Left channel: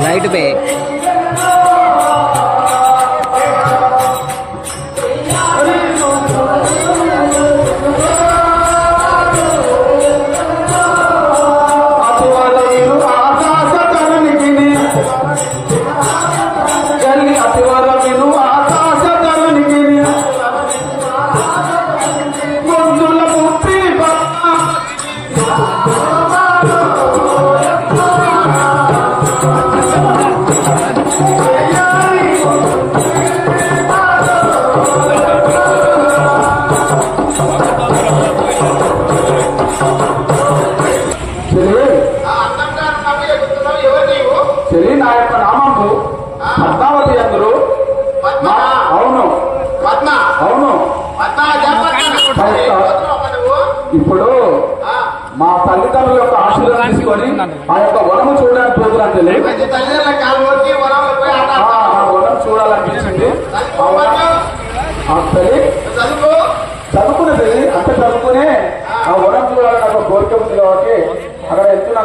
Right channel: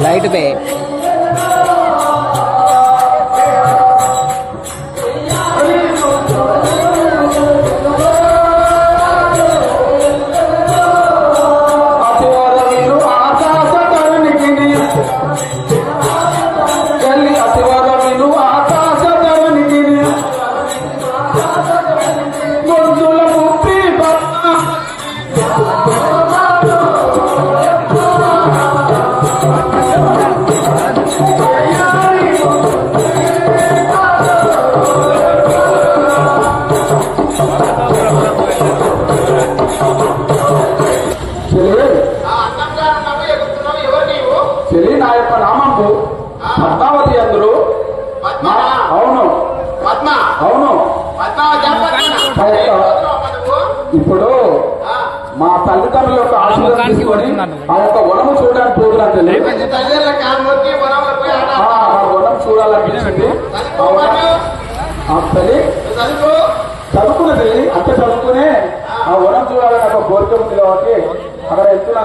Light पे ఇప్పుడు మా తల్లిదండ్రుల యొక్క ఆశీర్వాదం తీసుకొని ఆ యొక్క వనము చూడడానికి పోతున్నట్టు వనం చూడాలనిపించింది. చదువుకునే తల్లి అంత చదువుకునే ఆ వనం చూడాలని ఒక కోరిక ఉంది కాబట్టి అక్కడ వెళ్తున్నాను.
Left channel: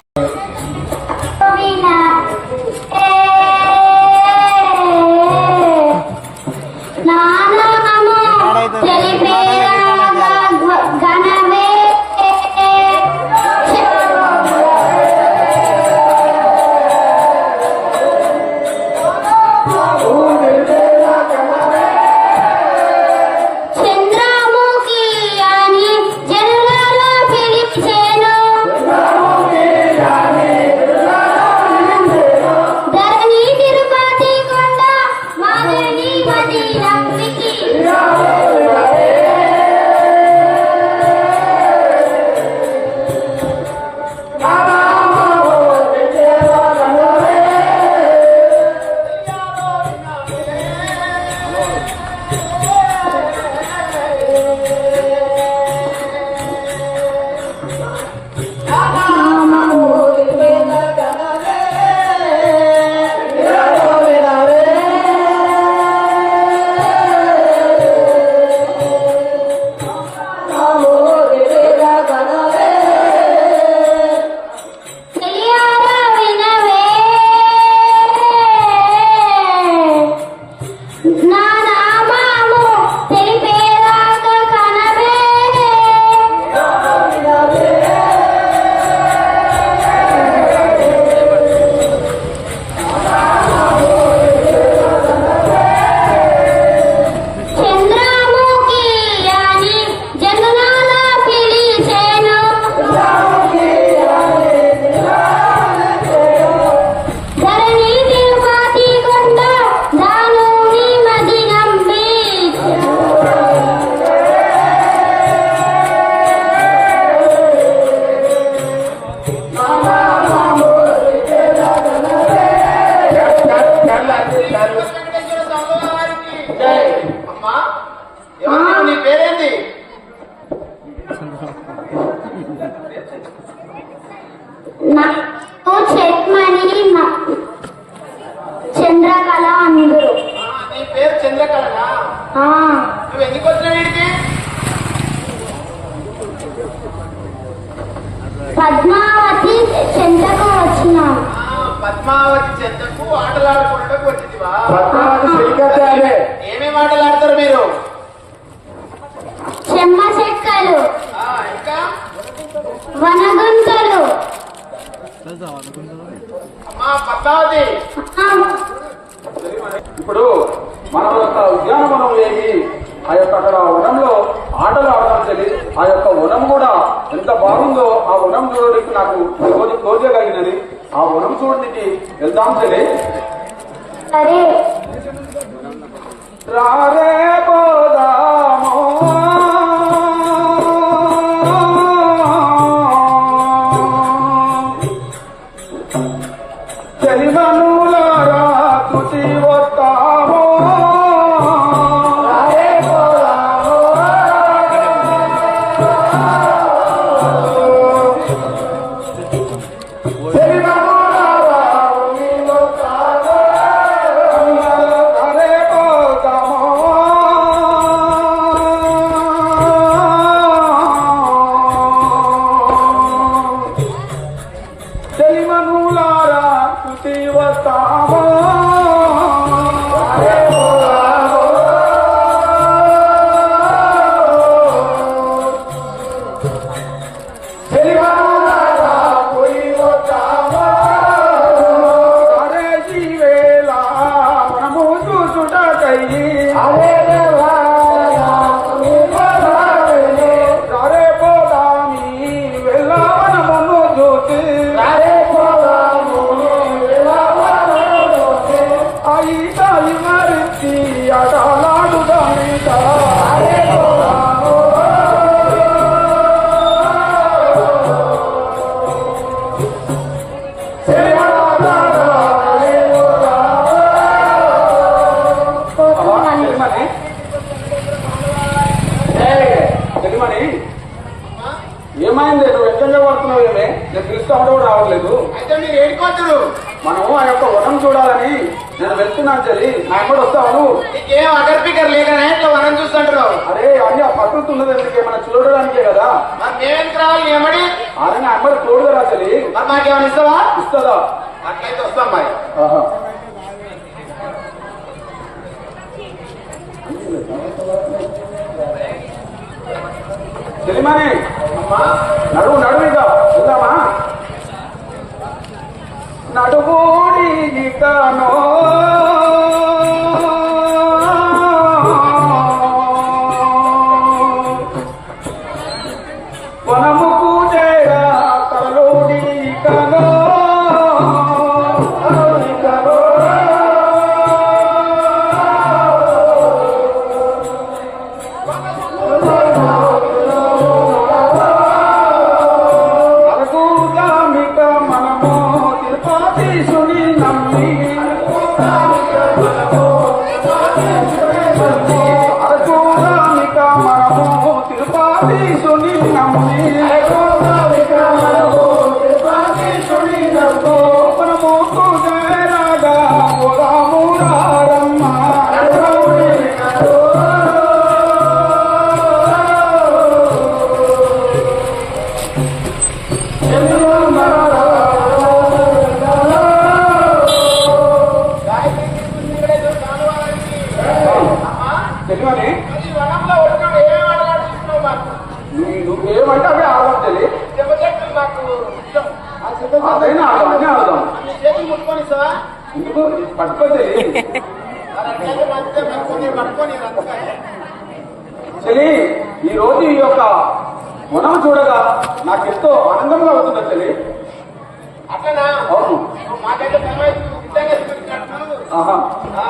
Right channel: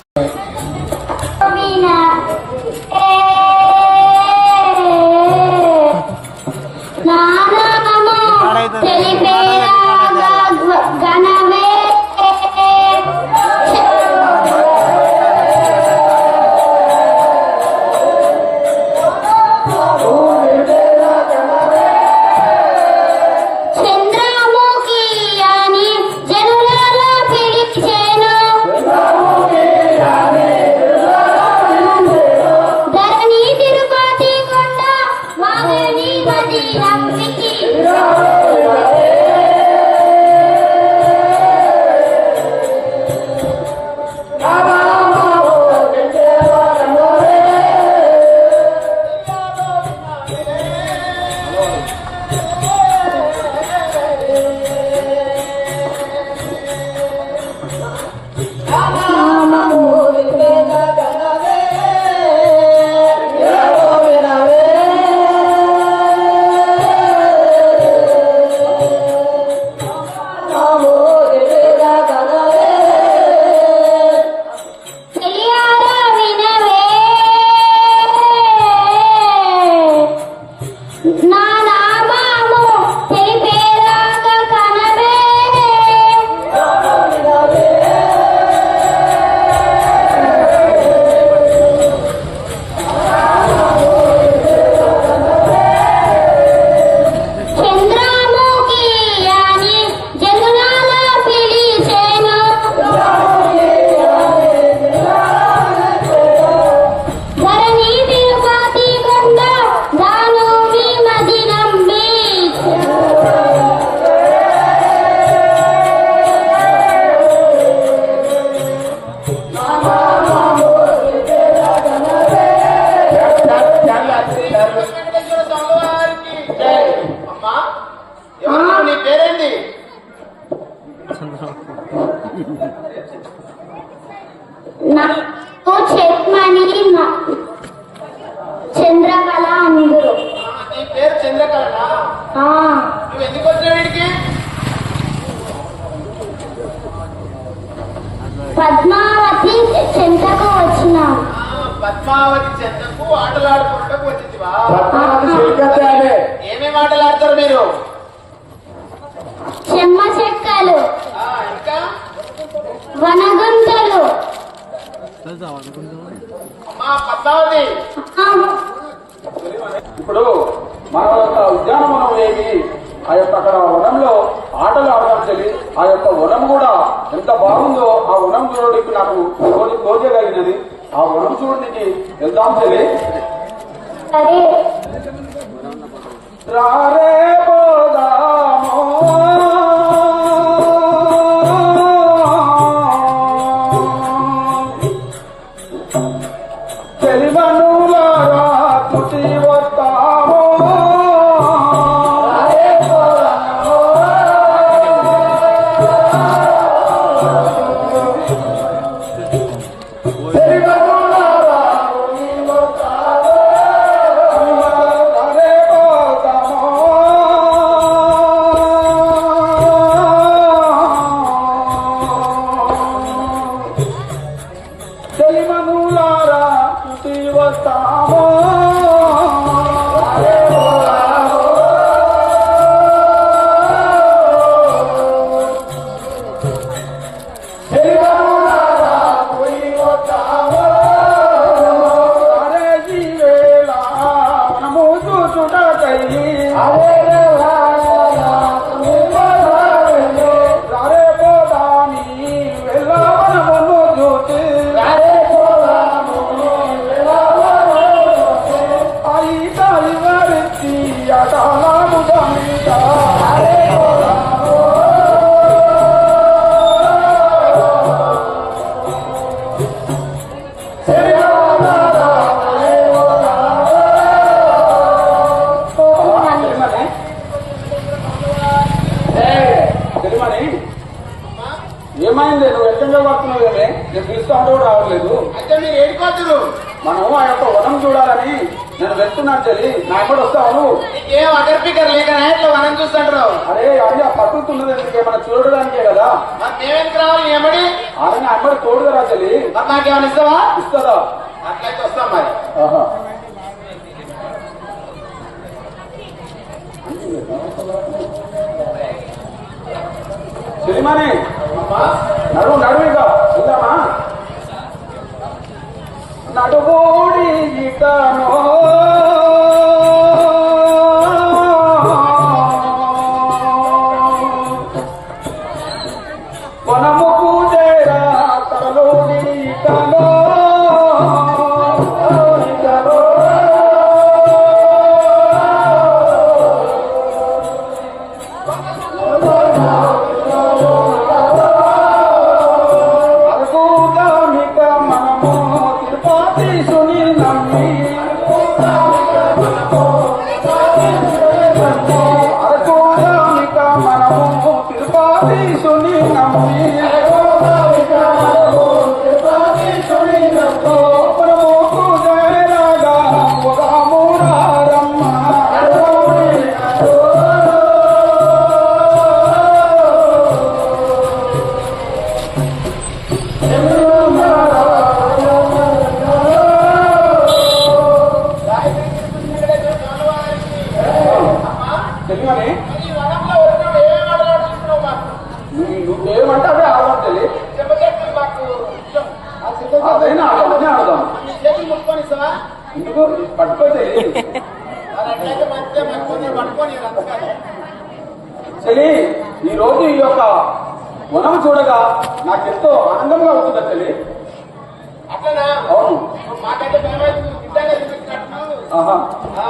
చంద్రకళ అందురు. నీ పేరు చంద్రకళనా? నువ్వు ఎందుకు వచ్చినావు వీడికి? పద్మావతి చెంతకు వచ్చినా. పద్మావతి చెంతకు ఆటలు ఆడుకోవడానికి వచ్చిందివా? ఏమేమి ఆటలు ఆడతారు మీరు? చెమ్మ చెక్కలు, ఇంకా వనగుంతలు. పద్మావతి, ఇప్పుడు మన యొక్క ఉద్యానవనం ఏమి, ఆ యొక్క అక్కడ వనంలో ఆటలు ఆడడం తెలియదు. ఆ యొక్క వనం కూడా ఎంత బాగుందో ఆ వనం చూడడానికి నాకు రోజు కలిగినది. ఆ వనం చూడడానికి వెళ్దాం తెలియదు. సరే రారే పోదామో చెలిమనులారా తుటి వస్తామో చెలిమనులారా తుటి వస్తామో అరే జీవేలా మనము చూచుటకై అరే పోదాని వెళ్ళవనమును చూచి అయి కాలివరించి అటాలాడుదానిట తెలిమని ఏమైంది నువ్వు ఎక్కడ పడుతున్నావేమే నేను పిలుస్తా ఉంటే కూడా రావట్లేదు అయితే మీరు ఏడుకోవద్దు. మనం ఆ యొక్క వనం చూడాలని నేను వెళ్తున్నాను చెల్లి నా ఎక్కడ వస్తావు నువ్వు నీకేం అదర్ పికర్ లేకనే ఇట్లా వనం చూస్తుంటారు. అరే అన్ని ఆ పట్టుతున్నది ఎందుకే మనం చూడడానికే కదా మాకేం రావాలి ఏమడి అరే నా అమ్మడి తోడుగా చెల్లి మరి నాకేమైనా ఇస్తావా? ఇస్తుందా అట్లయితే వస్తాం మరి. ఆహా. చెల్లిమని నడువు ఇక వెళ్దామా నడుగోడి ఇకనో వనము పూజేరా తరలోడి ఇకనో అరకుగామిక మనము తిరుపతీశుని నమ్మి అరకుగామిక మనము తిరుపతీశుని నమ్మి మనము పూజేరాగా రాము రారమ్మ తెలియని ఈ వనంలో వచ్చినప్పుడు ఏమేమి ఆటలు ఆడుతున్నావు మాకు? నువ్వేమంటే అదే ఆడదాం చెల్లి దెబ్బ చెట్లు నాకు ఇష్టం. అదైనా అదే ఆడదాం నీ చేతులు ముట్టుకొని ఇస్తావా? ఎందుకు పట్టుకో చెల్లి మరి అట్లయితే మంచిగా పట్టుకొని రంతకాయ. చెల్లి ఈ రోజు ఈ యొక్క వనం చూడగా నాకెంతో ఆనందంగా అవుతుంది చెల్లి అట్లనా? అవును మాకైతే బలమైతే నువ్వు నిజంగా చూసినట్టున్నావు. ఆహా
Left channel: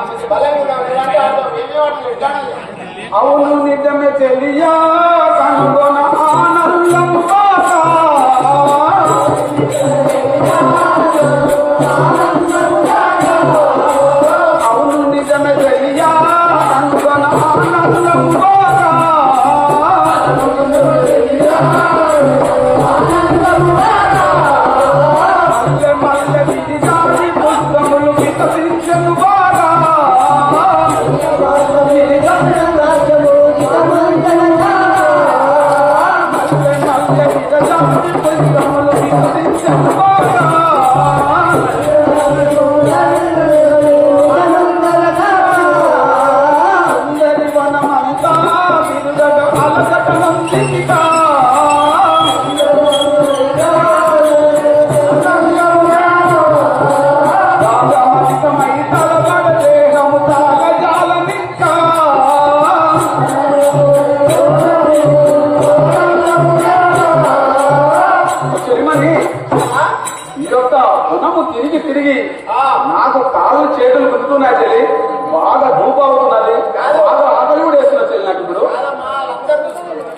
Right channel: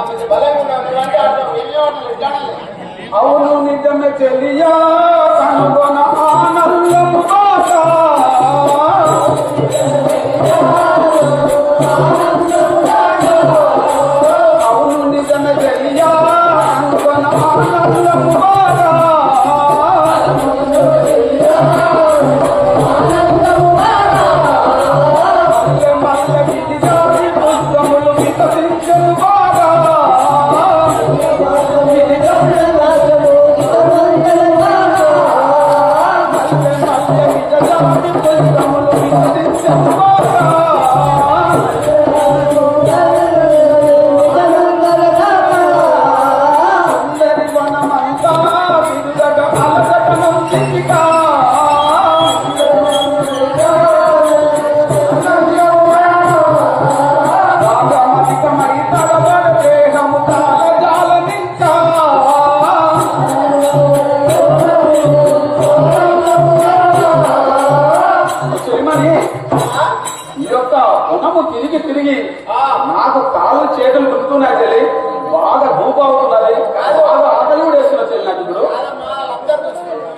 మంచి బలంగా ఉన్నావు. ఎలాంటి ఆడతావు? ఏమేమి ఆటలు ఎట్లాడాలి? అవును నిజమే చెల్లియా కనుగొన ఆనందం బాగా అవును నిజమే చెల్లియా కనుగొన ఆనందం బాగా మల్లె మల్లె విడిదాడి పుష్పములు వికసించను బాగా ఈ యొక్క వనము తిరిగి తిరిగి నాకు కాలం చేతులు గుర్తున్నాయి చెల్లి, బాగా ధూపం అవుతున్నది, బాగా ఆకలి కూడా వేస్తున్నా చెల్లి నాకు ఇప్పుడు.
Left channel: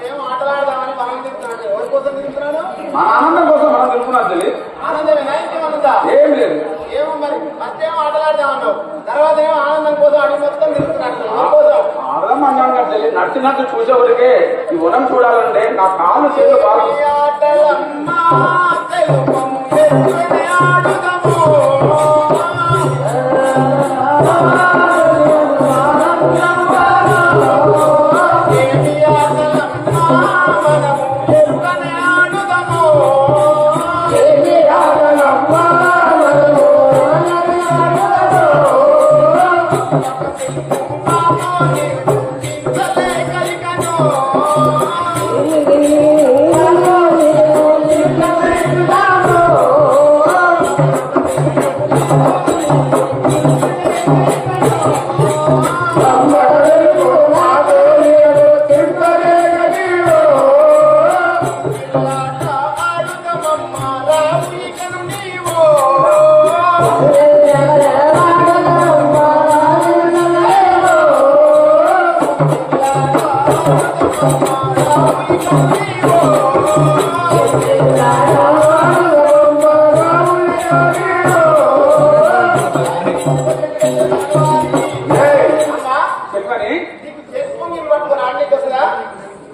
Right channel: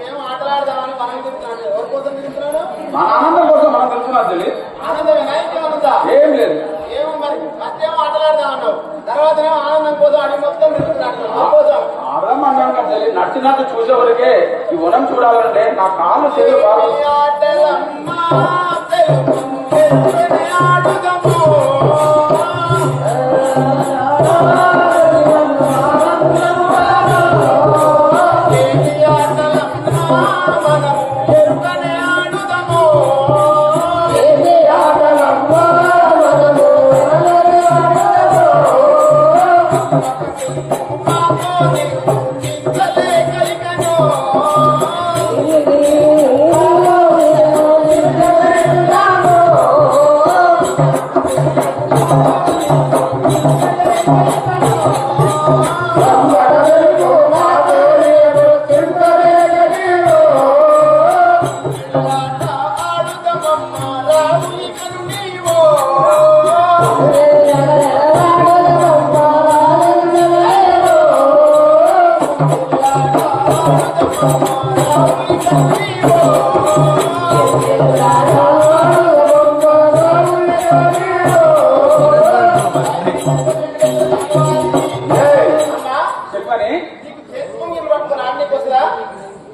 ఏం ఆటలాడదామని మనం తింటున్నాను. ఎవరి కోసం తింటున్నాను? మన ఆనందం కోసం మనం తిరుగుతున్నాం చెల్లి. ఆనందమేనా ఇంకేమనుందా? ఏం లేదు. ఏమో మరి ఫస్ట్ ఏమో ఆటలాడదామన్నావు, తర్వాత ఏమో ఆనందం కోసం అడిగి మొత్తం తింటున్నాను. ఆడదాం అన్నాను కదా చెల్లి, నచ్చినట్టు చూసేవరకే ఈ వనం చూడాలంటే నా కాళ్ళు చెల్లి బాగా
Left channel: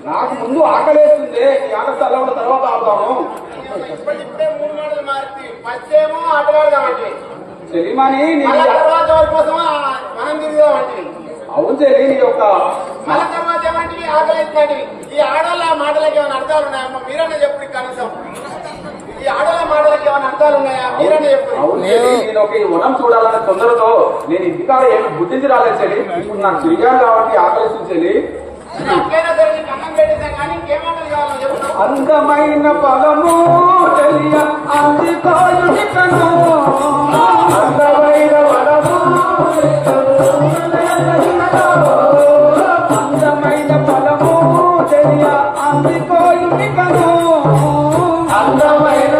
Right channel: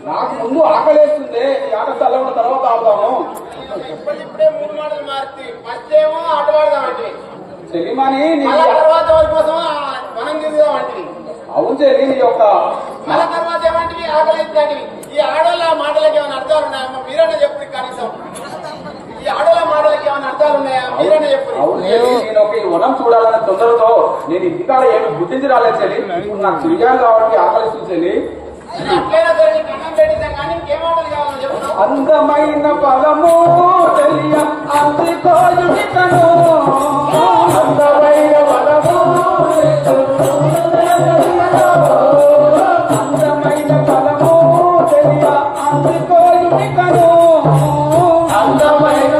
నాకు ముందు ఆకలేస్తుంది. ఈ ఆట చల్లబడిన తర్వాత ఆడతాము. ఇప్పుడే 3 మాటలు మారుతి ఫస్ట్ ఏమో ఆటలాడదామంటే చెల్లిమని తర్వాత కోసం మనం తిరుగుదామంటే. అవును చెల్లి, నీ యొక్క మళ్ళీ తర్వాత ఏమంటే ఆకలి అవుతుంది. ఈ ఆడవాళ్ళ మాటలకి ఏమైనా అర్థాలు ఉన్నాయా? మీరన్నా చెప్పు. కనీసం ఈ ఆడవాళ్ళ మాటలకి ఏమైనా అర్థాలు ఉన్నాయా? మీరన్నా చెప్పు. అవును చెల్లి, నేను ఒక ఈ వనం చూడాలనే తొందరతో నేను ఇంటికాడ ఏమి గుర్తించి రాలేదు చెల్లి. ఇప్పుడు నాకు తిరిగాను కాబట్టి ఆకలిస్తుంది చెల్లి. అట్లయినా సరే నీకు అన్నం పెట్టేసాం కానీ ఇంకేమాటలు కావాలో చెప్తాను. అందమైన పదము తెలియ అందితాయుడికను, అందమైన పదము అందమైన పదము తెలియ అందితాయుడికను, అందమైన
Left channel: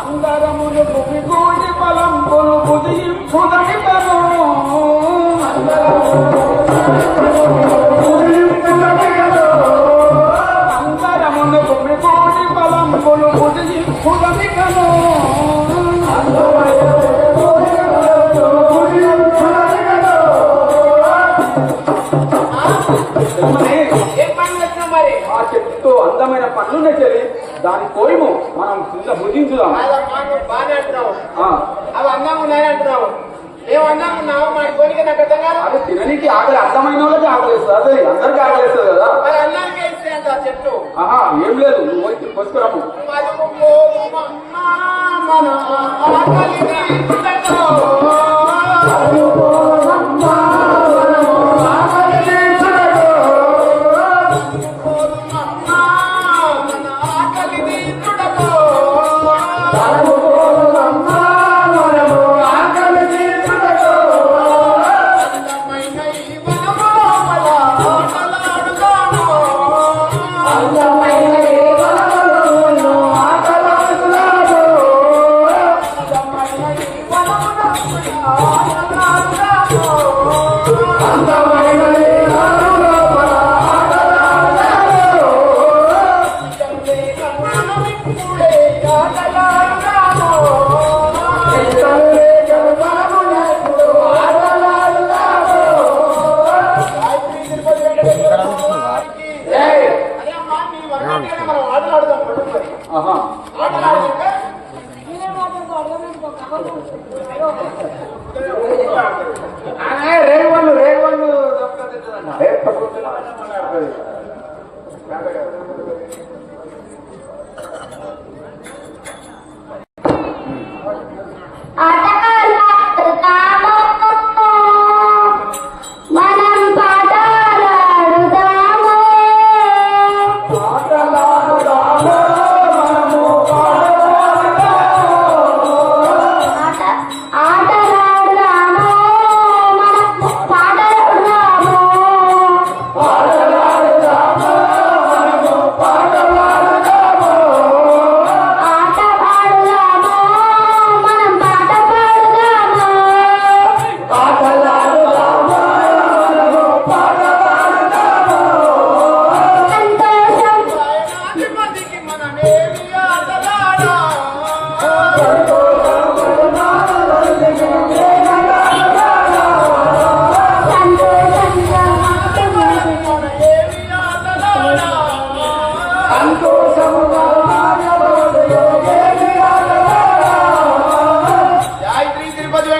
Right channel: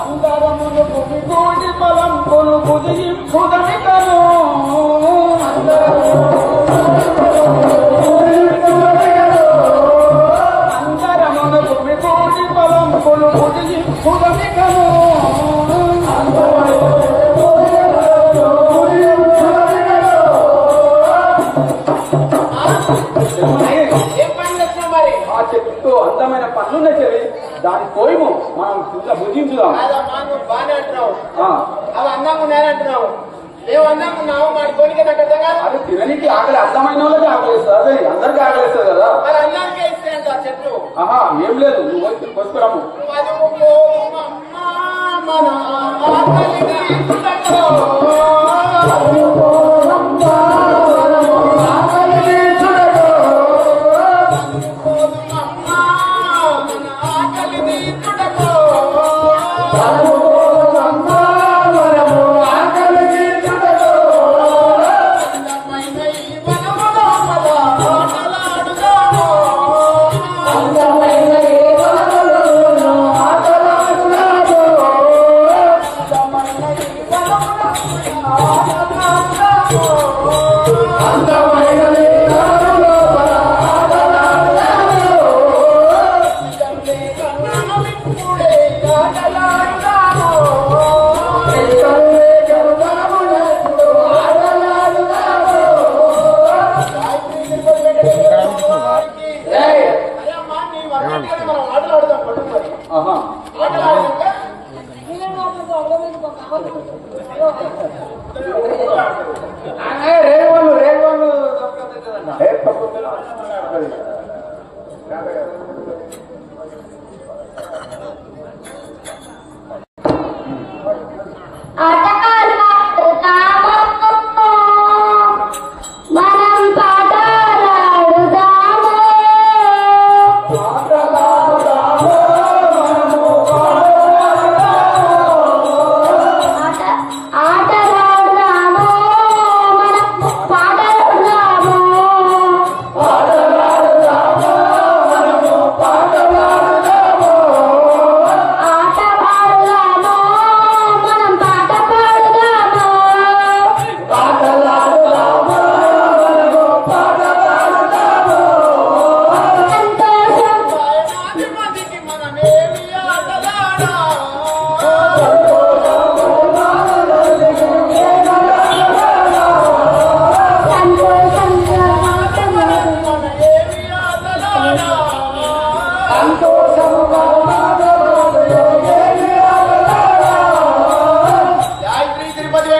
అందరమును గుమిగూడి బలంబులు బుధింపుదనికను, అందరమును గుమిగూడి బలంబులు బుధింపుదనికను, ఏం పని చేస్తున్నాం మరి? ఆ చెట్టు అందమైన పనులున్నాయి చెల్లి, దాని కోయము మనం భుజించుదాం. కాదమ్మా, నువ్వు బాగానే అంటున్నావు. అవి అందంగా ఉన్నాయని అంటున్నావు. ఏం అందంగా ఉన్నావు మరి కొనికి నాకు అర్థం కాదు. అది తిననికి ఆకలి, అర్థమైన వాళ్ళకి ఆకలిస్తుంది. అదే అందరికీ ఆకలిస్తుంది కదా. అది అందానికే ఇస్తే అంట చెట్టు. ఆహా, ఏం లేదు, నువ్వు పోయి కొనుక్కురాము. మన ఆకలిని చూడటం.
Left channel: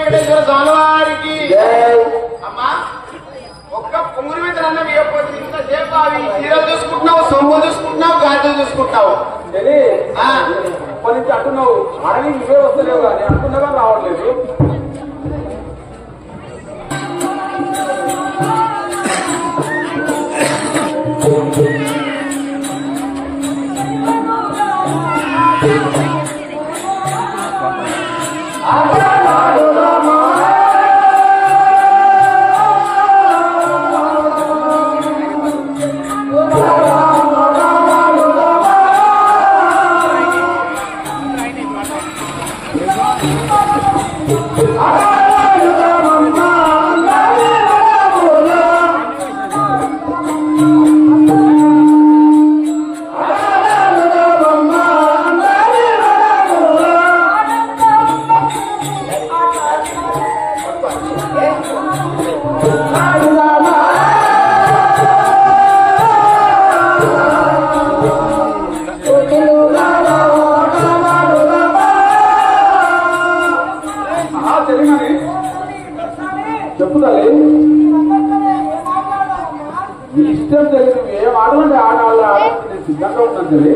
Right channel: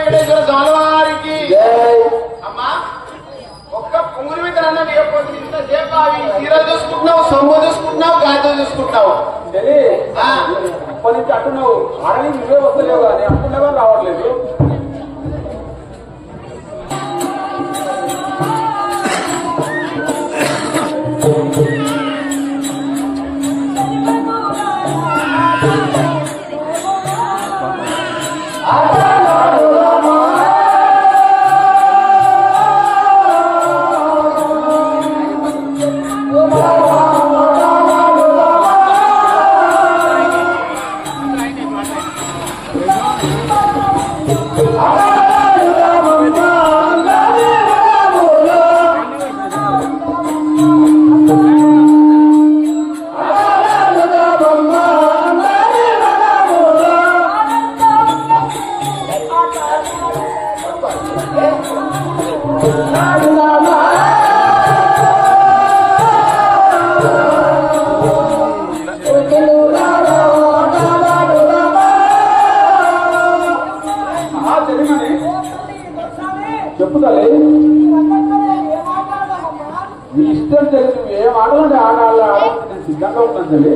వెంకటేశ్వర స్వామి వారికి జై. అమ్మా ఒక్క పొంగుల మీద అన్నది ఇంతసేపు అవి చీరలు చూసుకుంటున్నావు, సొమ్ము చూసుకుంటున్నావు, గాజులు చూసుకుంటున్నావు. చెల్లి ఇప్పటి నుంచి అంటున్నావు ఆడని నువ్వే వస్తలేవు కానీ అంటున్నావా రావట్లేదు. చెప్పుతాలి మీ ఇష్టం తెలిసి ఏం ఆడాలంటే ఆడాలి నేను సిద్ధంగా ఉన్నాను తెలియ.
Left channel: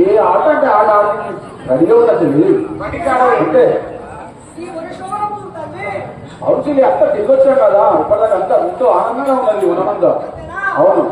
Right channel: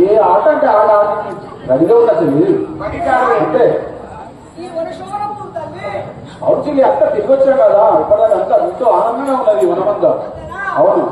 ఏ ఆట అంటే ఆట ఆడి రెడీగా ఉన్నా తెలియదు అంటే అవుతుంది అక్క తిరిగి వచ్చాం కదా ఇప్పటిదాకా అంతా ఎంతో ఆనందంగా ఉన్నది వనమంతా. అవును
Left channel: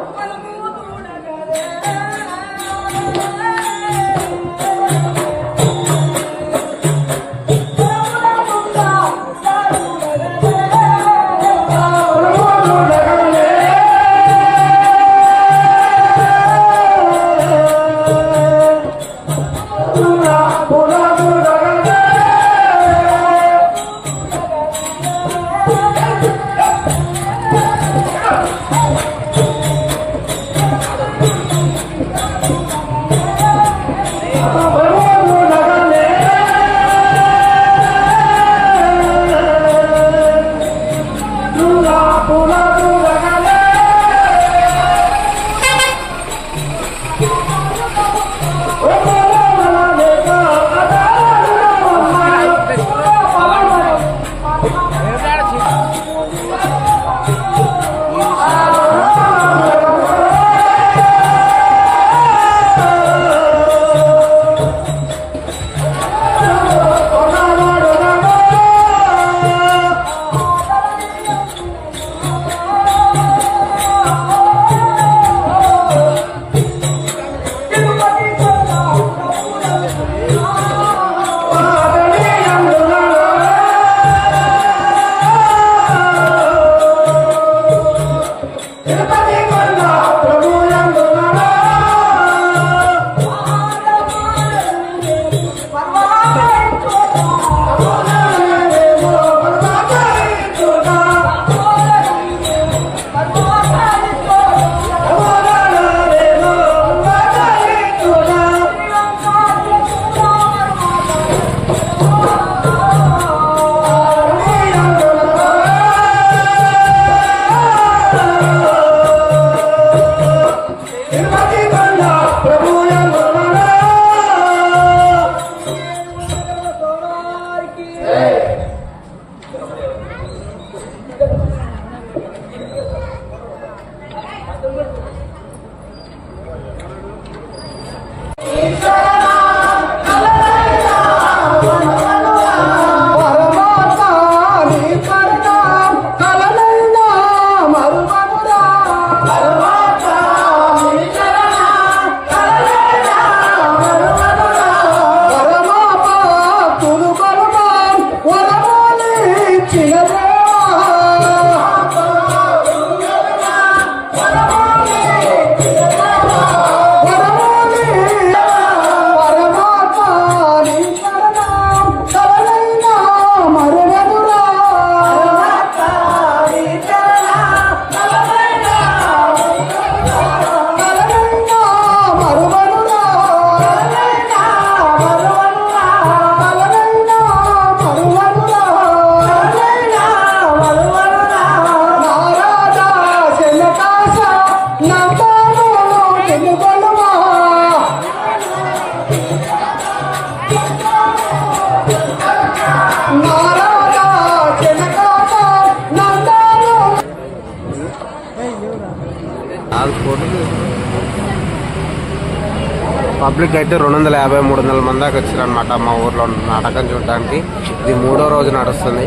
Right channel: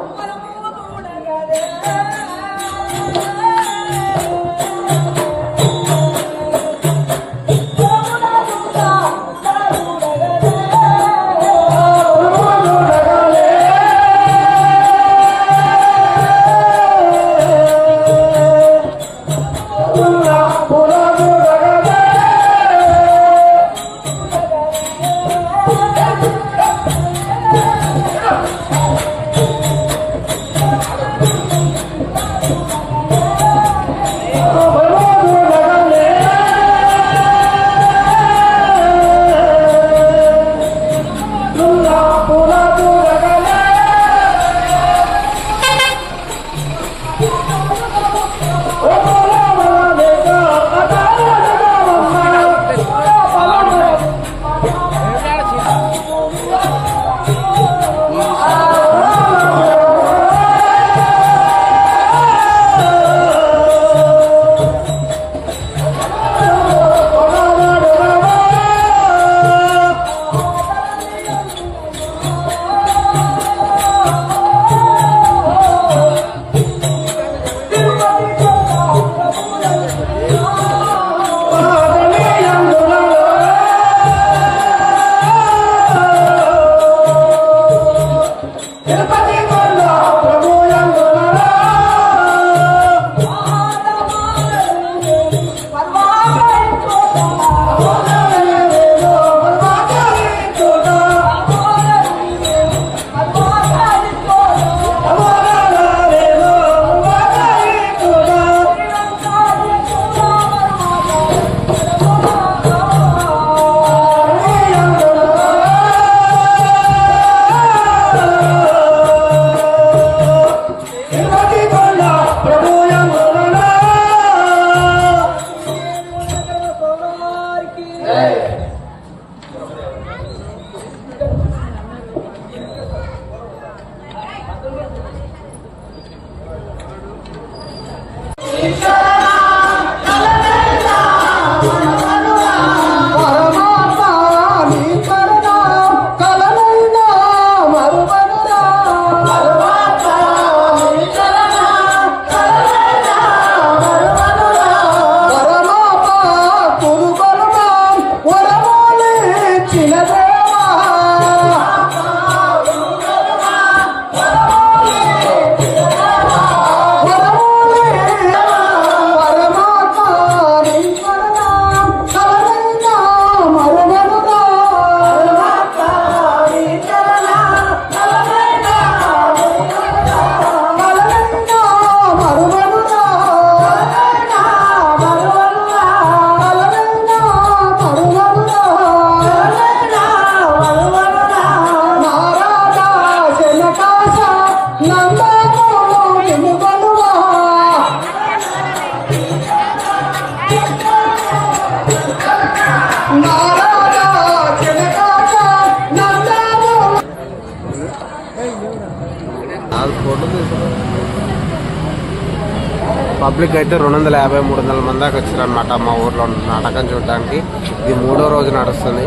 పబ్లిక్ అయితే 250-300 మంది దాకా వచ్చారనమాట మా ఊర్లో నాటకం చూడడానికి. ఇది 3వ రోజు నడుస్తుంది.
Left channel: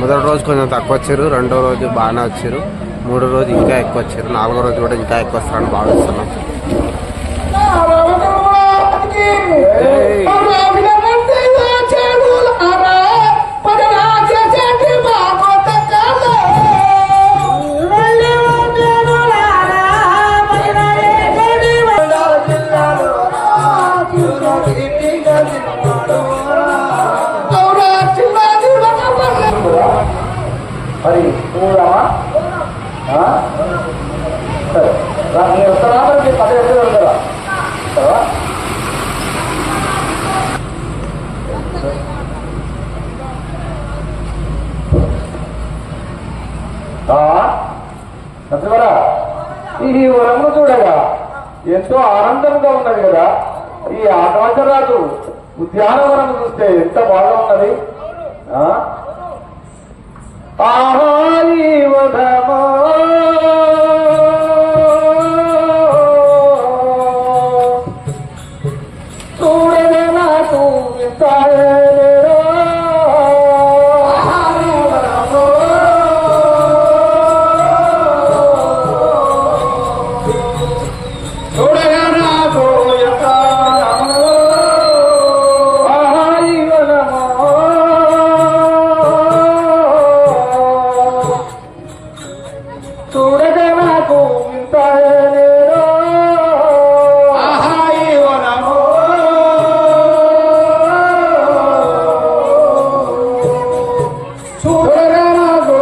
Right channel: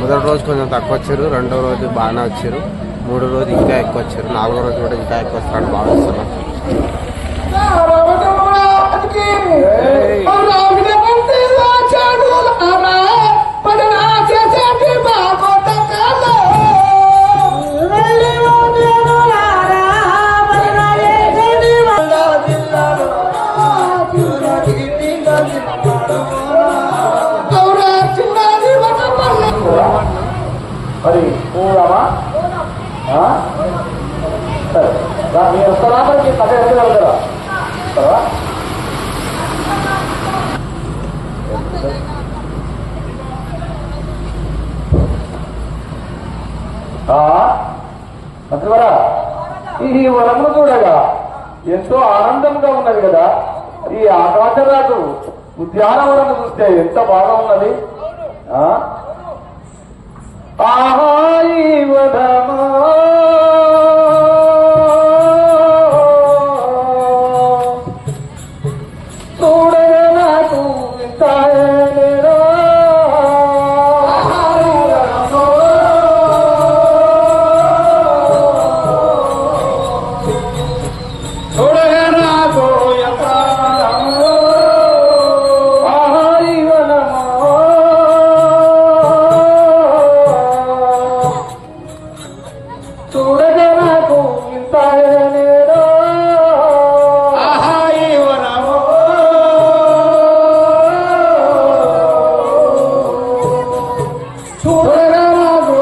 మొదటి రోజు కొంచెం తక్కువ వచ్చారు, 2వ రోజు బాగానే వచ్చారు, 3వ రోజు ఇంకా ఎక్కువ వచ్చారు, 4వ రోజు కూడా ఇంకా ఎక్కువ వస్తారని భావిస్తున్నాం. మరి చూడమా సరే నేను ఒక్కదానికి కథ ఎక్కగలుగుతారా? సత్యవరా ఈ వరమును చూడగా ఎంతో ఆనందంగా ఉన్నది కదా. ఈ ఆకాశరాజు ఉద్యానవనము చూస్తే ఎంత బాగా ఉన్నది. ఆహాయివధమో చూడగా నాకు వింతాయో చూడగా నాకు చూడగా నాకు వింతాయో ఆహాయివనమో చూడగా నాకు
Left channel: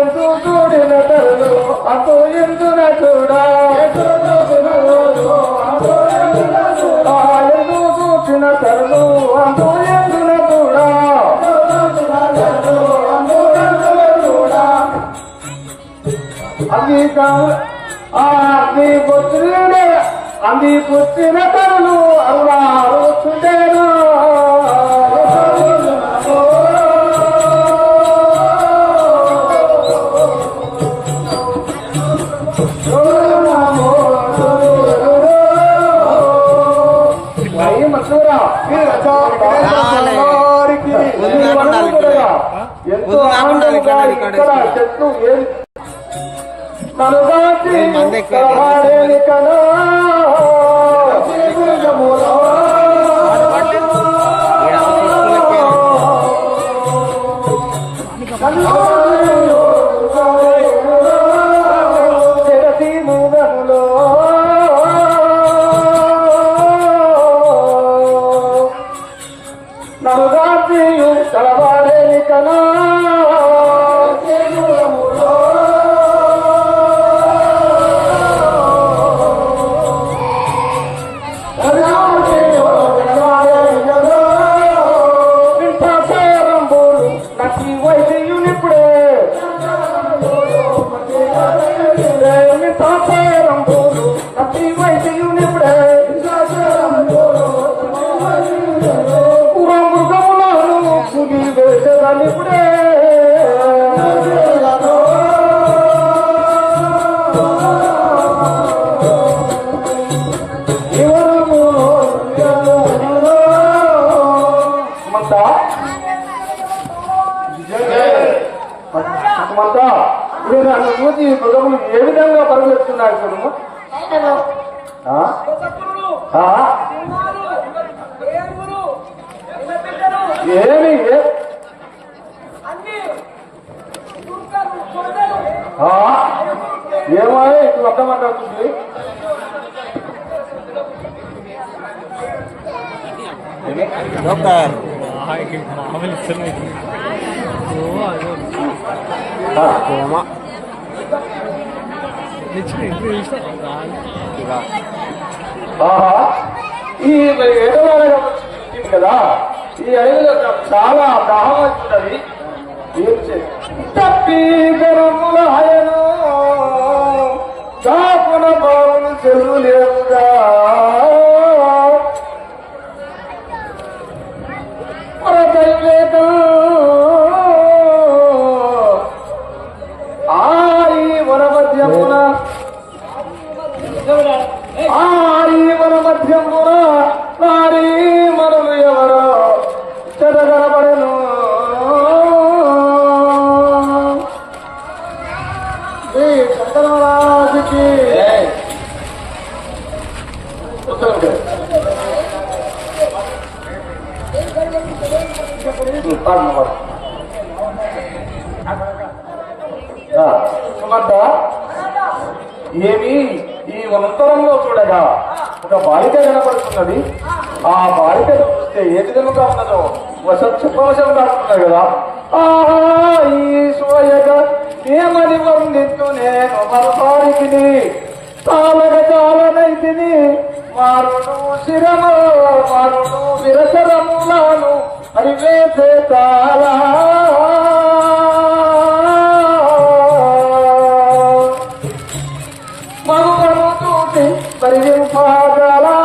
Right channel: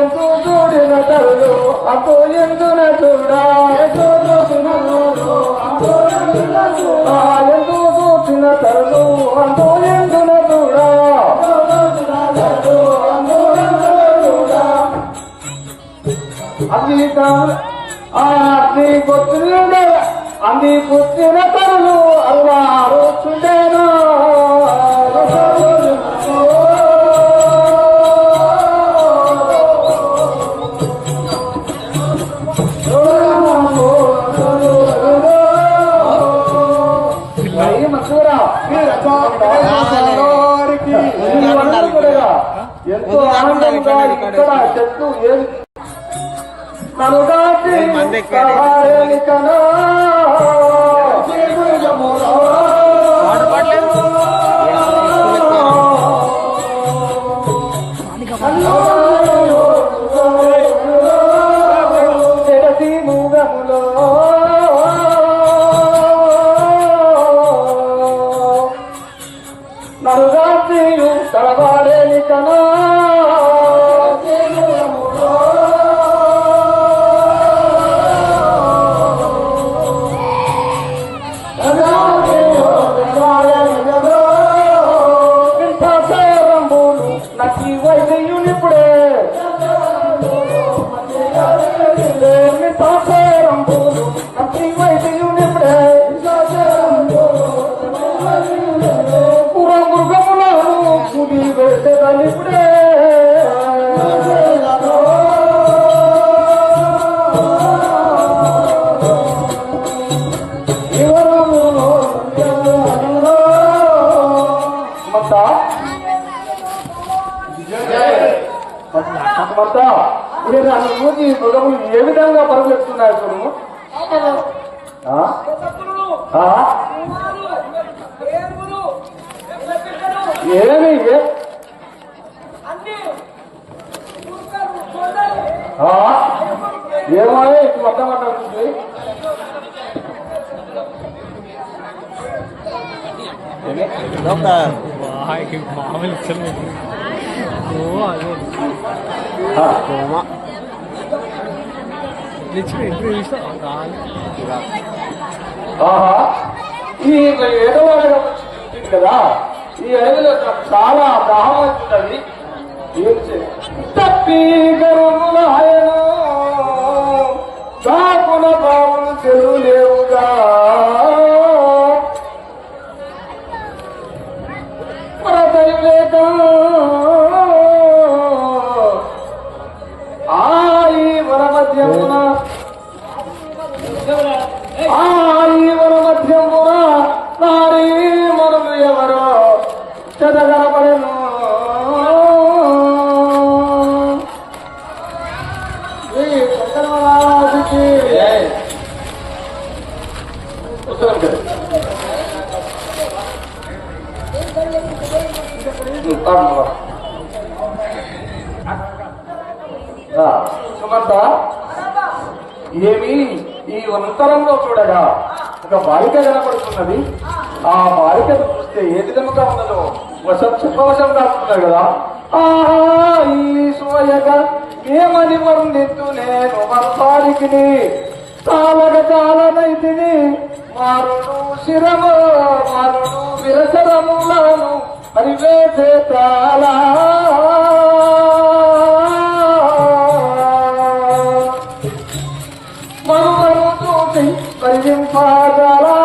ఎందు చూడిన తరులు అటు ఎందున చూడా ఎందు చూసిన తరులు అటు ఎందున చూడా అంది పుట్టిన తరులు అరుణారు చుండేను ఎంతో ఆనందంగా ఇక్కడ చెట్లు ఏం నలుగాచి కలహారేలికలో తెరసి మూగములో నలుగాచి కలహారేలికలో వైద్యునిప్పుడే అతి వైద్యునిప్పుడే మృగములను కుడి వేసనిప్పుడే మూతి మృగములు ఏ విధంగా పరుగులెత్తున్నాయి చూడము. ఏమి ఏమాయే ఇప్పుడు అర్థం మాట్లాడుతుంది. ఈ 7వ కదా, ఈ 5లో చాలా దాహం అవుతున్నది. తప్పి గరుములాయను చాపున బావులు చెరువు లేవుగా ఈ మన మధ్యమున నారీ మనులు ఎవరో చెదగలబడెను. ఈ శంకరరాజుకి సుమంత, ఏమి ఈ వంతరంలో చూడగా ఒక బాలిక కనపడుతున్నది. ఆ బాలికను చూస్తే ఏ విధముగా ఉన్నదో చెప్పవశం కాకుంటున్నాడు కదా. ఈ సోయగా ఏమని వర్ణిస్తూ నేను మనసారికి చాలగ చాలనైతిని మారుడు శిరము మారుడు విరసరములను హరివేసే చాలా మరుమను చూసి పరిగింపగలా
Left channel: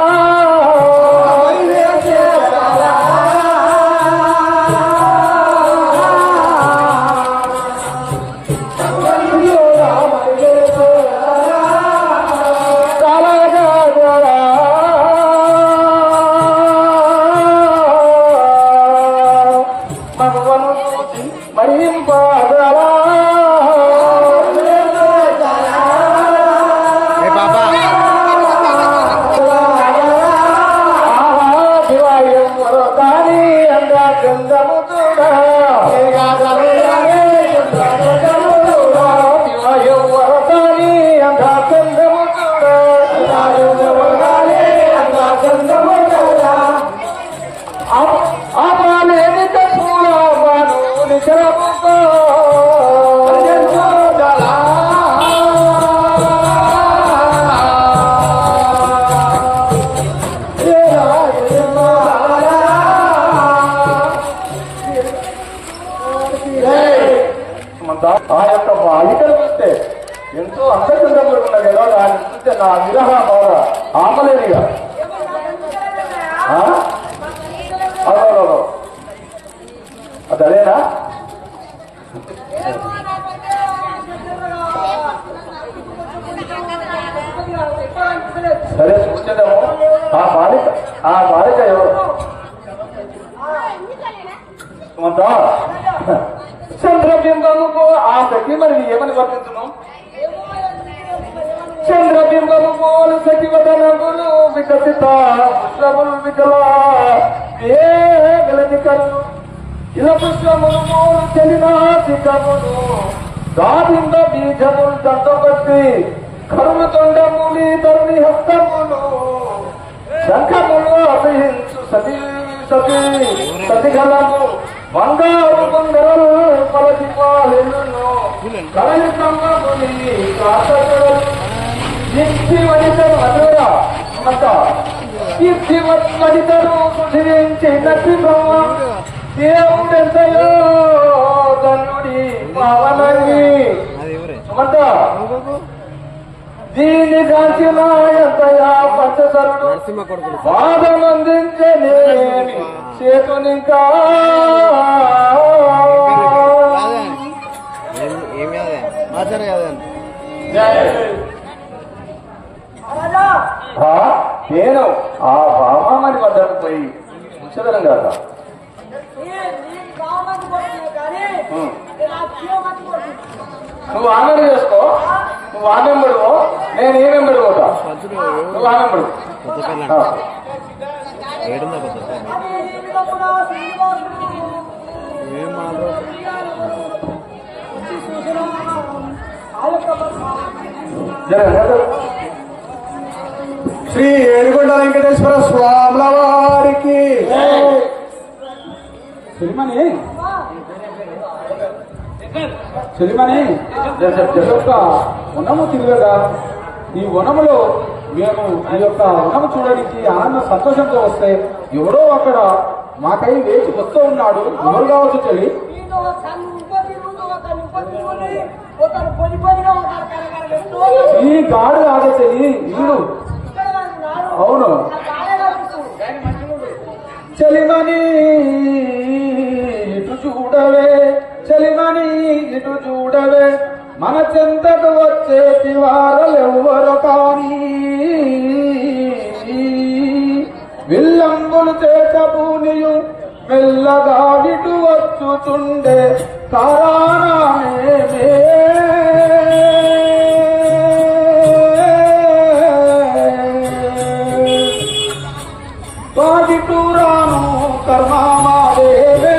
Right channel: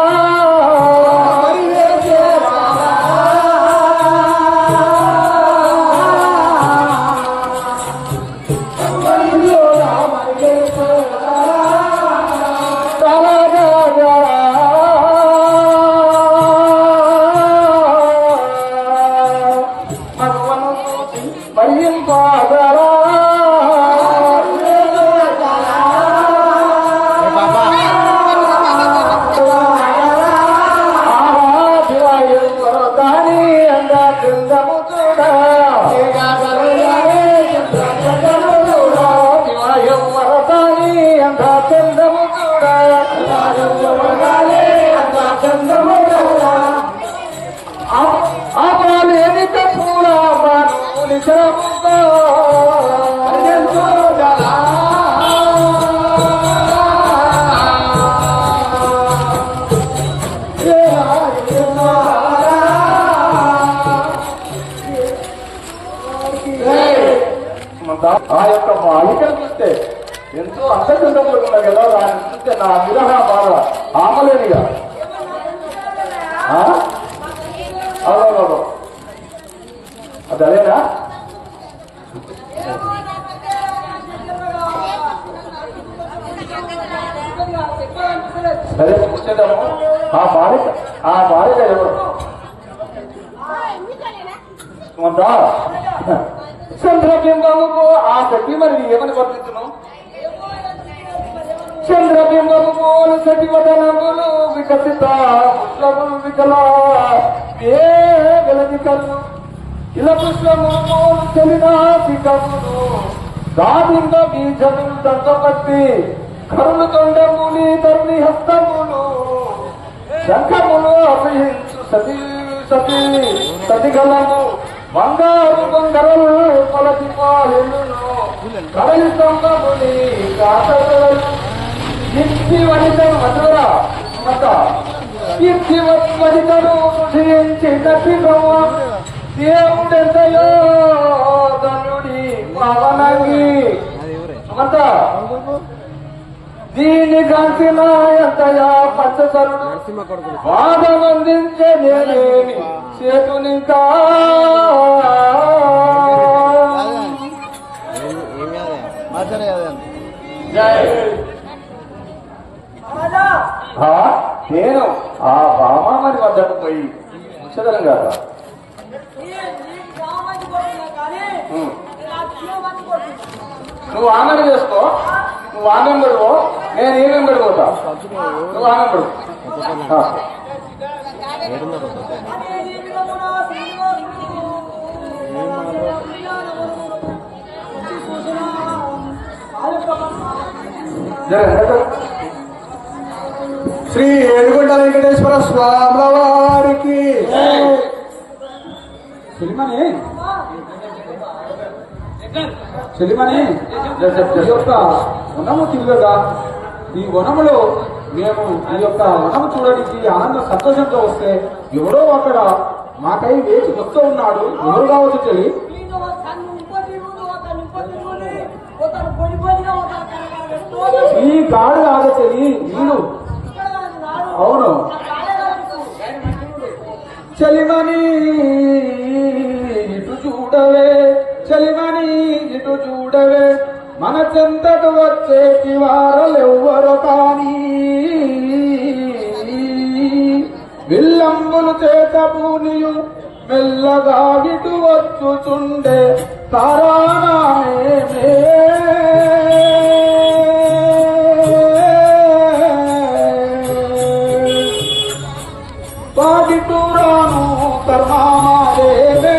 ఆ యొక్క బాలికను చూస్తే ఎంతో అందచందములు ఉన్నాయి కదా. దాన్ని చూస్తే నా విరహ బాధ ఆమలేనిగా. అవునవును, అది అదేనా? సరే చూసేద్దాము. ఆ బాలిక ఎవరు? చంద్రబింబముకు ఆ సఖి మరి ఏమని వర్తించును? చంద్రబింబము పోలు సఖివదనములు వికసిత పుష్పములు వికల వేగలనికలు ఇలా పుష్పములు పోలు చెలినాశికములు దాదింద బీజములు దంతపట్టి కరులు తొండముని తరుణి హస్తములు శంఖములు అభిహించు సతీ సతీ సతిగలము బంగారు బంగారు కొలసి పాలెను కలలి సంగముని కాకలు ఇచ్చి వనితను అదురా మత ఇచ్చి వనితను సుధించి నటి బ్రహ్మ దేవుడెంతయో ధనుడి పవనగి మత దీని కాంచిన ఎంతయా పచ్చసరుడు వాదమందించేనేమి చేతునింకా నేను ఆ బామామని వద్దకు పోయి ఉంచగలం కదా. నువ్వు ఆమెను చేసుకో, నువ్వు ఆమెను పెడుకో, నేను ఏమేం పెడుకోతా. నువ్వు ఆమెను పెడుకో. శ్రీ ఏడుగొండ వెంకటేశ్వర స్వాముల వారికి చెలిమని యొక్క వనము తిరగగా ఈ వనములో మేము ఈ యొక్క వనము చూడడానికి ఆనంద సంతోషంతో వస్తే ఎవడో అక్కడ మాకై వేసి వస్తూ ఉన్నాడు. ఎవరు కావచ్చు చెల్లి? ఈ గాడు కాదు చెల్లి, ఇల్లు. అవును చెలిమని ఇటు చూడవే, చెలిమని ఇటు చూడవే, మన చెంతకు వచ్చే తివారలెవ్వరు కానీ భూనియు మెల్లగాడిటు వచ్చుచుండే తారానామే బాగిటూరాను కర్మామాదేవే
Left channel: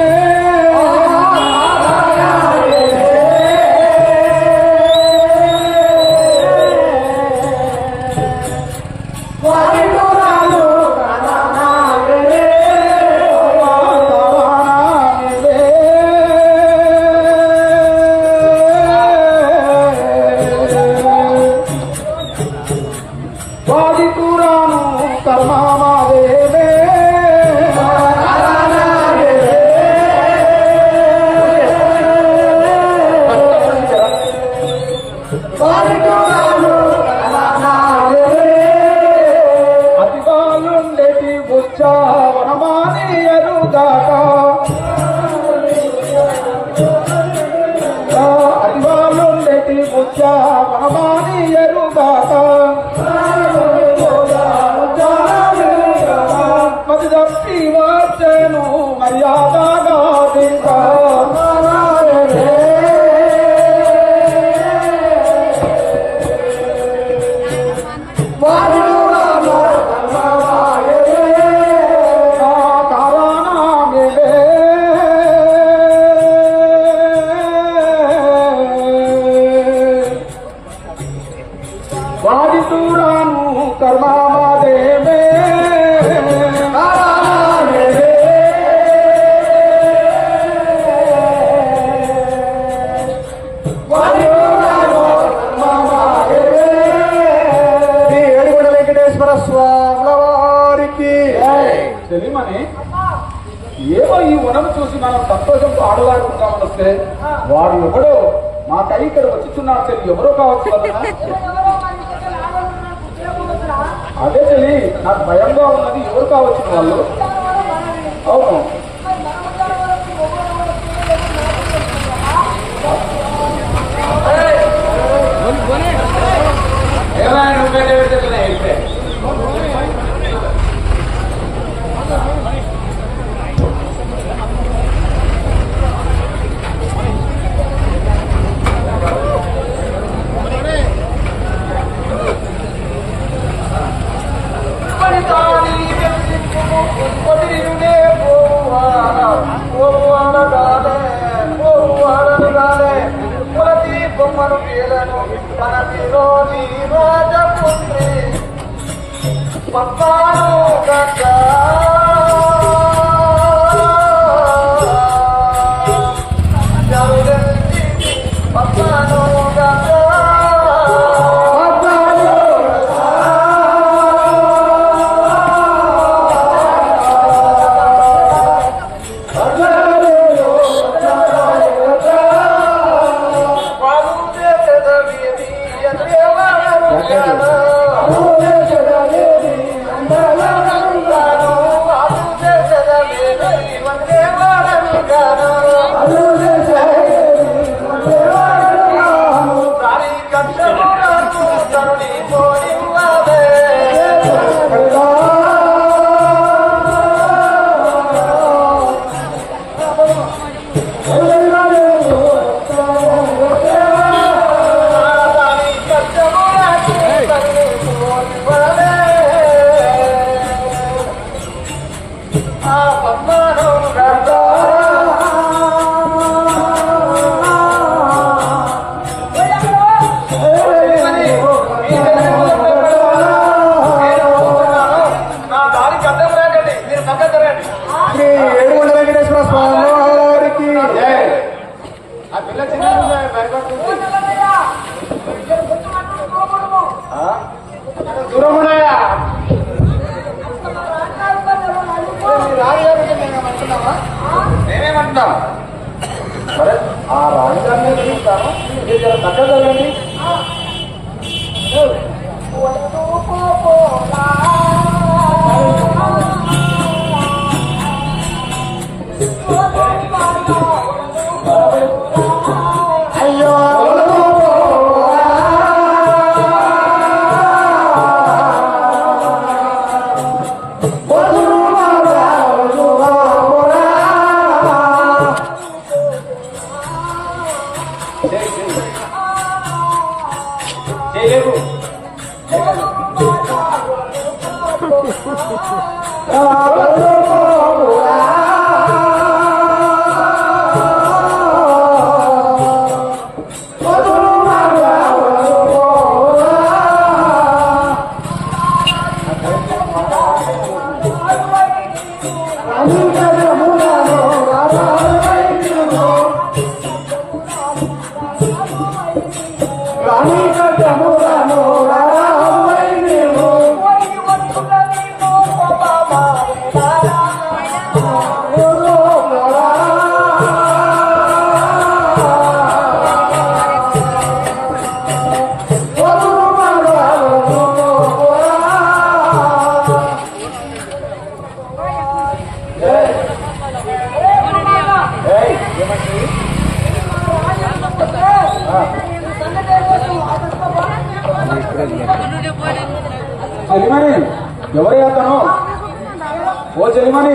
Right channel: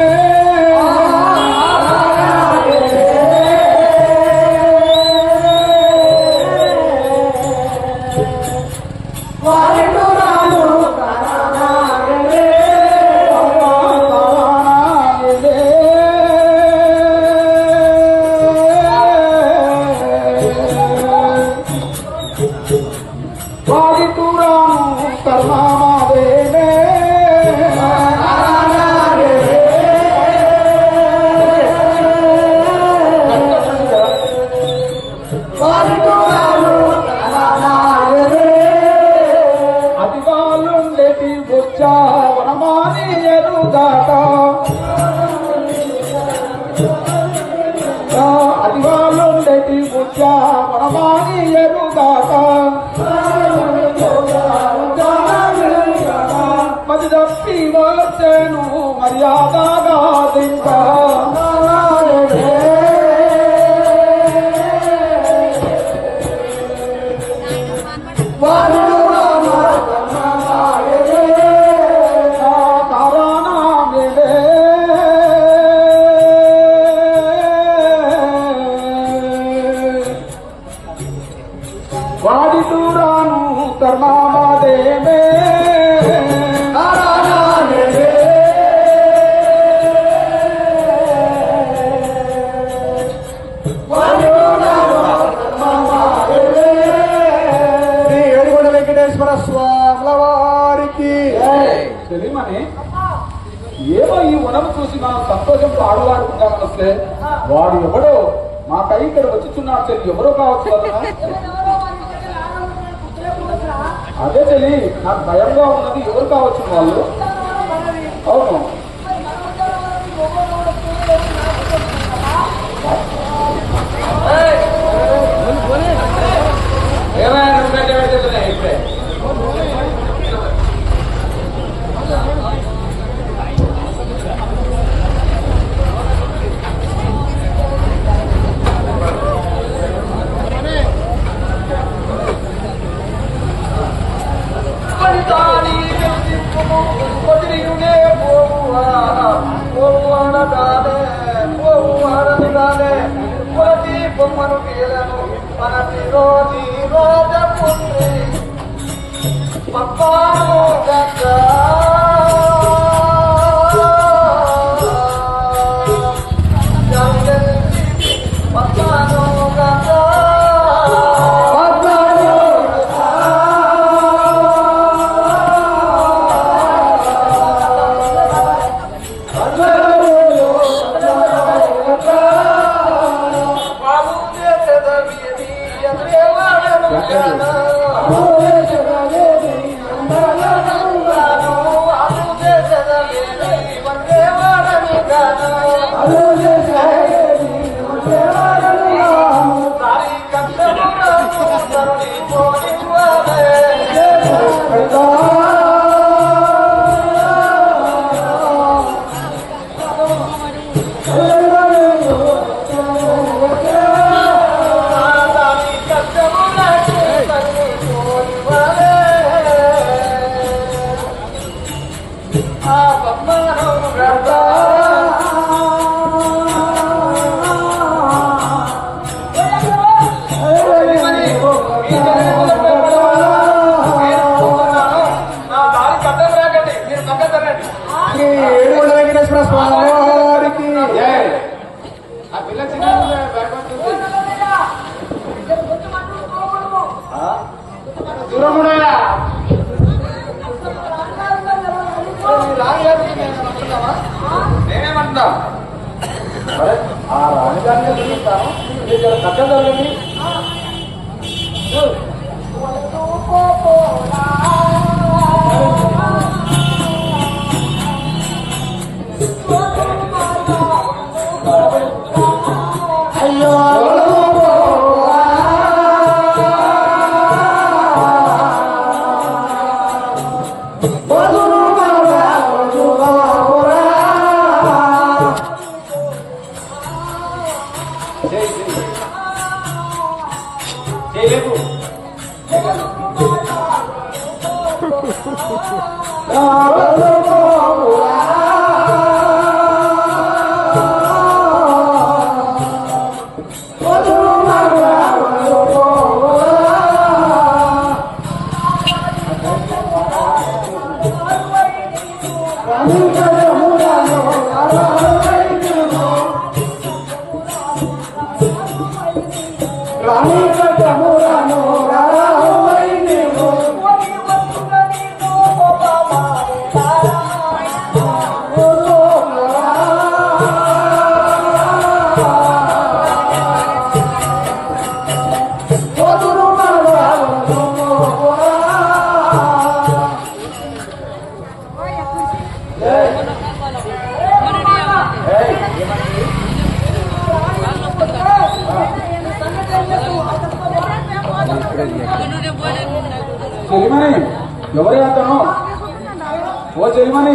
ఏమో ఈ వనము చూసి మనం సంతోషంతో ఆడవాడుకుంటామని వస్తే వాడు ఎవడో మా కై ఇక్కడ వచ్చుచున్నాడు తెలియదు ఎవరో కావచ్చు అదే తెలియ నాకు భయంగా ఉన్నది ఎవరు కావచ్చు వాళ్ళు అవును ఏమైనా ఇప్పుడే నేనేమంటున్నా సరే ఆ రాజధాని చూస్తాను మీరు పక్కదండి అయ్యో చెలిమని ఎవరే అతను? ఓ చెలిమని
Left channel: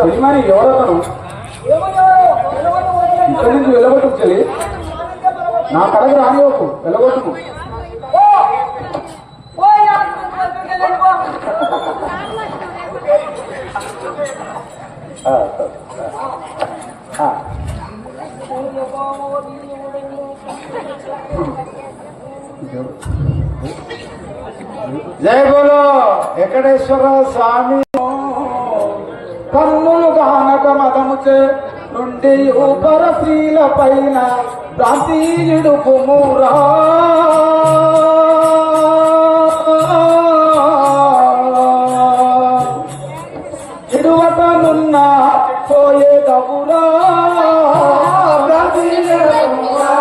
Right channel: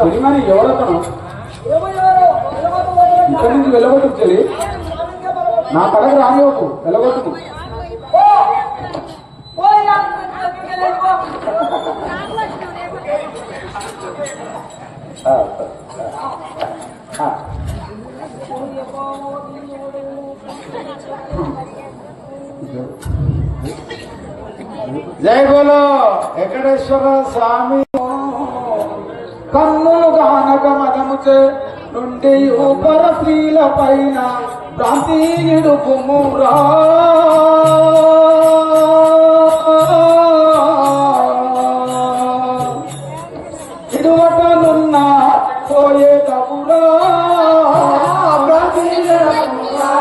చెలిమని ఎవరతను? ఇక్కడి నుంచి వెళ్ళగొట్టు చెల్లి, నా కడకు రానివ్వకు, వెళ్ళగొట్టుకు. జై బోలో వెంకటేశ్వర స్వామి. కన్నులు గానక మదముచే నుండి ఉపర స్త్రీల పైన భ్రాంతి ఇడుపుమురా. ఇడువకనున్న పోయే కపురా భ్రాంతి ఇడుపుమురా.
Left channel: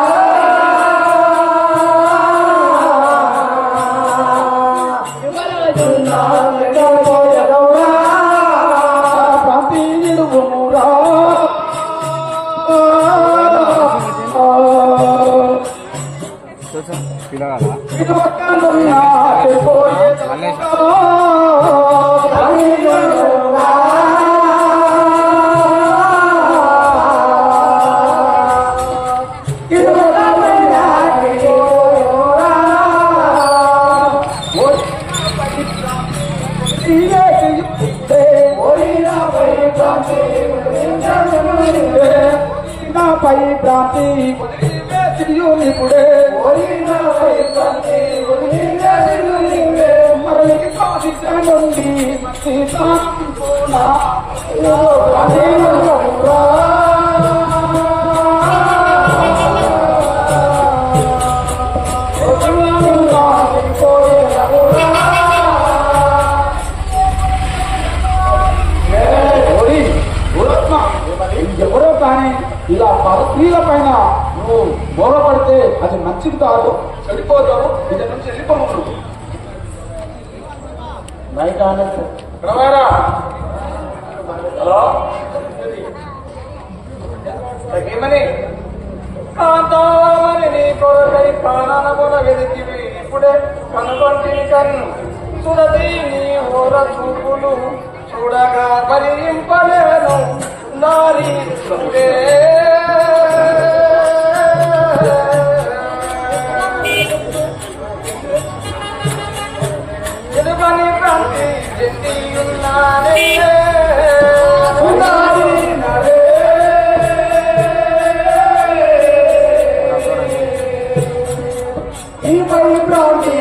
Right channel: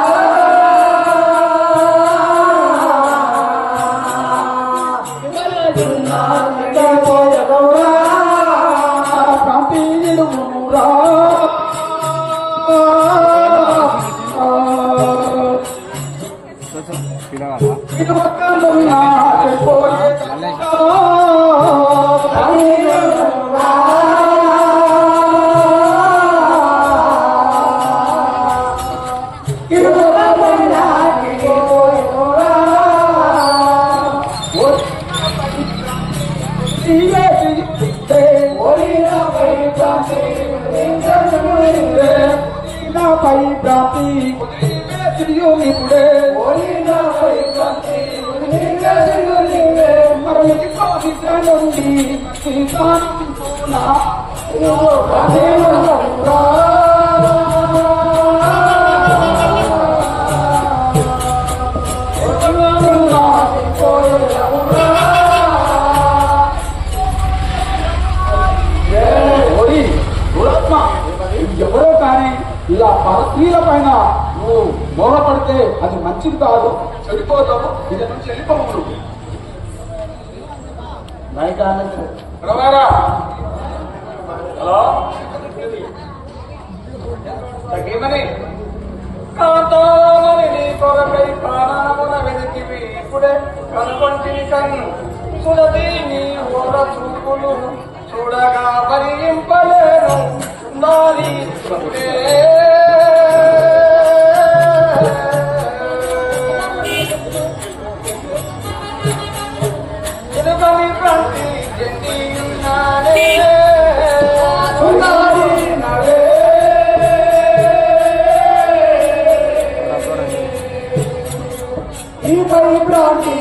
నాపై భ్రాంతి ఇప్పుడే మరలి నుండి ఎవరో కానీ ఇలా స్త్రీల పైన నువ్వు మోహపడితే అది మంచిది కాదు, చెడిపోతావు. ఇది నుంచి వెళ్ళిపోవు. హలో తగ్గమని కాంతామని నీ కొరకై ప్రాణముల వెతికివి ఇప్పుడే కనుగొంటి కన్ను చూడది నీ ఓర చూపులు చూడగా భరింపలేను నాలి తెలుగని ప్రాంతి ఈపై ప్రాంతి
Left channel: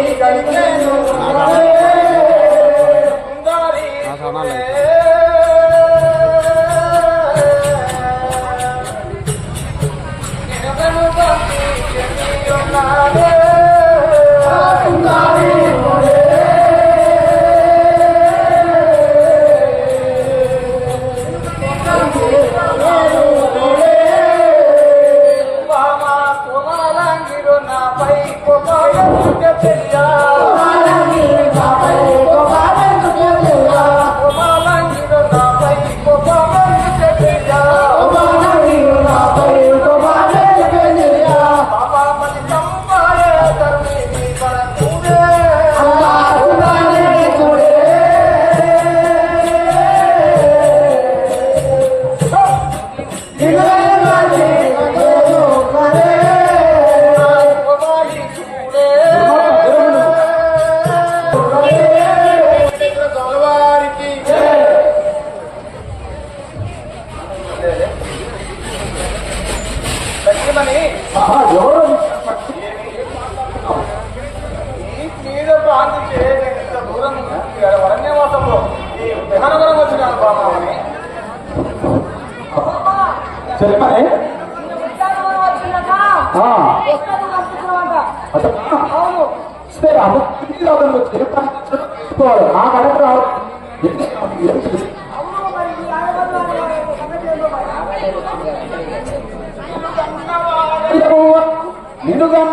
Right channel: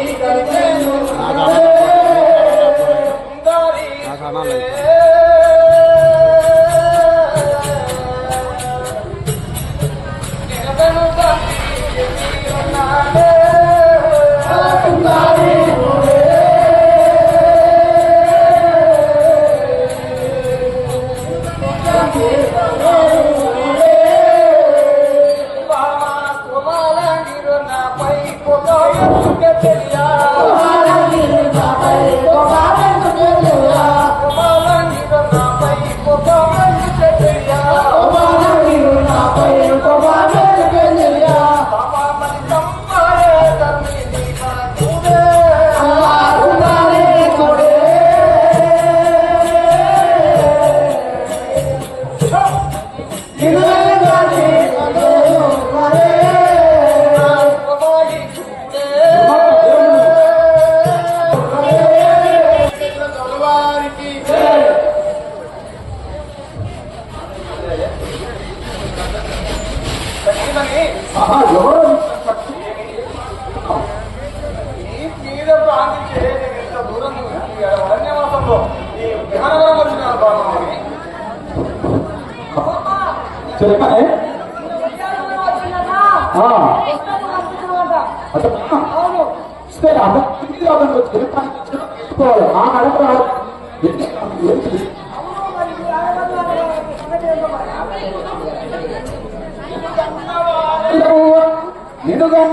కానీ ఎవరు మీద ప్రాంతించే ఇంత దూరం వరణ్యవాసంలో ఈ విహానవరం వచ్చినాను బామామని చెప్పనే సరే అప్పుడు చెప్పుకోవాలి ఆ కడప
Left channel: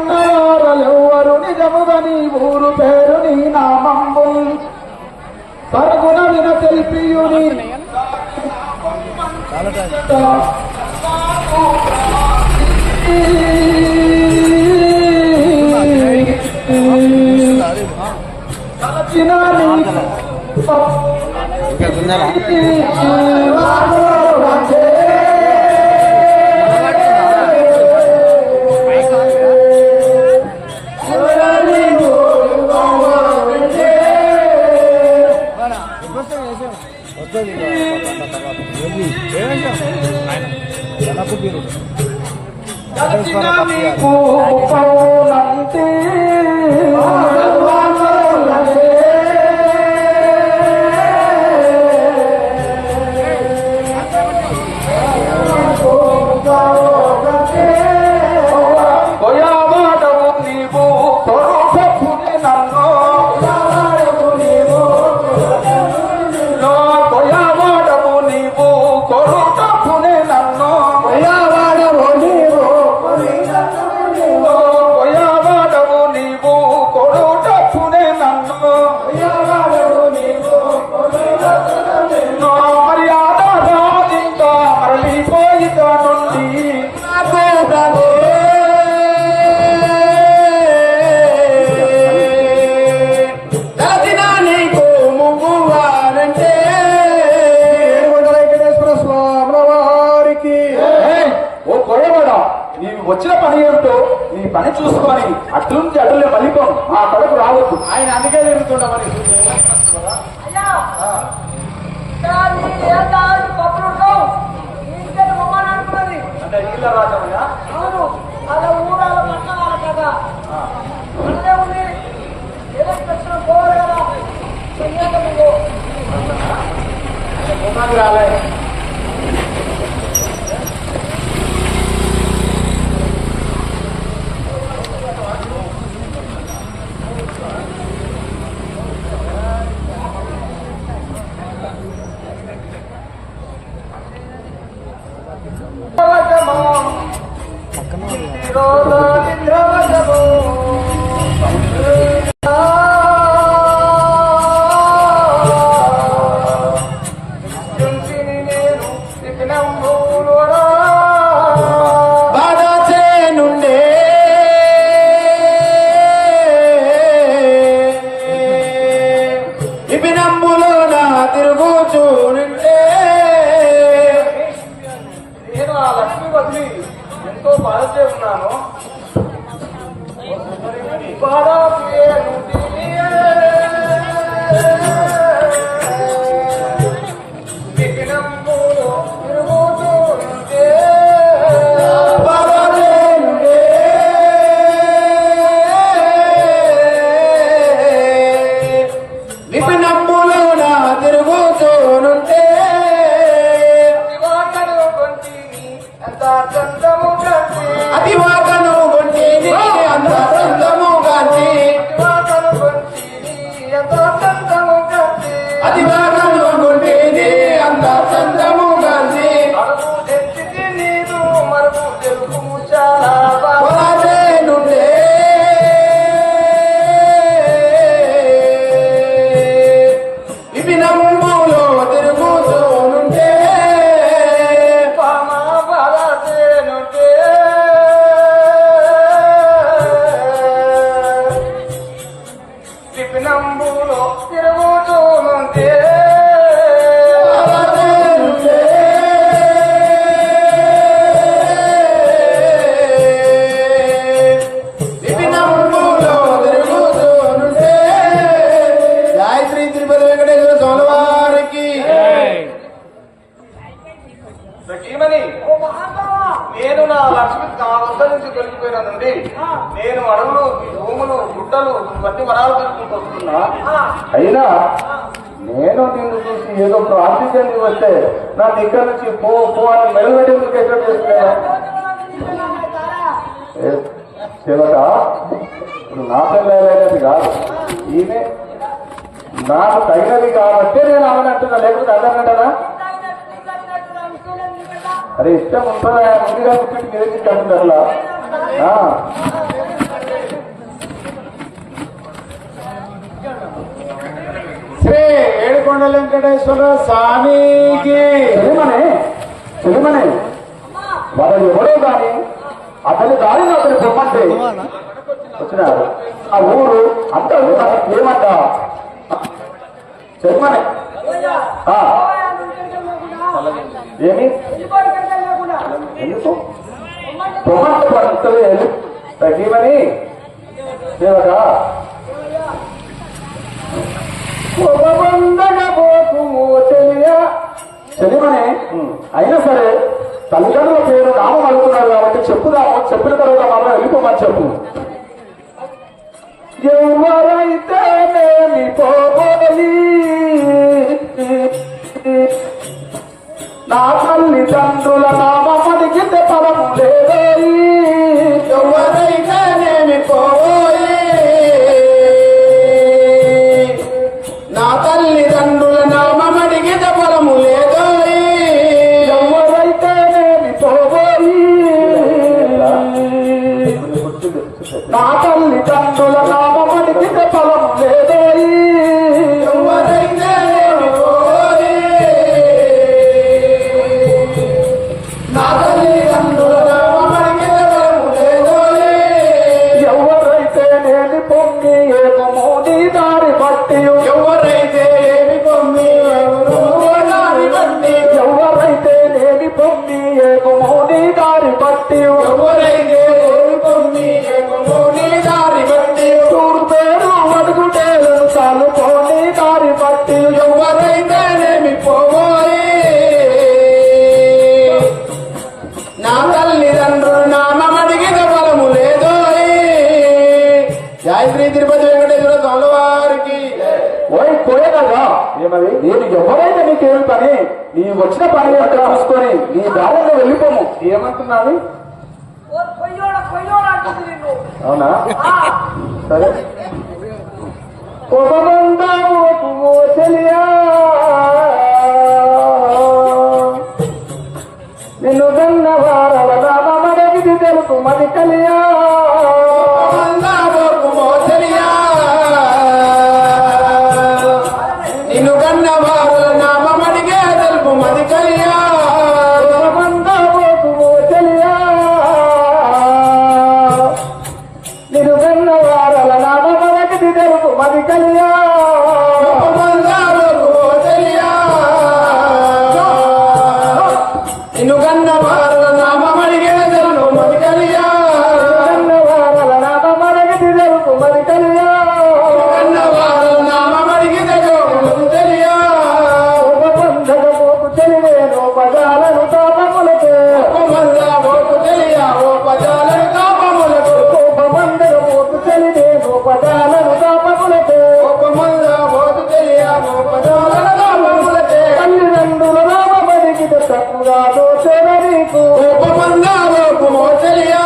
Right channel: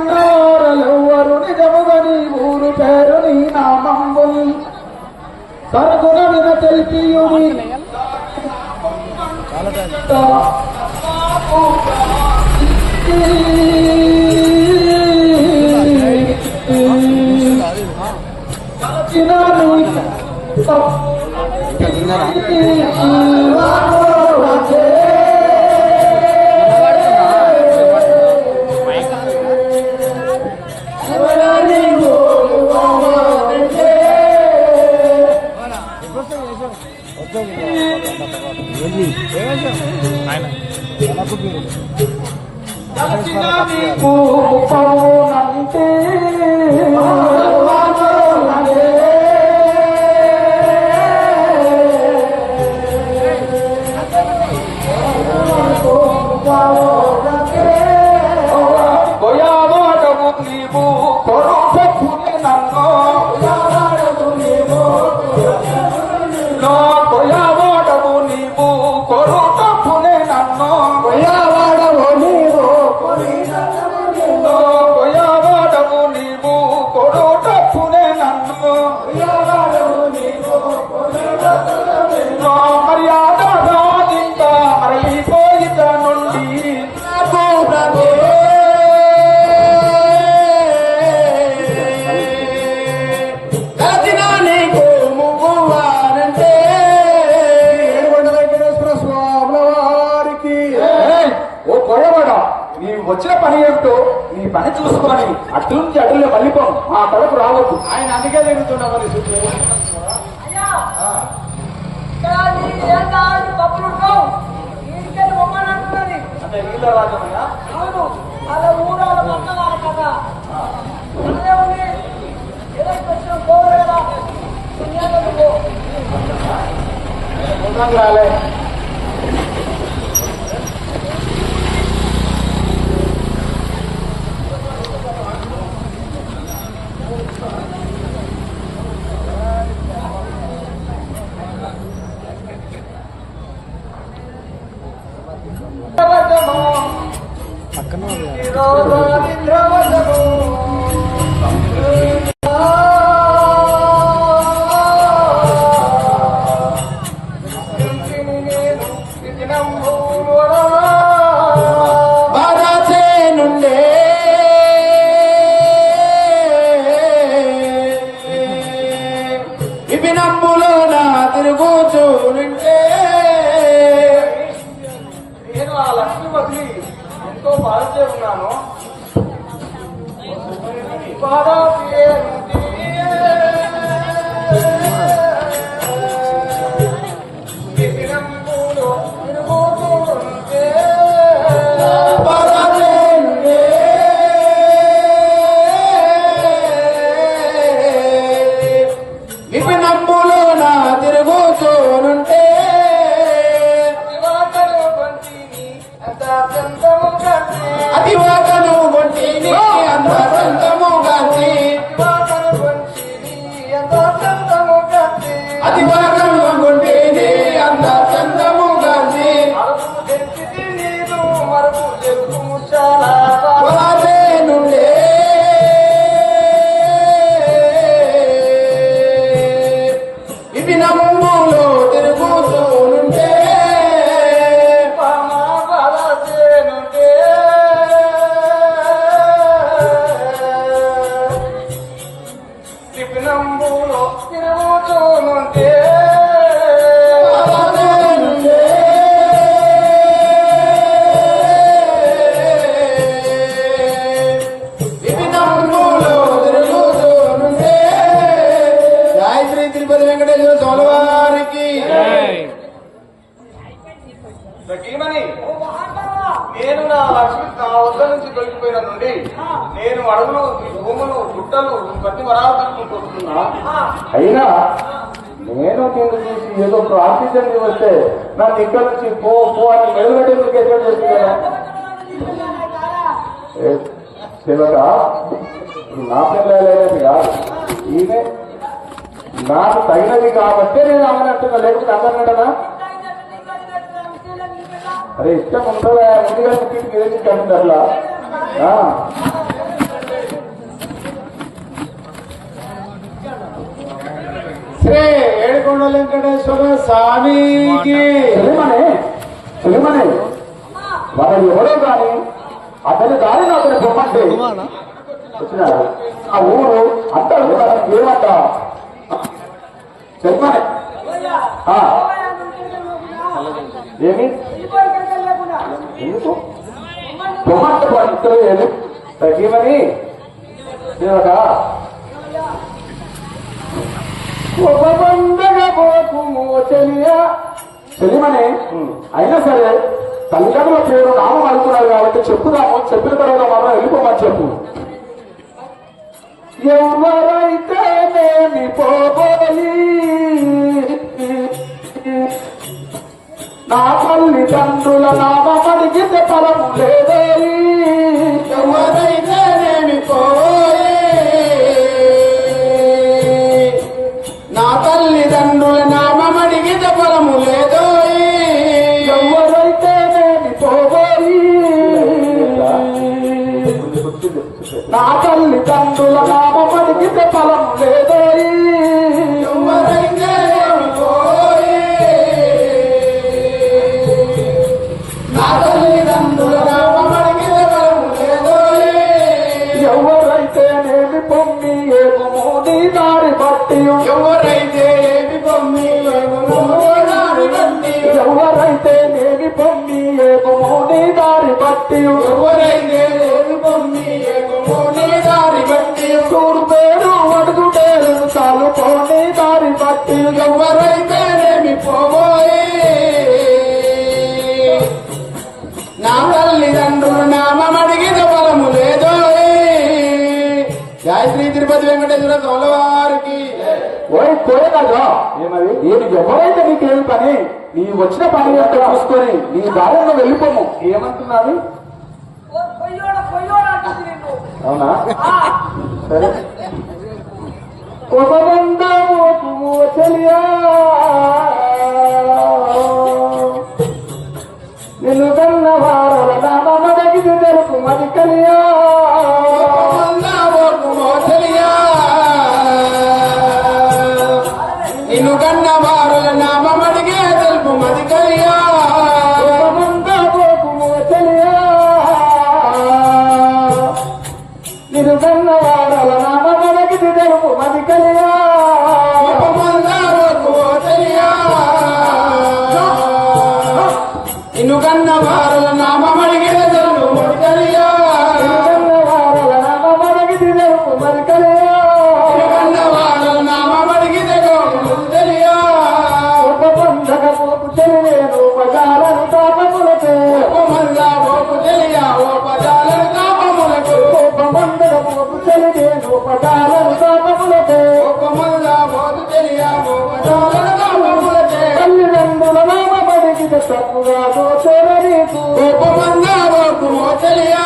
నినుగన్నవారలెవ్వరు నిజముగా నీ ఊరు పేరు నీ నామంబు పరుగున విన తెలిపియుని ఇంకా తిన్నారా? వచ్చిన పని ఏమిటో నీ పని చూసుకొని అటు నుంచి అటులే మళ్ళీపోను ఆ కడపు రావద్దు ఆయన అందుకే జరుగుతుండ మరి అంటే వీళ్ళ రాజమయ్యా రాలే ఎంతో బాధతే ఉన్నాను విపినంబులో నా తిరుగుతూనుంటే అతివాకను వంటిని అంత సొంతముగాంచి అతివాకను వంటిని అంత సొంతముగాంచి నీరు మరుపు తెలుపు చాలా నుండే విపినములో తిరుగుతూనుంటే విపినంబులో తిరుగుతూనుంటే నేను నా లక్ష్మి నా వద్ద నుంచి తొలగిపోయిన నుండి నేను అడవులు భూములు గుట్టలు ఇవన్నీ వరాలు తీసుకుంటూ వస్తున్నా. అయినా నేను నేను చూసి ఏదో ప్రార్థించండి వస్తే నన్ను ఇక్కడ నుంచి పో పో అని మెడలు పెట్టి ఎక్కడ చేస్తున్నా సేవక ఇప్పుడు నా పిల్లలైనది కాదు, ఈమె నాకు తగినది కాబట్టి నేను అవునంటున్నా, లేకపోతే అదనంటనా? అరే ఇష్టం ఉంటుందా ముందుగా పుట్టింటి మీద ఇష్టం అట్లా. శ్రీ ఏడుకొండ వెంకటేశ్వర స్వామికి తెలియమనే వాళ్ళు ఎవరో కానీ అతని దారిలో అతని పొమ్మంటే వచ్చినారు. ఆ ఊరు అంతా ఏమంటా తెలియమనే ఏమి ఎందుకు పొమ్మంటే తగ్గిమని దేవత తెలియమనే. అయినా సరే తల్లిదండ్రుల పిల్లలు నామం అడుగుతున్నారు కాబట్టి చెప్పుదాము, చెప్పిన తర్వాత మాత్రం వెళ్ళిపోమని చెప్పు. ఎవరైతేనేమి పోయి నా తల్లిదండ్రుల నామం అడిగితే ఫలం లేదే. ఎవరైతేనేమి పోయి నా తల్లిదండ్రుల నామం అడిగితే ఫలము లేదో. ఎవరైతేనేమి పోయి నా తల్లిదండ్రుల నామం అడిగితే ఫలం లేదో. ఎవరైతేనేమి పోయి నా తల్లిదండ్రుల నామం అడిగితే ఫలము లేదో. ఎవరైతేనేమి పొంగి ఏమో నీ దారి బట్టి, ఎవరైతేమి పొమ్మి దారి బట్టి, ఎవరైతేనేమి పొంగి ఏమో నీ దారి బట్టి, ఎవరైతేమి పొమ్మి దారి బట్టి, చూడుపేరు అడుగుటేరు చాలు పోనీ దారి బట్టి. ఎవరైతేనేమి పోయి నా తల్లిదండ్రులు నామం అడిగిన ఫలము లేదో. జయ శ్రీ తిరుపతి వెంకటేశ్వర స్వామి వారికి. ఓయ్ పోయేదాగా ఏమది నేను ఎవరైతే నీకేమి పని, నీ వచ్చిన పని అక్కడ చూసుకొని నీ దారిలో వెళ్ళిపోము ఏమంటున్నావి? అవునా సరే. ఒక బంధము చెలియా నిన్ను కన్న వారల నామం అడిగి తెలుపు మది కలియా. నిన్ను కన్న వారుల నామం అడిగే తెలుపు మది కలియా. చెలియా నిన్ను కన్న వారల నామం అడిగి తెలుపు మది కలియా. నిన్ను కన్న వారుల నామం అడిగే తెలుపు మది కలియా. కన్న వారల నామం అడిగి తెలుపు మది కలియా. కన్న వారుల నామం అడిగితే మది తెలియా. ఉపబంధకపోకు తెలియను పదాలను తాపములకే, ఉపమందకపోకు తెలియా ఓ పదాలను తాపములకు. ఉపబంధకపోకు తెలియను పదాలను తాపములకే, ఉపమందకపోకు తెలియా ఓ పదాలను తాపములకే. తల్లిదండ్రుల నామడిగిన తప్పుగా దోచర నీకు. ఉపమందకపోకు తెలియా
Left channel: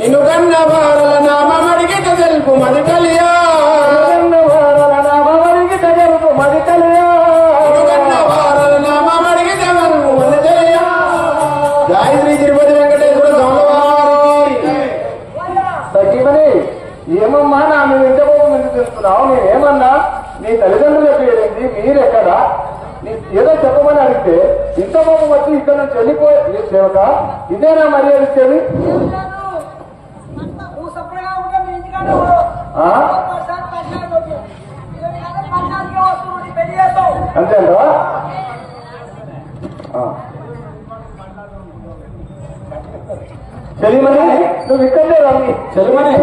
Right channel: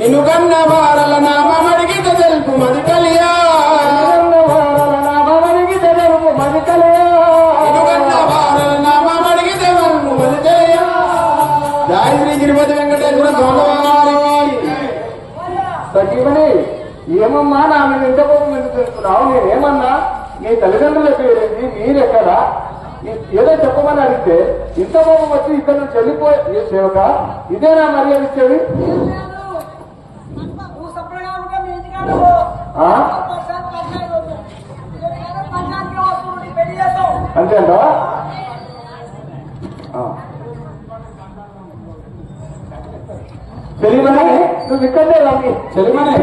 నిన్ను కన్న వారల నామం అడిగితే తెలుపు మది కలియా. కన్న వారల నామడిగిన తెలుపు మది కలియా. నిన్ను కన్న వారల నామం అడిగితే తెలుపు మది తెలియా. జయ శ్రీ తిరుపతి వెంకటేశ్వర స్వామి వారికి. తగ్గిమని ఏమమ్మా నా మీద ఇంతకోపం ఎందుకు చేస్తున్నావు? నేనేమన్నా నీ తల్లిదండ్రులు ఎక్కడేంటి, మీరెక్కడా? ఏదో చెప్పమని అడిగితే ఇంత కోపం వచ్చి ఇక్కడ నుంచి వెళ్ళిపోయి సేవక ఇదేనా మర్యాద ఇచ్చేది? అంతేనా? తెలియమని నువ్వు ఇక్కడే రమ్మి. తెలియమని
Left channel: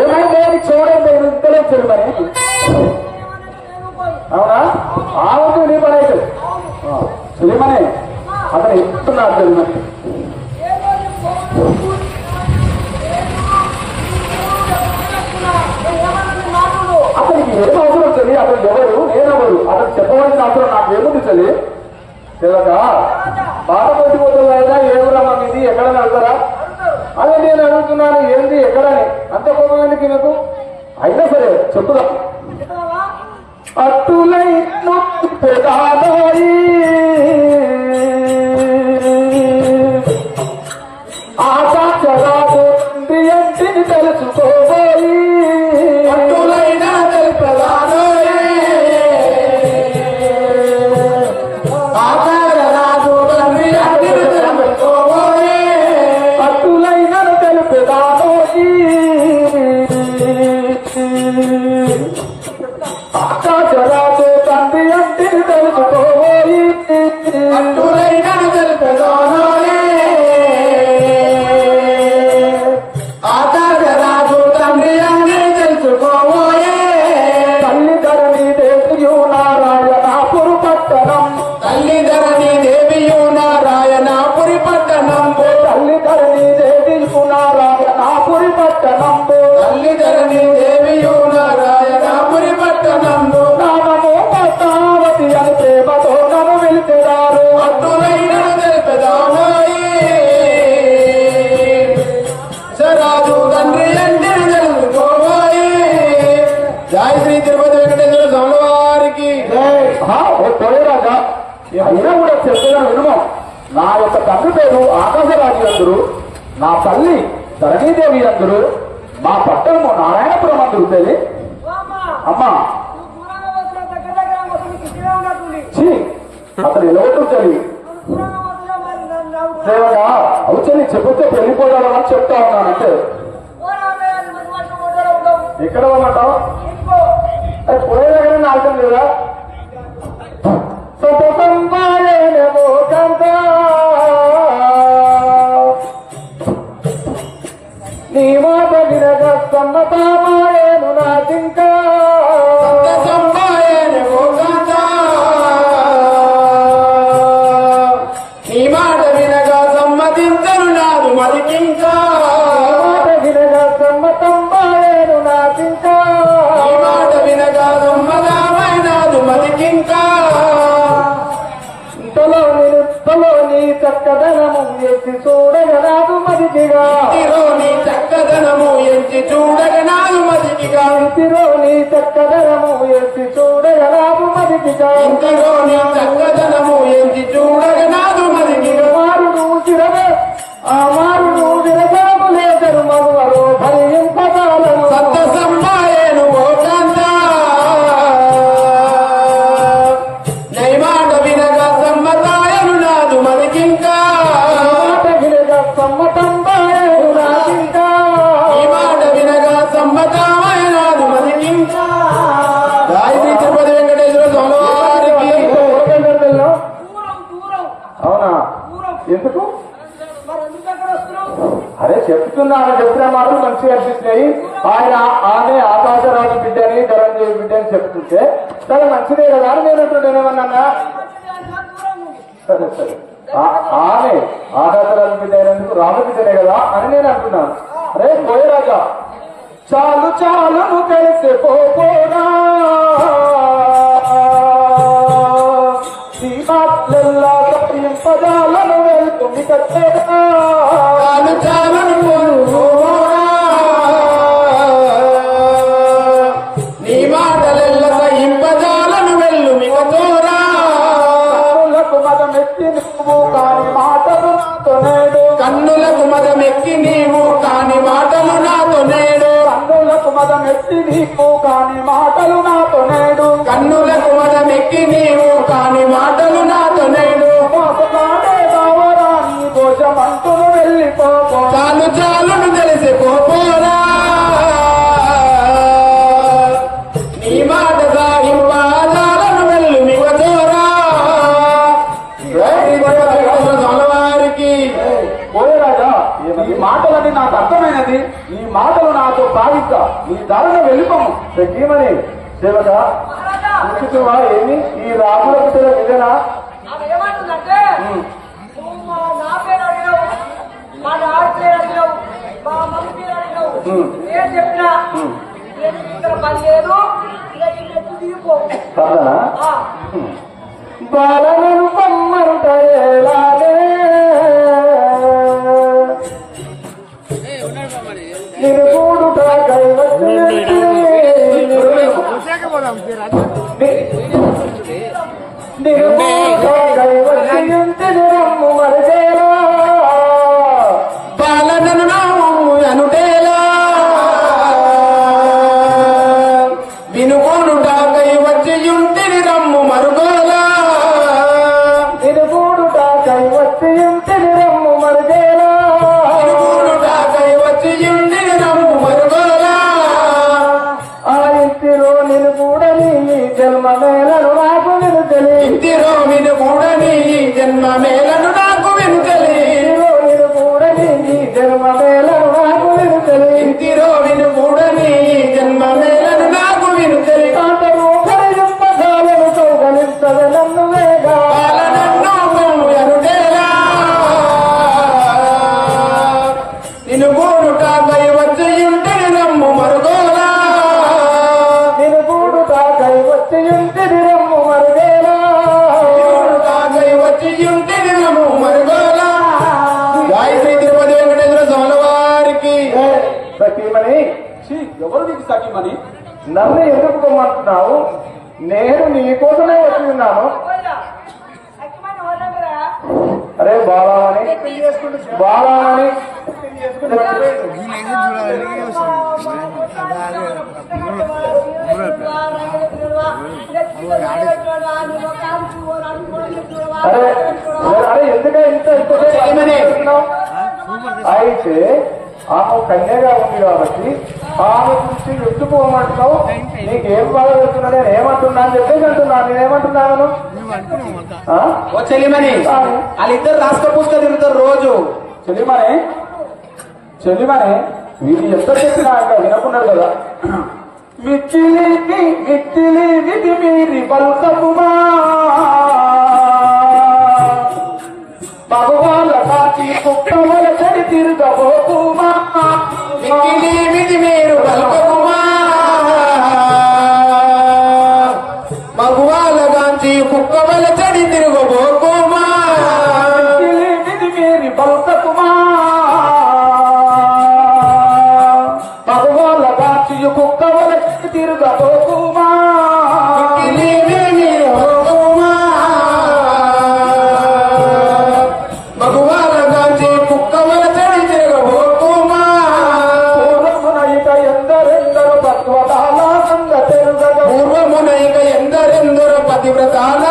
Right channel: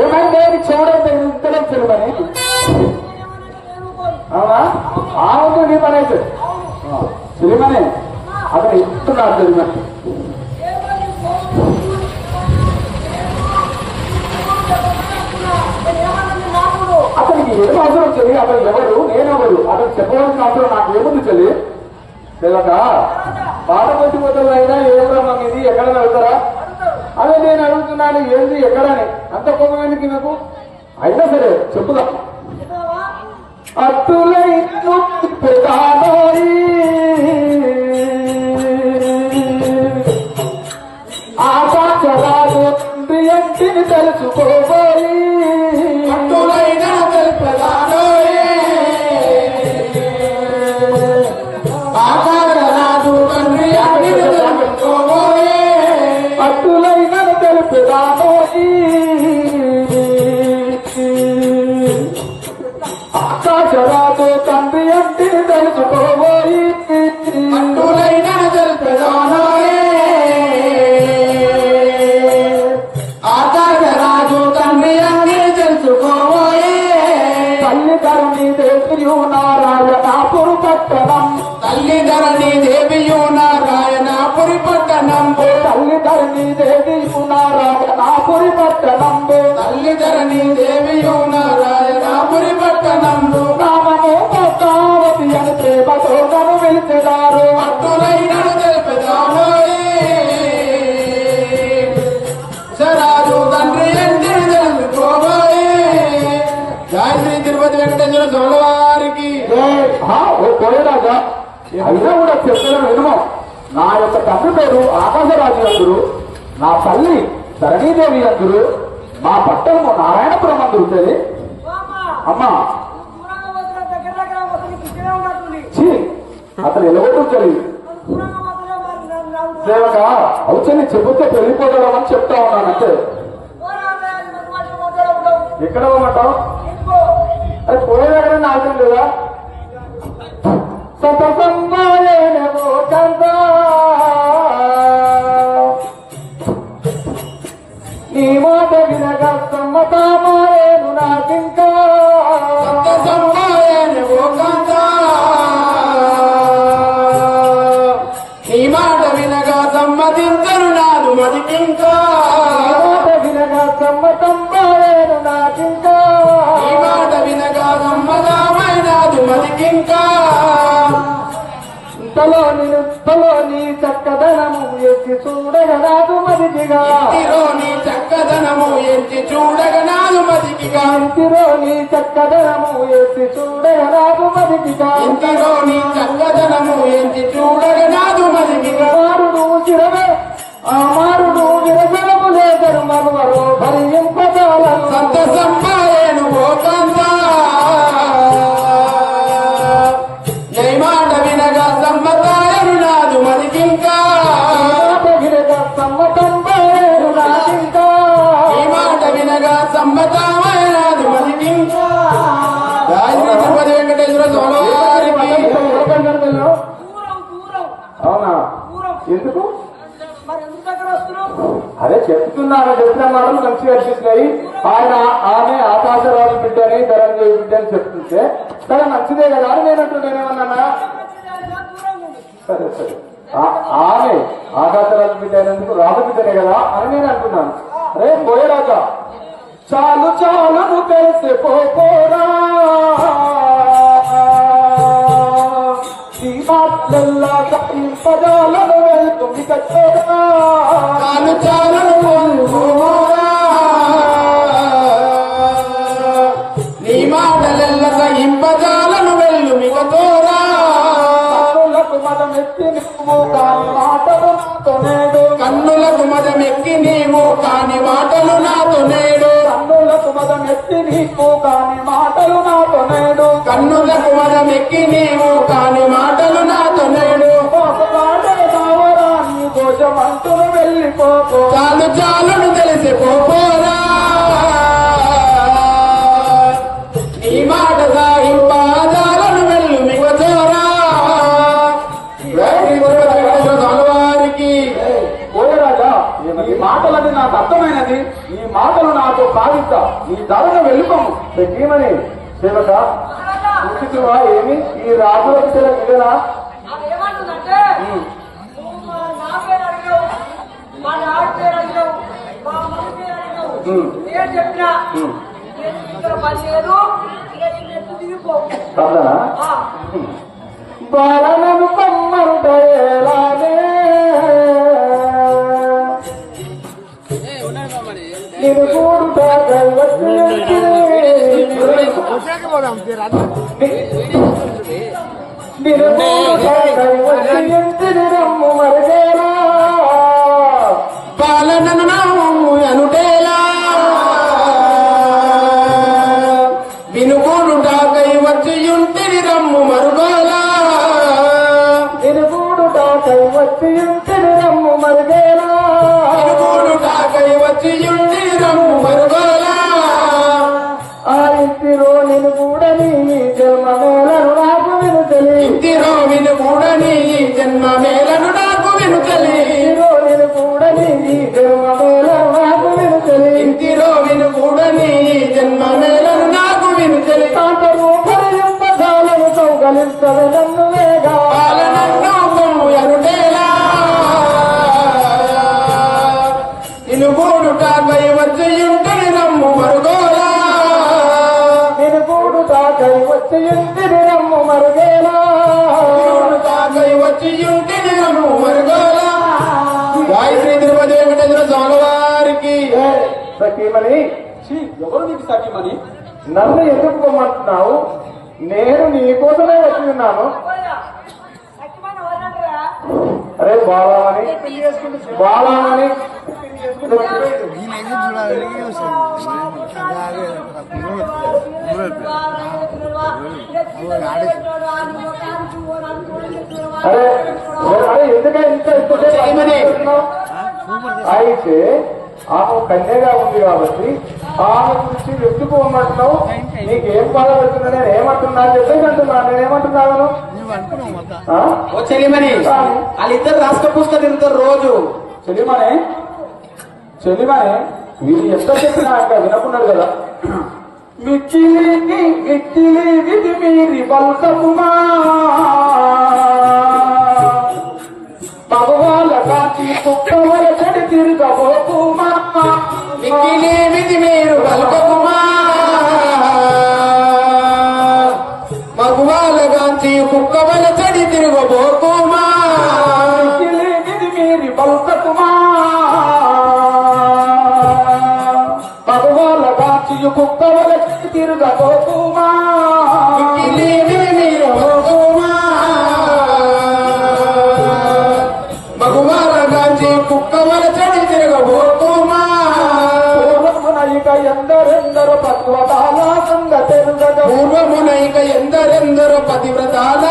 ఏమైందే చూడండి ఇంతలో తెలియమని. అవునా? ఆ నీ పని అయితే పిలిమనే అతను ఎక్కుతున్నాడు జరిగినట్టు. అతనికి ఏం అవసరం తెలియ, అతను ఎవరు నేనెవరు అతను చెప్పవలసిన అవసరం నాకేముంది తెలియ. సేవక బాధపడి పోతుందైనా ఏమరమ్మ మీది ఎక్కడైనా వెళ్తారా? అదే నేను అడుగుతున్నాను ఏంది ఎక్కడని అంత కోపంగానికి నాకు అయినా సరే చెప్పుదా. అట్టులై ఆకాశరాదు ఎంటిని తెలుసుకోబోయి అట్టులైనా తెలుపదానోయి ఆకాశరాదు ఎంటిని తెలుసుకోబోయి అట్టులైనా తెలుపదానోయి ఆకాశరాదు తండ్రి అంటిని తెలుసుకోబోయి అట్టులైనా తెలుపదానోయి ఆచార్యరాజు తండ్రి అన్ని తెలుసుకోబోయే తల్లిధరణి దేవియు నారాయణాపురి పట్టణం తల్లిధరణి దేవియు నారాయణాపురి పట్టణం తల్లిధరణి దేవియు నారాయణాపురి పట్టణం తల్లిధరణి దేవియు నారాయణాపురి పట్టణం నామము పద్మావతి అని ప్రేమతో నన్ను పిలిచెదారు అట్టులైన తెలిపెదారు రాజు తండ్రి అంటే తెలుసుకోబోయే జయ శ్రీ తిరుపతి వెంకటేశ్వర స్వామి వారికి పోయేరాజా అయినా కూడా చెప్పేదని వినుమో. నా యొక్క తండ్రి పేరు ఆకాశరాజు అందరు, నా తల్లి ధరణీదేవి అందరు, మా పట్టణము నారాయణపురం అందరు తెలియ. అమ్మా అతను ఎలవటం తెలియ సేవగా అవుచని చెబితే పెళ్లిపోతాడమని చెప్తా ఉన్నానంటే ఎక్కడ అమ్మంటావు అది పోయేదగ్గర నాశం లేదా సంతసంబాలేమో కందా నీ మాట వినగా సమ్మతామాయేను నాకింకా సంతసంబాలేమో కందా నీ మాట వినగా సమ్మతించను నాదు మదికింకా మాట వినగా సమ్మతంబాయేను నాకింకా నీ మాట వినగా సమ్మతమైనాదు మదికింకా ఇంతలో నీ చక్కదనము ఎత్తి చూడగ నాదు మదికిగా ఇంటిలో నీ చక్కదనము ఎత్తి చూడగ నాదు మదికిగా ఇంటిలో నీ చక్కదనము ఎత్తి చూడగ నాదు మదికిగా ఇంటిలో నీ చక్కదనము ఎత్తి చూడగ నాదు మదికిగా మారుడు చిరవే ఆ మారుడు విరజాము లేదరు మగువరు భరింపజాలను సంతసంబాయేను మోకాంత నైమాట వినగా సమ్మతాయను నాదు మదికింకా మాట వినగా సమ్మతంబాయేను నాకింకా ఈ మాట వినగా సమ్మతమైనాదు మదికింకా రాజీ తిరుపతి వెంకటేశ్వర స్వామి. అవునా ఎందుకు అరే చెప్తున్నాను, చెప్పిన మాటలు మంచిగా అనిపిస్తున్నాయి. ఆమె ఆకాశరాజు బిడ్డని ధరణి బిడ్డని చెప్తుంటే చాలా మంచిదే కదా అని నేనేమన్నా. సరే సరే ఆమె ఆకాశరాజు బిడ్డ అయినందుకు రామబిడ్డనే కదా అని నేను అంటున్నాను. అరే పోయేరాజా చాలు చాలు నువ్వు కలిసి పోరా మాటల్లా ఇంపజాలను వెళ్తుంది కట్టేరా చాలు చాలను నీ మాటలెల్ల ఇంపజాలను వెళ్ళు మిగతోరా కన్నులకు మదమెత్తి నీవు కాని మాటలు నాతో నేడు కన్నులకు మదమెక్కి నీవు కాని మాటలు నాతో నేడు కన్నులకు మదమెత్తి నీవు కాని మాటలు నాతో నేడు కన్నులకు మదమెక్కి నీవు కాని మాటలు నాతో నేడు బావరాని దోషమంతులు వెళ్ళిపోపో చాలు చాలును తెలిసిపోపోరా నీ మాట సాగింపాలను వెళ్ళు మిగతోరా వారికి పోయేరాజా ఈ మాటలని నాకు అర్థమైనది. ఈ మాటలు నాతో సాగిస్తా ఈ దారిలో వెళ్ళిపోము ప్రతిమని సేవక ఏమి ఈ రాజుల బిడ్డల విధేనా నా పేరు అడిగావు, మా నాన్న పేరు అడిగావు, మా మమ్మీ పేరు అడిగావు. నేను చెప్పినా ఇక్కడ పని లేదు, ఎత్తు దిగిపో. బాలను కమ్మంటే నేను కూడుట రమ్ము మరదేలా పాలనను అనుటేలా వినుగూడుట కైవచ్చియుంటిని రమ్ము మరుగోలా వినుగూడుట కైవచ్చియుంటిని రమ్ము మరుగేలా వినుగూడుట కైవచ్చియుంటిని రమ్ము మరుగోలా ఆ ఇంటిలో నేను కూడని జన్మ మేలను నాకు వినుచలి ఇంటిలో విను కూడని జన్మ మేలను నాకు వినుచలి నేను కూడని జన్మ మేలను నాకు వినుచలి ఇంటిలో విను కూడని జన్మ మేలను నాకు వినుచలి తాతరు పదలను కౌగలించదు నన్ను వేగా నన్ను ఎనుగేలా నిన్ను కూడుట కైవచ్చియుంటిని రమ్ము మరుగోలా నిన్ను కూడుట కైవచ్చియుంటిని రమ్ము మరుగేలా కైవచ్చియుంటిని రమ్ము మరుగోలా గాయత్రి తిరుపతి వెంకటేశ్వర స్వామి వారికి సఖీమణి. ఎవరు నీకు సఖీమణి? నన్ను ఎందుకు పొమ్మంటున్నావు? నేను నీకోసమే వచ్చి ఉన్నాను. అరే బాలామని బాలామని అరే అరే ఎందుకంటే ఇంత అయితే ఆమె కన్యగా ఉంది కాబట్టి ఆమె గురించి ఎత్తుకోమంటున్నావు. నీకేం బాధ పెడుతున్నా నేను ఏమంటున్నా అని చెప్పేసి అంటున్నాను. నేనేమంటున్నాను? చెలిమని వాళ్ళిద్దరు రాష్ట్ర పుస్తకం తింటారు రోజు. చెలిమనే చెలిమనే వీళ్ళు ఎంత చెప్పినా ఇంకా వినకున్నాడు కదా. మిచ్చిలి మిచ్చిలి విధి మీరి బల్సముమా భగవాల కాచి కుక్కవల చెడి తిరుగబోకుమా మిచ్చిలి విధి మీరు బల్సముమా భగవాల కాచి కుక్కవల చెడి తిరుగబోకుమా మిచ్చిలి విధి మీరి బల్సకుమా భగవాల కాచి కుక్కవల చెడి తిరుగబోకుమా మిచ్చిలి విధి మీరు బోకుమా భగవాల కాచి కుక్కవల చెడి తిరుగబోకుమా పూర్వమునైక ఎందరెందరు పద్వతాల సంగతెరుగ పూర్వమునైక ఎందరెందరు పతివ్రతాల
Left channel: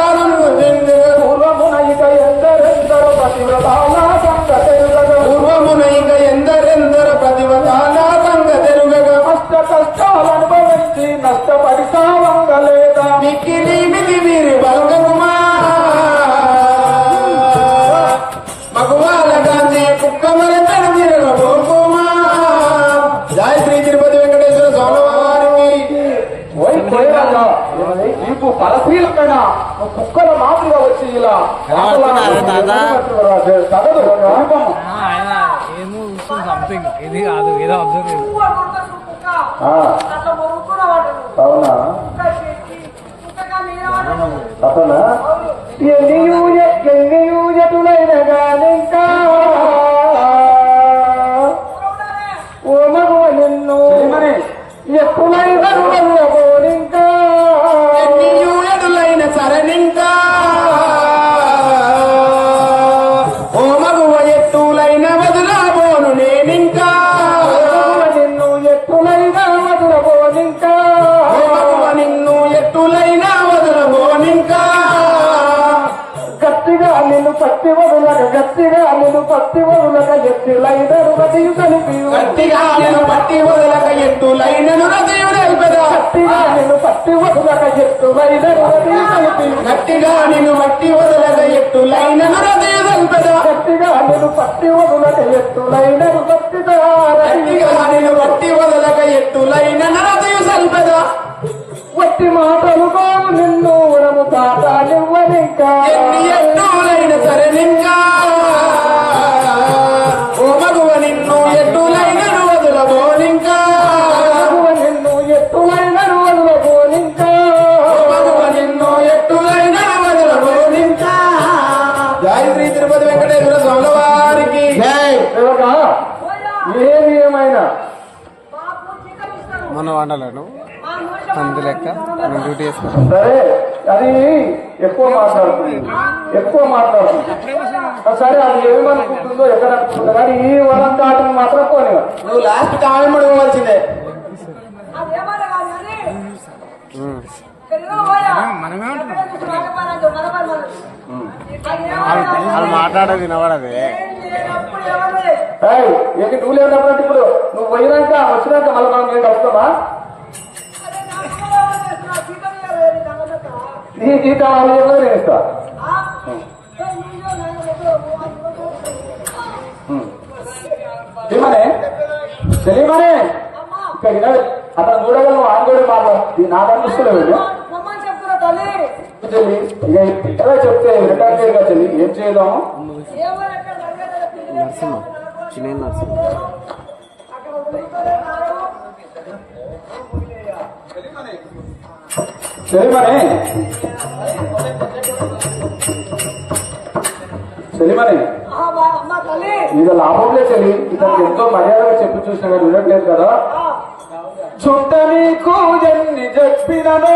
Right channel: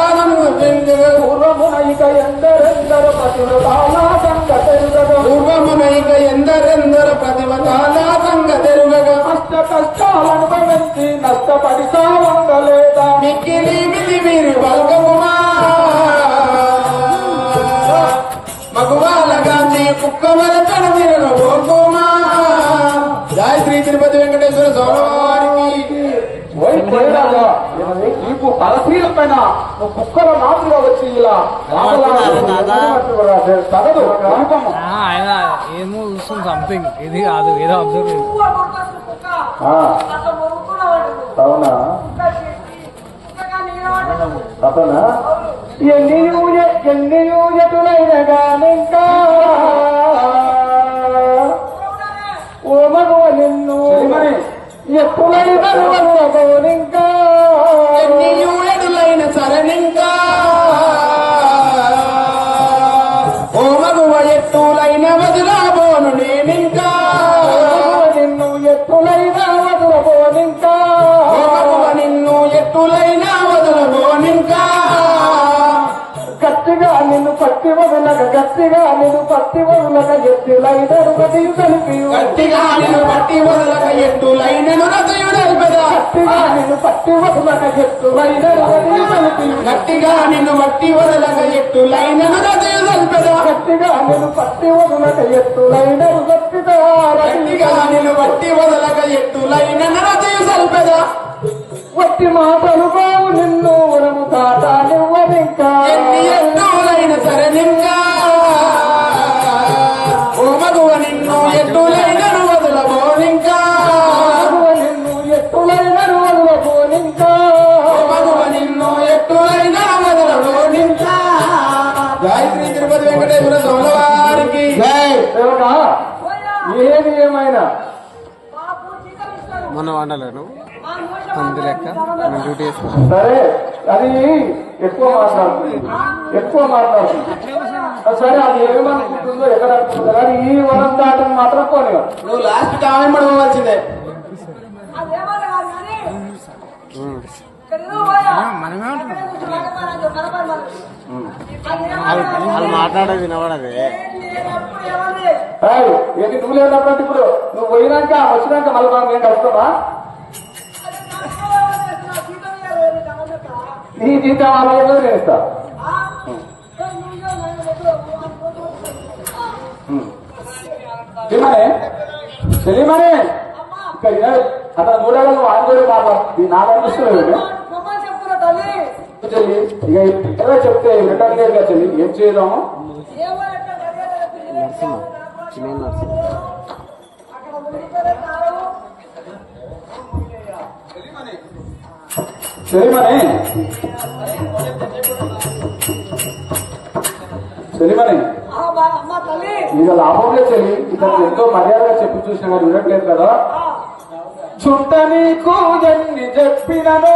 పూర్వమునైక ఎందరెందరు పతివ్రతాల సంగతెరుగ పూర్వమునైక ఎందరెందరు పతివ్రతాల సంగతెరుగ కష్ట కష్టాలను అనుభవించి నష్టపడి సావంగలేదా మిక్కిలి మిలి వీరి వర్గముమా భగవాల గాంధీ కుక్కవల తరుమా గాయత్రి తిరుపతి వెంకటేశ్వర స్వామి వారికి నీకు పరశీలమైన నువ్వు కుక్కల మాదిరిగా వచ్చి ఇలా తగదు అనుపము. ఏమో సంథింగ్ ఇది కాదు ఏదో అబ్జర్వ్ అవునా అతనా ఎన్నియూ ఎటులైన గానింకా ఓ మగవ నిన్ను ఎప్పులైన వల్లబోనింకా ఎన్నియూ ఎటులైన సరనింకా ఓ మగవ ఎట్టులైన వదులబోను నేనింకా నిన్ను ఎట్టులైన వదులబోనింకా ఓ మగవ నిన్ను ఎట్టులైన వదులబోనింకా గట్టిగా నిన్ను పట్టి వదులక గట్టిగా నిన్ను పట్టి వదులక ఎత్తులైనను రతియు కలిపి గట్టిగా నిన్ను పట్టి వదులక ఎత్తులైనను రతియు కలిపెదా గట్టిగా నిన్ను పట్టి వదులక ఎత్తులైనను రతియు కలిపి గట్టిగా నిన్ను పట్టి వదులక ఎత్తులైనను రతియు కలిపెదా గట్టిగా నిన్ను పట్టి వదులక ఎత్తులైనను గట్టిగా గట్టిగా నిన్ను పట్టి వదులక ఎత్తులైనను రతియు కలిపెదా వట్టి మాటలు కావు నిన్ను వరము కాదా నివ్వనింకా ఎన్ని ఎత్తులైన సరే గాయత్రి తిరుపతి వెంకటేశ్వర స్వామి వారికి ఏది ఏమైనా మన వండలేను అందు లెక్క మనం డ్యూటీ చేస్తాం. సరే అది ఎక్కువ మాట్లాడుతుంది. సరే అది ఏమనుకుంటుందో ఎక్కడ అనుకుంటుందో కానీ ఈ వరం దాటని మాత్రం పోనివ్వ. నువ్వు లాస్ట్ కామె పడవలసిందే. వాళ్ళు మాట్లాడేది వినబడదే. ఏంటి నువ్వు లేనప్పుడు ఇప్పుడు నువ్వు పోయినాక వచ్చినాక మళ్ళీ మనం నేను వస్తామా? నీ జీతం వాళ్ళు నేను ఇస్తా. తెలియమనే ఇక్కడ వినాడు అతను చూడగా నువ్వు ఆందోళన మాట్లాడు నాకు అనిపిస్తున్నావు చెల్లి. ఇక ఎలా చెప్తే రిటర్న్ చేయగా చెల్లి ఏం చేయలేము. చెల్లిమని ఇక లాభంలే చెల్లి. ఇతను ఎంతో మర్యాదగా చెప్పి చూసినా కానీ వినట్లేదు కదా. చుట్ట నీకు ఎన్ని చెప్పినను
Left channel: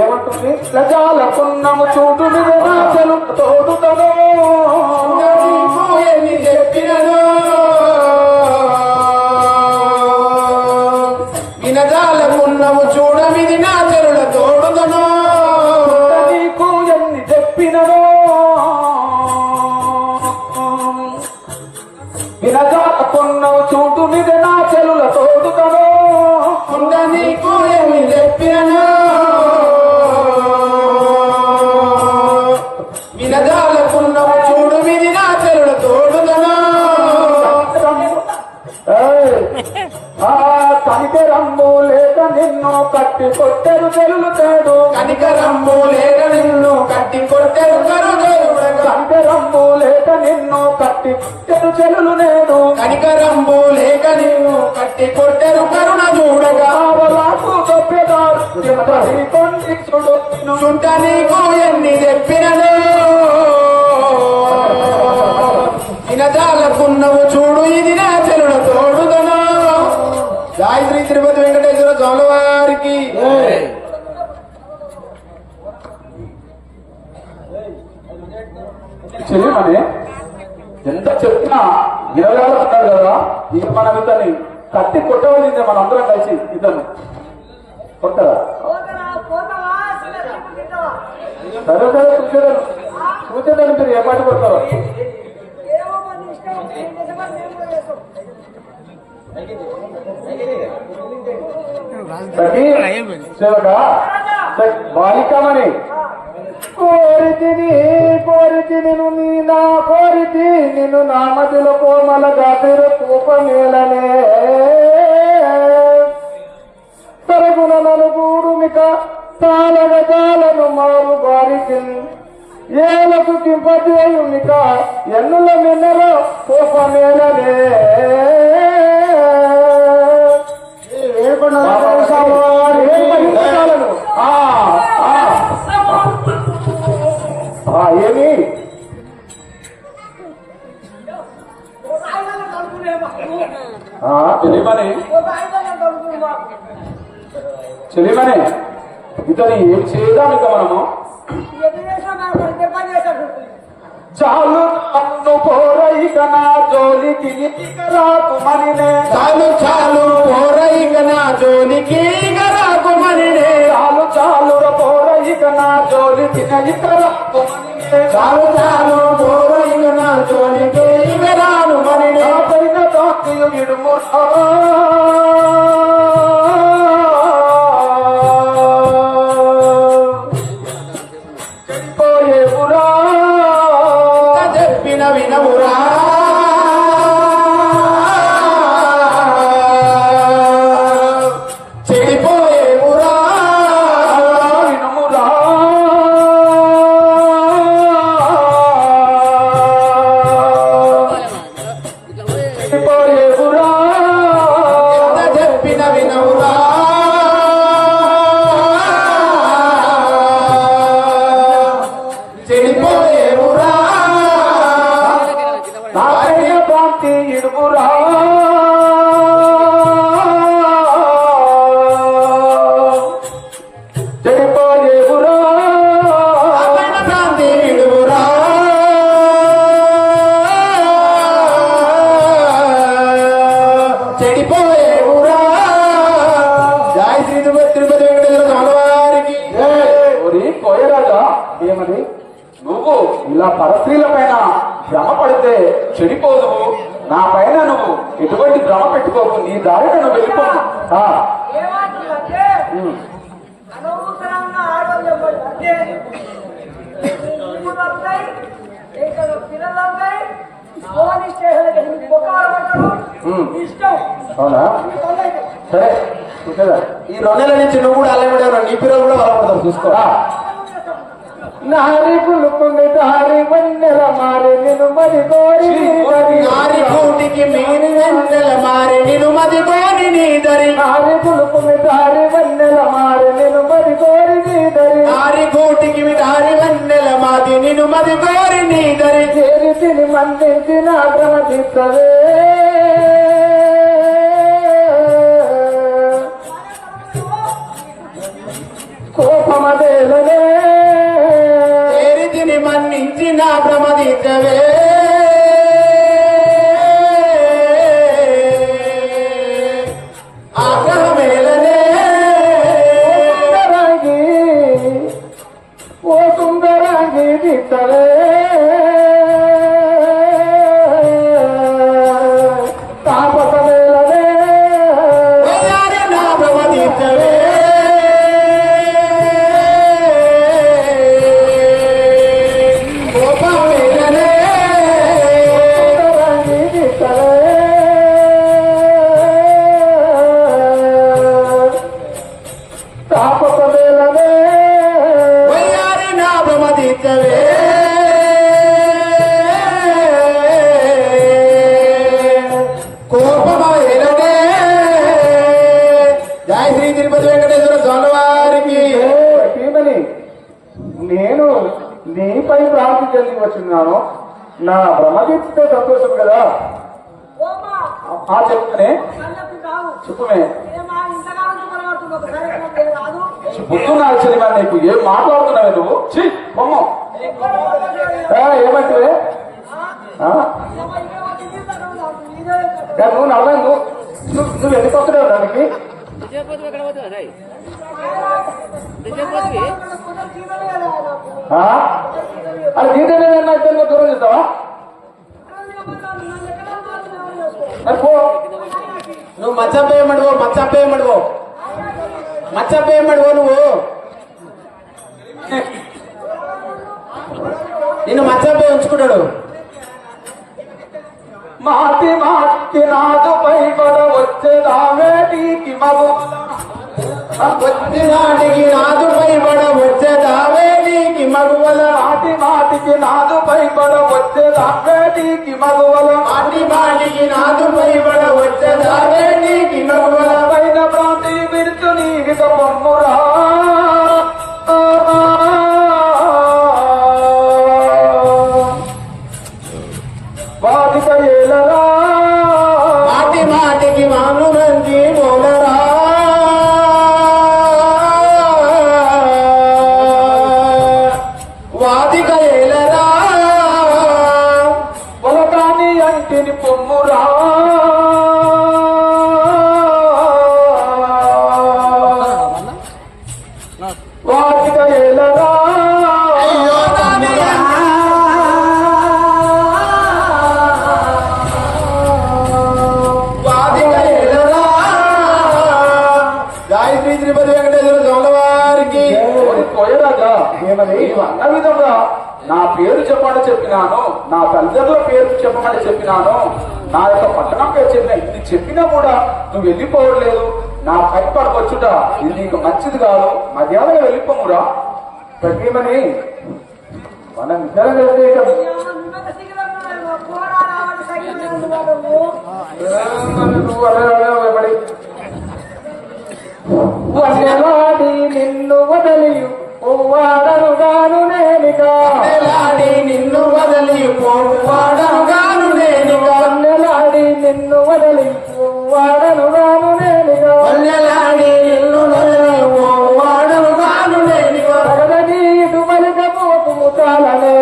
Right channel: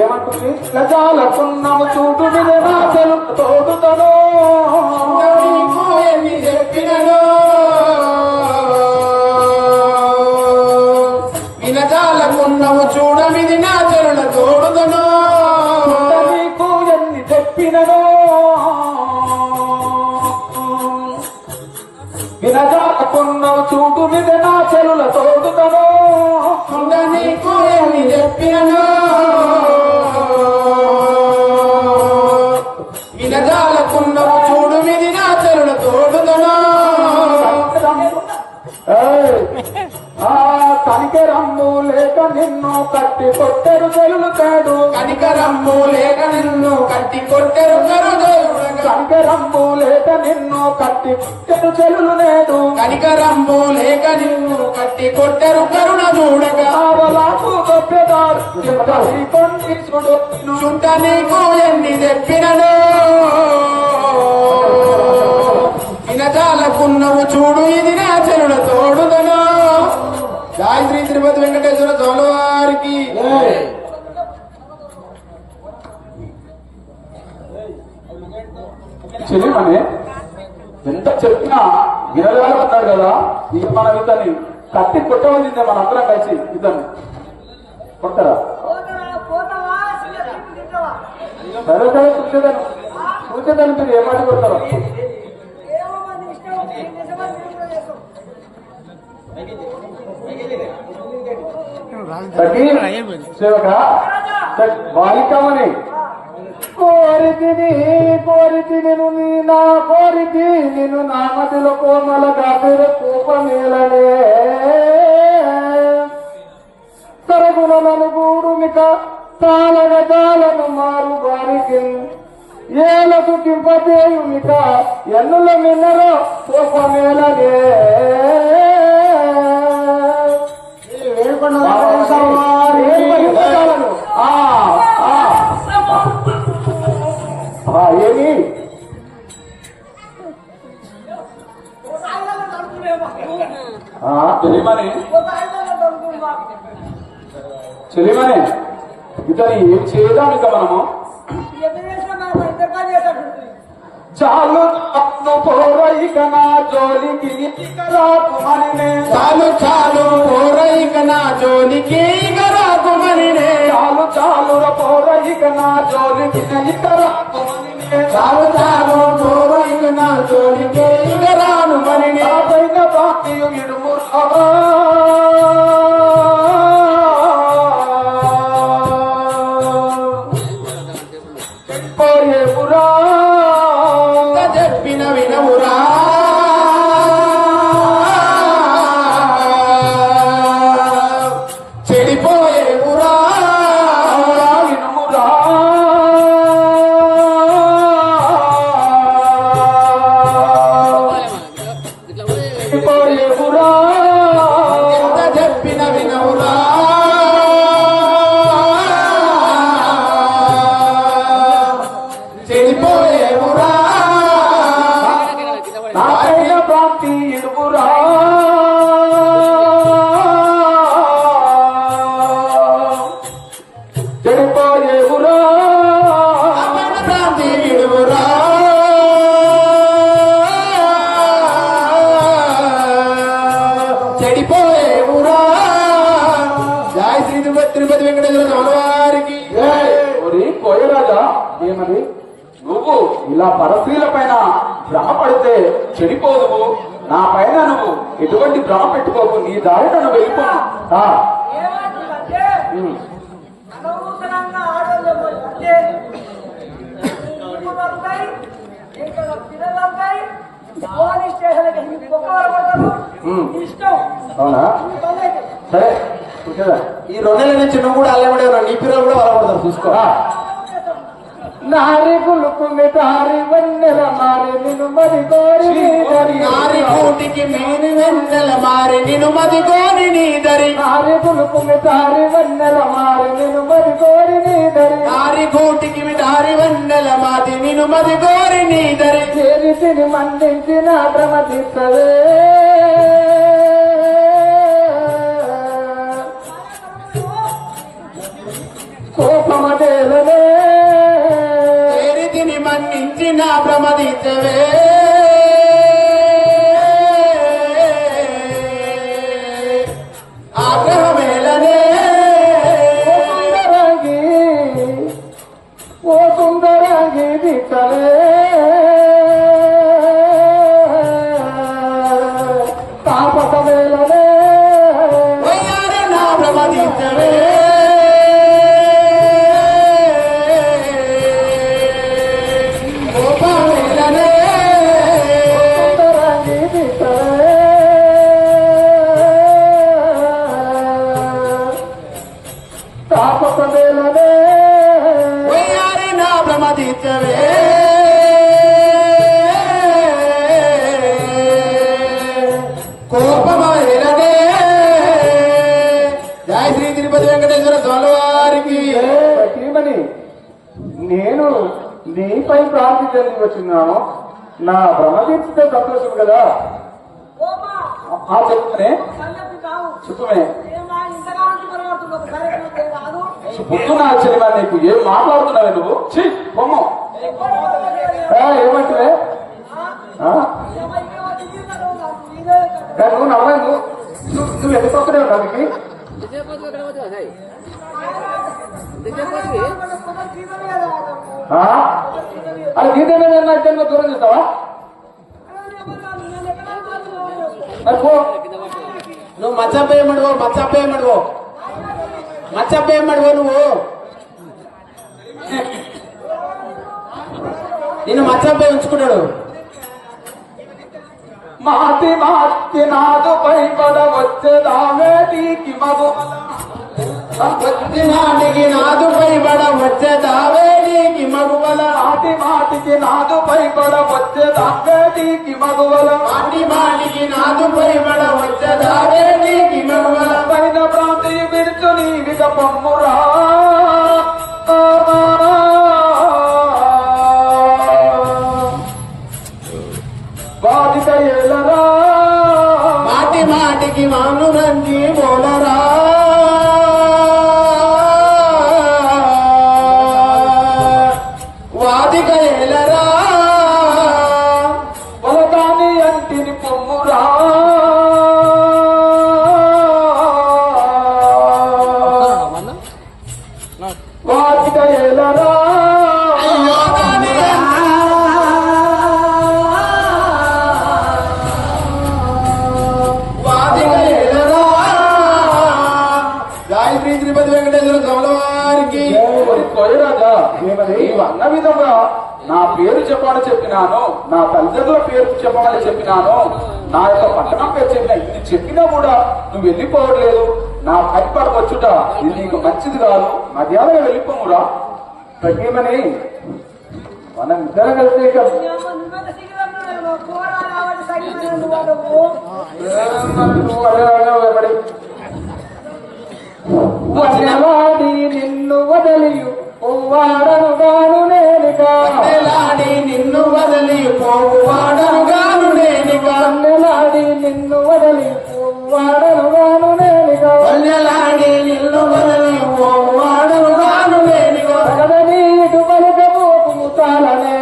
ఏమంటుంది? ప్రజాలకున్నాము చూటు మీద నా చెలుపు తోడుతను ఎన్ని చెప్పినను వినదాలకున్నాము చూడమిది నా చెరుల తోడుదను. నీకు ఎన్ని చెప్పినను వినదాలకున్నాము చూటు మీద నా చెలుల తోడుతను. నీకు ఏమి చెప్పినను వినదాలకున్నాము చూడు మిది నా చెరుల తోడుదను. కనికరమ్ము లేక నిన్ను కట్టి కొట్టెరు చెలుతాడు. కనికరమ్ము లేక నిన్ను కట్టి కొట్టెరు కరుదేవుడగా. కనికరమ్ము లేక నిన్ను కట్టి కొట్టెరు చెలులు నేడు. కనికరమ్ము లేక నిన్ను కట్టి కొట్టెరు కరుణ చూడగా. ఆవలాకు దొబ్బెదారు కొన్ని చూడు. చుంట నీకు ఎన్ని చెప్పినను వినదాలకున్నవు చూడు ఇది నా చెరుల తోడుదను. గాయత్రి తిరుపతి వెంకటేశ్వర స్వామి వారికి. చెల్లిమని ఎంత చెప్పినా వినగలుగుతున్నారు కదా. ఇక మనం ఇతన్ని కట్టి కొట్టవలసిందే మనందరం కలిసి ఇతన్ని కొట్టరా. సరే సరే కూర్చోదాన్ని మీరు ఏ మాట కొడతారో. సేవక బాలికమని కోరితి నిన్ను నా మధ్యలో కోమల గాపిరు కూపమేళనే తరగుల నలుగురుమిక తాళగ జాలను మారు బారికి ఏలకు కింపజేయుమిక ఎన్నుల మిన్నలో కూపమేళనే. ఏమి చెలిమనే ఇతని ఏం చేద్దాం ఇక మనము. చాలు అన్ను పోరైక నా జోలికి రాకుమనినే. చాలు చాలు పోరైక నా జోలికి రాకుమనినే. చాలు చాలు పోరైక నా జోలికి రాకుమనినే. చాలు చాలు పోరైక నా జోలికి రాకుమనినే. పైన బాక్యు ఇడుము చెడిపోయే పురా చెప్పిన వినవురా. చెడిపోయే ఊరా వినుమురా. చెడిపోయే పురా చెప్పిన వినవురా. ఏమది నువ్వు ఇలా పరస్త్రీల పైన భ్రమ పడితే చెడిపోదువు. నా పైన నువ్వు ఎటువంటి భ్రమ పెట్టుకోవు. నీ దారిన నువ్వు వెళ్ళిపో. ఏమంటుందంటే అనవసరమైన ఆడవాళ్ళు అంటే దొరుకుతాయి, ఇక్కడ పిల్లలు ఉంటాయి, పోలీస్ స్టేషన్లకి పడతారు. ఇష్టం అవునా? సరే చూసారా, ఈ 2 నెలల నుంచి నువ్వు కూడా అల్లమడే నీ పిల్లలు కూడా అలవడతారు. చూసుకోరా. నారి పులుకుంది దారి వన్నెల మారి నిన్ను మది కోరి నారి కూటికి మీరు వెన్నెల మారి నిన్ను మది కోరి నీ దరి. నారి పులుకుంది దారి వన్నెల మారి నిన్ను మది కోరి నీ దరి. నారి కూటికి దారి వన్నెల మాది నిన్ను మది కోరి నీ దరి. చేరి తిని మందించిన భ్రమతిస్తవే కోపమదేలనే. చేరితిని మన్నించిన భ్రమదితవే ఆగ్రహమేలనే. సుందరాంగి ఓ సుందరాంగి దిట్టవే తాపసమేలనే. నా భ్రమదితవే కోపమైనదే. జయ శ్రీ తిరుపతి వెంకటేశ్వర స్వామి వారికి. నేను నీపై ప్రాంతి చెంది వచ్చినాను. నా భ్రమదీప్తే సంతోషం కదా. చెప్తానే సుఖమే. బుద్ధు నాకు తెలియదు. నీకు ఏం మాట్లాడుతున్నావే నువ్వు? బొమ్మ ఏమంటే నువ్వు నడవే. నువ్వు ఎందుకు వస్తున్నావు దానికి? అది దీంట్లో ఇద్దరు దూరం చేస్తావా? నువ్వు మచ్చప్పేయమడువో నువ్వు. నిన్ను మచ్చప్పే ఉంచుకున్నాడు. మాటి మాటి నాదు పైబడ వచ్చేదావేటికి మగు నాటికి నాదు పైబడ వచ్చేదావేటికి మగువల. మాటి మాటికి నాదు పైబడ వచ్చేదావేటికి మగువల. మాటి మాటికి నాదు పైబడ వచ్చేదావేటికి మగువల. పైన ప్రాంతి విరుచు నీవిక పొమ్మురా బాధిక ఏలరా. మాటి మాటికి మాను రంగి మూలరా. వాదిక ఏలరా పొలగాని అంటిని పొమ్మురా. వాదిక ఏలరా. తిరుపతి వెంకటేశ్వర స్వామి వారికి. కోయరాజా అన్న విధంగా నా పేరు చెప్పమని చెప్పినాను, నా తల్లిదండ్రుల పేరు చెప్పమని చెప్పినాను, నా యొక్క పట్టణం పేరు చెప్పిన. ఇది చెప్పినా కూడా నువ్వు వెళ్ళిపోవట్లేదు. నా పైపడవచ్చుట ఇది నీకు మంచిది కాదు. మధ్యాహ్నం వెళ్ళిపోమురా. గట్టిమని మనం ఇద్దరం కలిసి వన్నెలాడి నిన్ను వదలి పోవాడను గాను నేనిక. వన్నెలాడి నిన్ను వదలి పోవాడను గాను నేనిక. వన్నెలాడి నిన్ను వదలి పోవాడను గాను నేనిక. వన్నెలాడి నిన్ను వదలి పోవాడను గాను నేనిక. తగదని ఇటు పలిక పోపు ముతాలనే.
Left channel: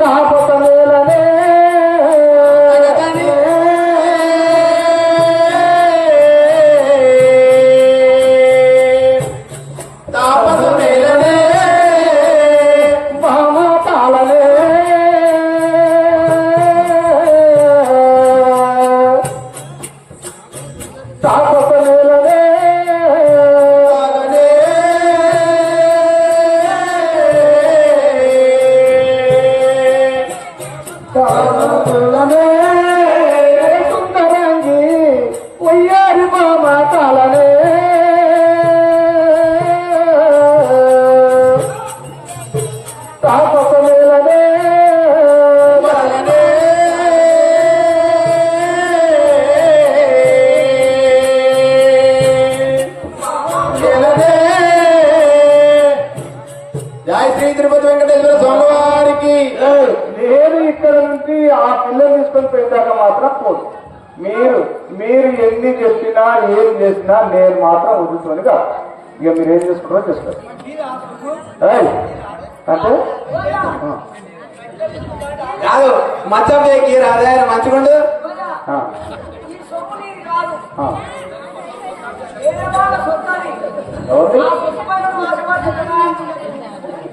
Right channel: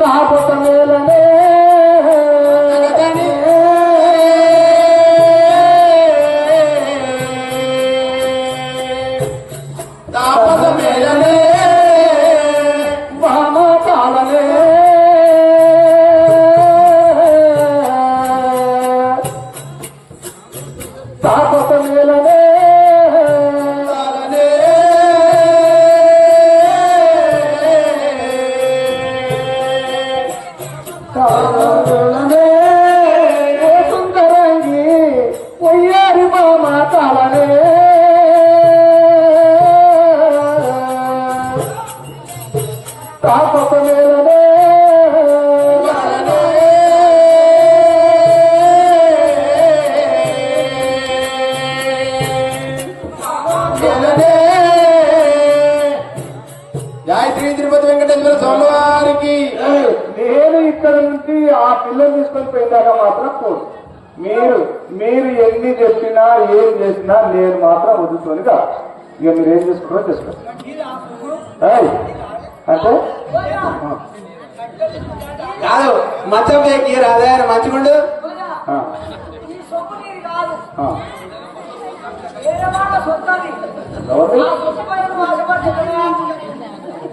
తాపసమేలనే. తాపస నేలనే సుందరంగి వయ్యారి మామ కాలనే తాపస నేలనే శ్రీ తిరుపతి వెంకటేశ్వర స్వామి వారికి. నేను ఇక్కడ నుంచి ఆ పిల్లలు తీసుకొని పోయిందాక మాత్రం పోదు. మీరు ఎన్ని చెప్పినా ఏం చేసినా నేను మాత్రం వదులుకొని కాదు. ఇక మీరు ఏం చేసుకుంటారో చేసుకోండి. అంటే కాదు మచ్చం అదే మంచిగుండు. ఈ సొమ్ము నీది కాదు. ఆ, వేరే వాళ్ళ సొత్తది. ఎవరిది? ఆ సొత్తు పైన మా అభిమానం.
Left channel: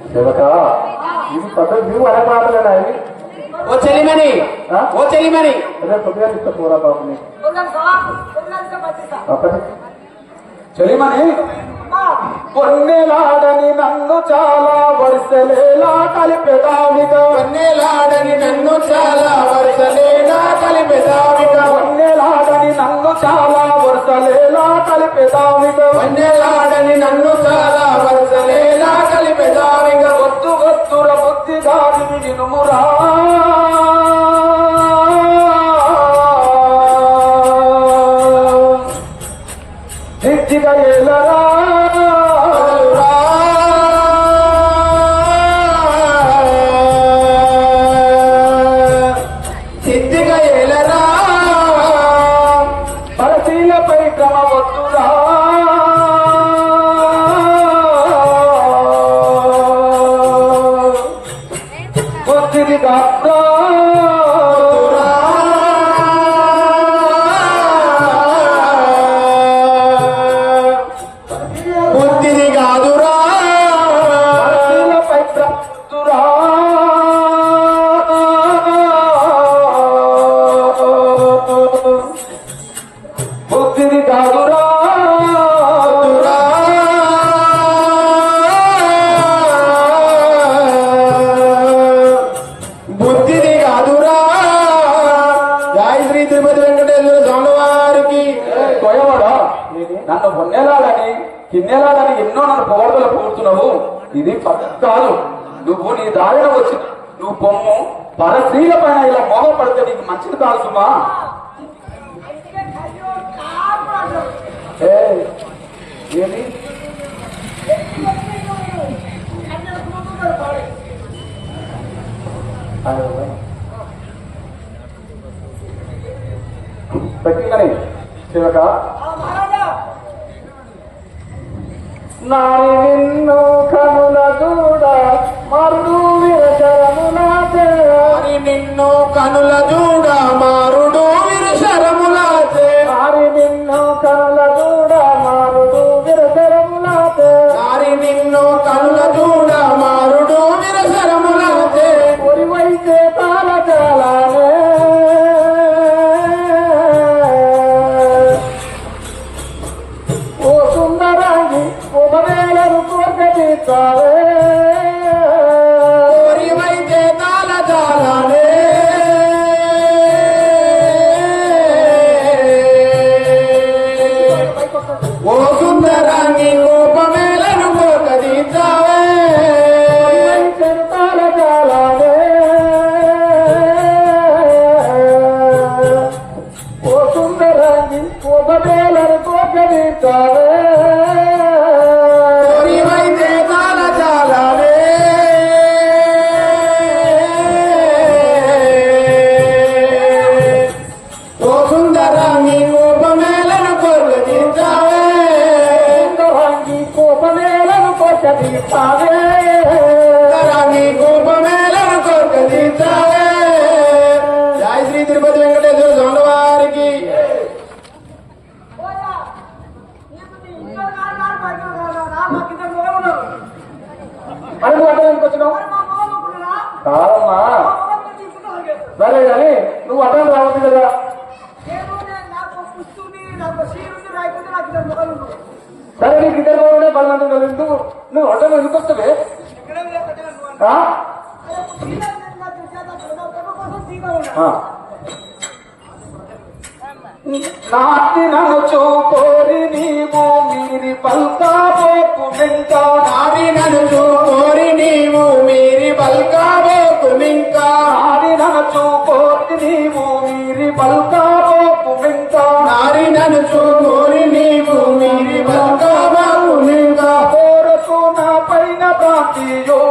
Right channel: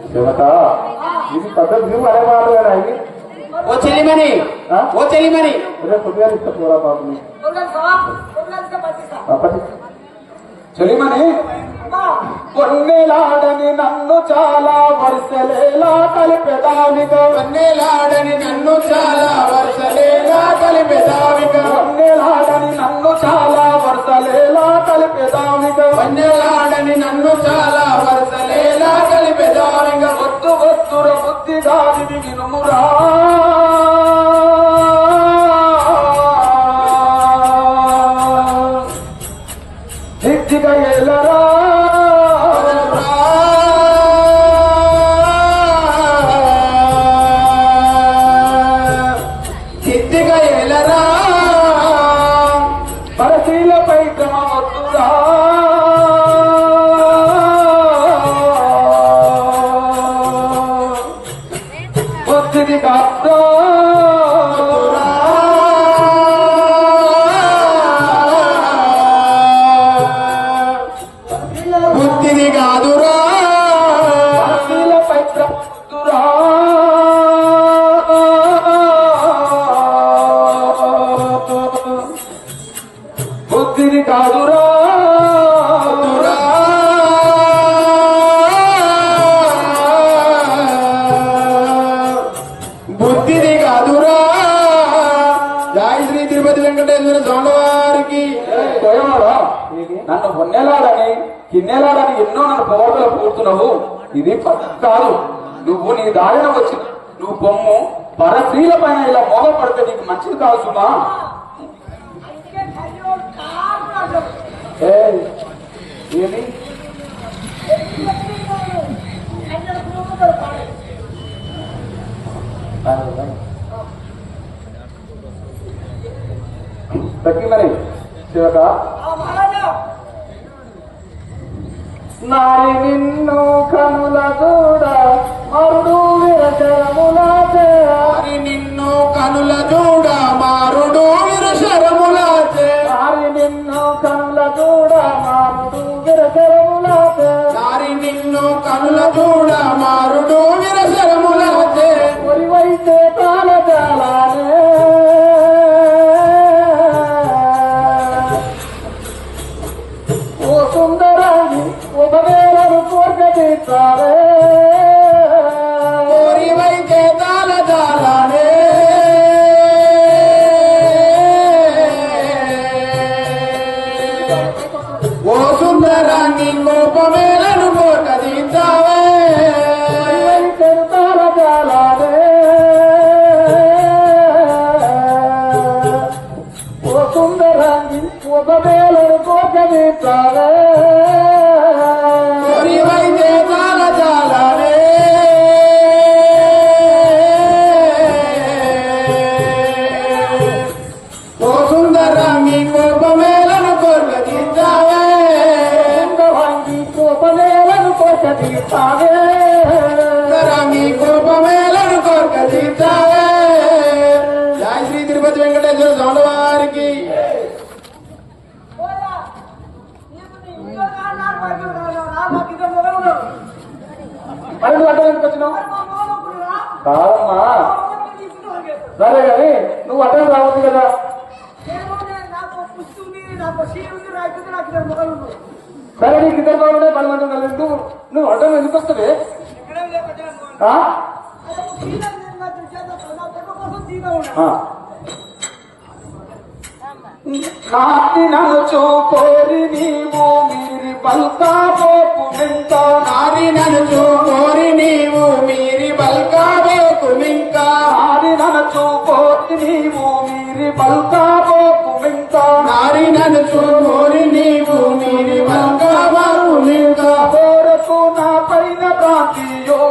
శివక ఇది పద్ధతి నువ్వు అనే మాటలేనా ఇది? ఓ చెల్లిమని ఆ? ఓ చెల్లిమని అదే కొద్దిగా ఇస్తా పోరా బాబు నీకు. కొన్నాళ్ళు సవాలు, కొన్నాళ్ళు బతిక. అప్పటి చెలిమని అమ్మా, కొన్నేలాడని నన్ను చాలా వరుసలేలా కలిపెదావిగా వన్నెలాడని నన్ను చాలా వరుసలేలా కలిపెదావిగా కొన్నేలాడని నన్ను చాలా వరుసలేలా కలిపెదావిగా వన్నెలాడని నన్ను చాలా వరుసలేలా కలిపెదావిగా వద్దు వద్దుర బుద్ధి దావిని వినుమురా దిగ్దిగా ఏలరా సిద్ధిగా ఎలరా పరశీలపై క్రమ వద్దురా బుద్ధిని కాస్తా బుద్ధిని కాదురా పరశీలపై క్రమ వద్దురా బుద్ధిని కాదురా బుద్ధిని కాదురా. జై శ్రీ తిరుపతి వెంకటేశ్వర స్వామి వారికి. కోయమాడా నన్ను మొన్నేలాడని కిన్నేలాడని ఎన్నో నన్ను పొగడతలు పూడుతున్నావు. ఇది పద్ధతి కాదు. నువ్వు నీ దారిన వచ్చి నువ్వు బొమ్ము పరస్త్రీల పైన ఇలా మోహ పడితే నీకు మంచిది కాదు సుమా. అయితే కయ్యో కాదు అంటారు. ఏది కయ్యలు కుటుంబాలు పాడే. పెట్టిందని శివక ఆ మహారాజా నారి నిన్ను కనుల కూడా మరుడు విరచరములాతే మరి నిన్ను కనుల చూడ మారుడు విరసరములాతే. నారి నిన్ను కనుల కూడా మారుడు విరచరములాతే మరి నిన్ను కనుల చూడ మారుడు విరసరములాతే. ఒరివైతే తాళ జాలానే ఓ సుందరాంగి ఉపవేలను కోర్గదీస్తావే ఓరివైతే తాళజాలనే. ఓ సుందరాన్ని కోపమేలను కోకదీస్తావే. ఒరివైతే తాళ జాలానే ఓ సుందరాంగి ఉపవేలను కోర్గదీస్తావే ఓరివైతే తాళజాలనే. ఓ సుందరాన్ని కోపమేలను కోకదీస్తావే. సుందరాంగి కోపనేలను కోర్గదీస్తావే సుందరాన్ని కోపమేలను కోకదీస్తావే. జై శ్రీ తిరుపతి వెంకటేశ్వర స్వామి వారికి. పోయా నీకు నీ ఇంట్లో నాన్న పడి రా మా కింద మొగలు. మరి నువ్వు అడ్డానికి వచ్చినావు మరి మా మొగలు ఒప్పుకురా. కాదమ్మా మా మొగలు తీసుకున్నాడు. సరే కానీ నువ్వు అడ్డం రావద్దు కదా నాకు పుస్తూని సరే నీకు ఇద్దరు బాగుండే బలవంతం ఎందుకు నువ్వు వంటలు ఎందుకు వస్తావే నాటి నన్ను చూకోరి నీవు మీరి పల్కాబోకు మింకా నారి నన్ను చూకోరి నీవు మీరి పల్కాబోకు మింకా నారి నన్ను చూకోరి నీవు మీరి పల్కాబోకు మింకా నారి నన్ను చూకోరి నీవు మీరి పల్కాబోకు మింకా కోరకు నా పైన కాంతియో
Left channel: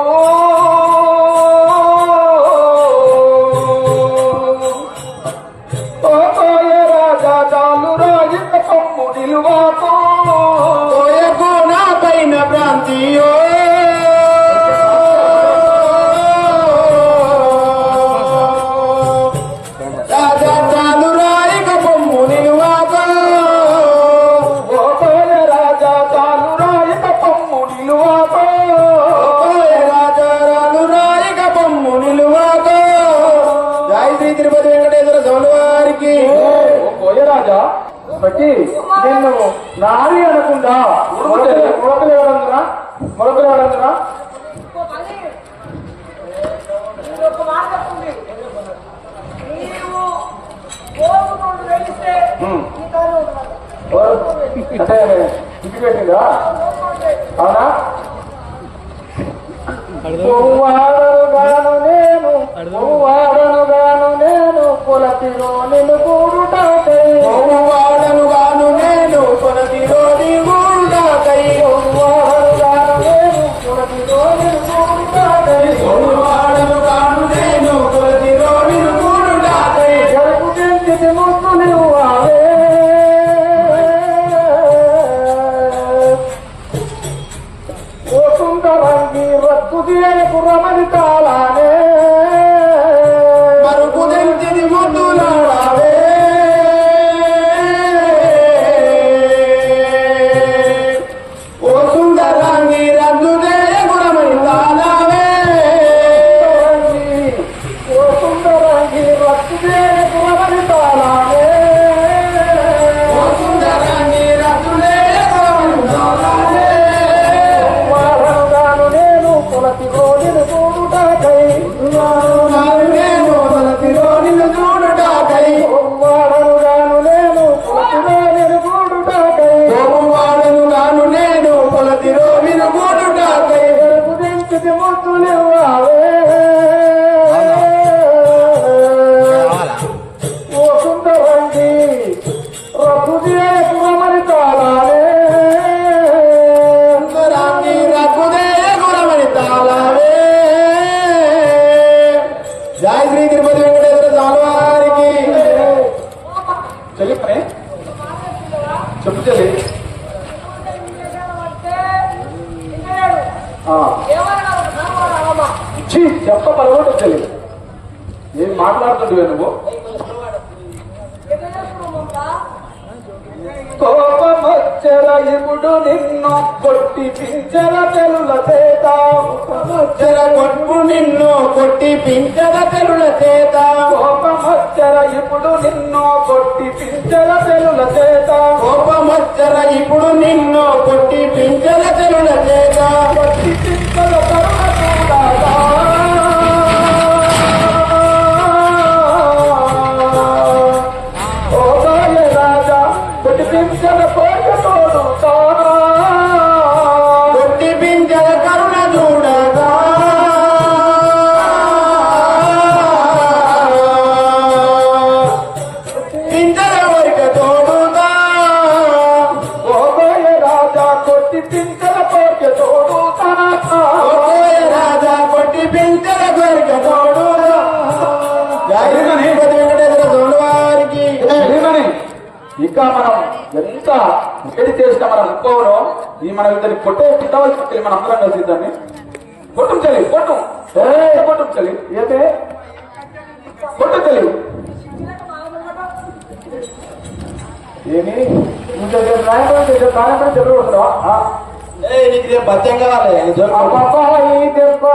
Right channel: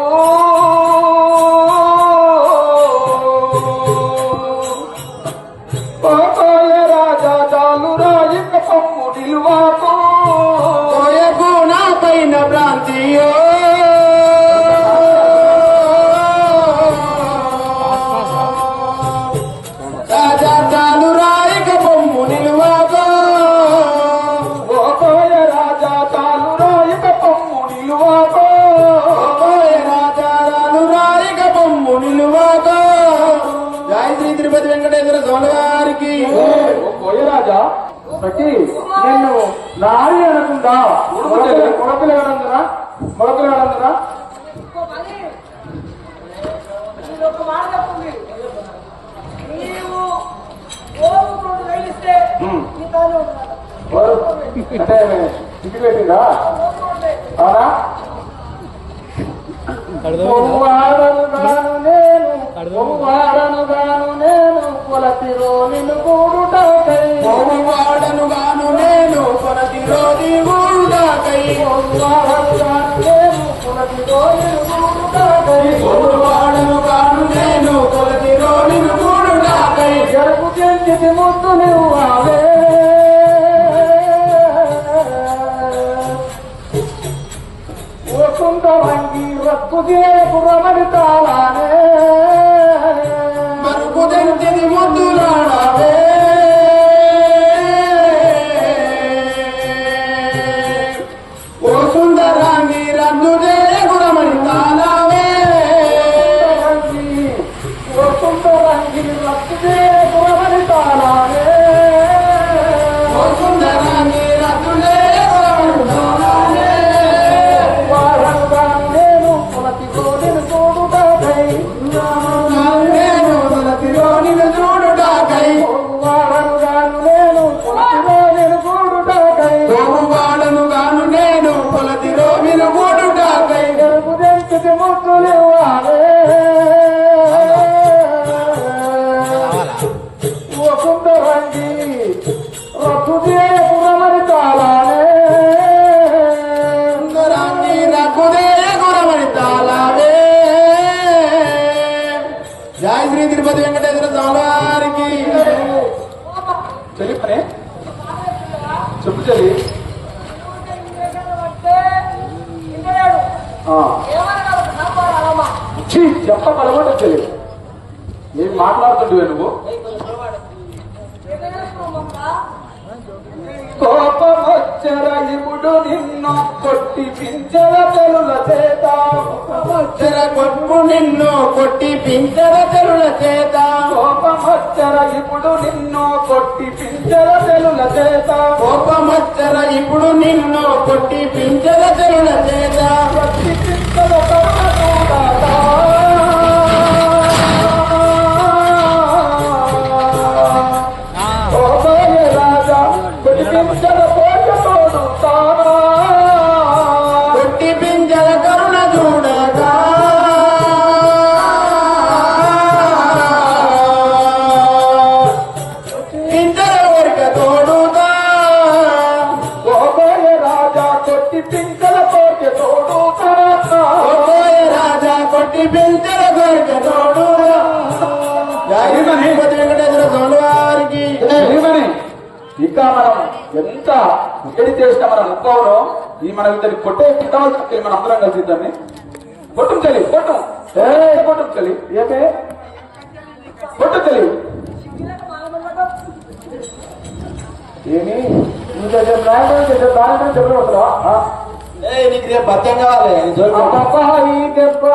నా పైన భ్రాంతియో రాజా చాలు రాయిక పొమ్ము నిలువాకో రాజా చాలు రాయిక పొమ్ము నిలువాకో రాజా చాలు రాయిక పొమ్ము నిలువాకో జై శ్రీ తిరుపతి వెంకటేశ్వర స్వామి వారికి రాజా బట్టి నిన్ను నారి అనకుండా మొడపిల్ల ఎవరందురా ఒక మాట చెప్తుంది నీవు కోరుకుంటూ వెళ్తే అంటే ఇంటి పెట్టిందా అవునా వాడను నేను కులతిలో నిన్ను కూడుటాకై వాడను గాను నేను కులతిలో నీవుండాకై నేను కులతిలో నిన్ను కూడుటాకై వాడను గాను నేను కులతిలో నిన్ను కూడుటాకై జరుపు చెంది ముద్దు నువ్వు అవే సుందరంగి రక్కు చేయకు రమణి తాళానే మరుపు దంచిని ముద్దులాడావే ఓ సుందరంగి రద్దు చేయకు రమణి తాళావే ఓ సుందరంగి రక్కు చేయకు రమణి తాళానే ఓ సుందరంగి రద్దు చేయకు రమణి తాళానే కొలతిలో నిన్ను చూడుటాకై నేను కొలతిలో నిన్ను చూడుటాకై వాడను గాను నేను కొలతిలో నిన్ను చూడుటాకై వాడను గాను నేను కొలతిలో నిన్ను చూడుటాకై గరుపు దెంచితి ముద్దులు అవే ఓ సుందరంగి రఘు చేయకు రమణి తాళానే జై శ్రీ తిరుపతి వెంకటేశ్వర స్వామి వారికి చెల్లి పనే చెప్పు చెల్లి చెప్ప పలవాటు చెల్లి ఏం మాట్లాడుతుండే నువ్వు కోపమొచ్చర ఇప్పుడు నిన్ను కొట్టి పించర తెలుల చేత కోపమొచ్చర కొట్టు నిన్ను కొట్టి పించర తెలుల చేత కోపమొచ్చర ఇప్పుడు నిన్ను కొట్టి పించర తెలుల చేత కోపమొచ్చర ఇప్పుడు నిన్ను కొట్టి పించర తెలుల చేత కొట్టి పించల తరుణ కూడా కొట్టి పింఛల కోట తోడుతానా కొట్టి పింఛల కరుణ చూడగా పింఛల వరిక తోడుగా ఓబోయ రాజా కొట్టి పింఛల కోట తోడుతానా ఓబోయ రాజా కొట్టి పింఛల కోట తోడుగా జాగిమని వెంకటేశ్వర స్వామి వారికి ఇంకా మనం ఎంత వేడి చేసిన మన ముప్పవలో ఈ మనం ఇద్దరిని కొట్టే తిట్టవలసి మనం అందరం కలిసి ఇద్దరిని కొట్టు చలి కొట్టు కొట్టు చలి ఏతే కొట్టు చలి ఏమి ఇంకా నాయకుడు చెప్పి వస్తున్నావా నీకు రేపు భత్యం కావాలి ఈ దెబ్బ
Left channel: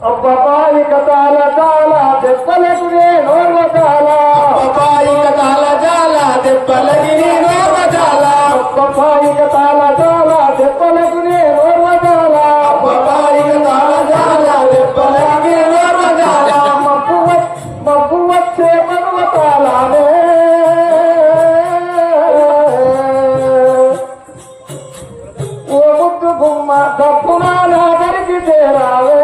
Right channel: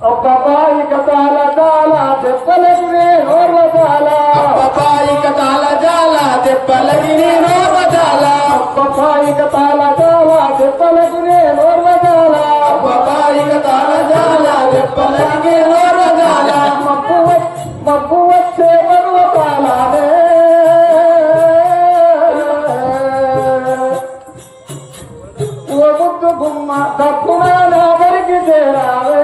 అబ్బాయిక తాళ తాళ దెబ్బలకు నోర్వ తాళ అబ్బాయిక తాళ జాల దెబ్బలకి నోర్వ జాల అబ్బాయిక తాళ తాళ దెబ్బలకు నోర్వ తాళ అబ్బాయిక తాళ జాల దెబ్బలకి నోర్వ జాల మబ్బు వచ్చే మగవ తాళనే ఓ ముద్దు గుమ్మ తప్పున నాగరికి చేరావే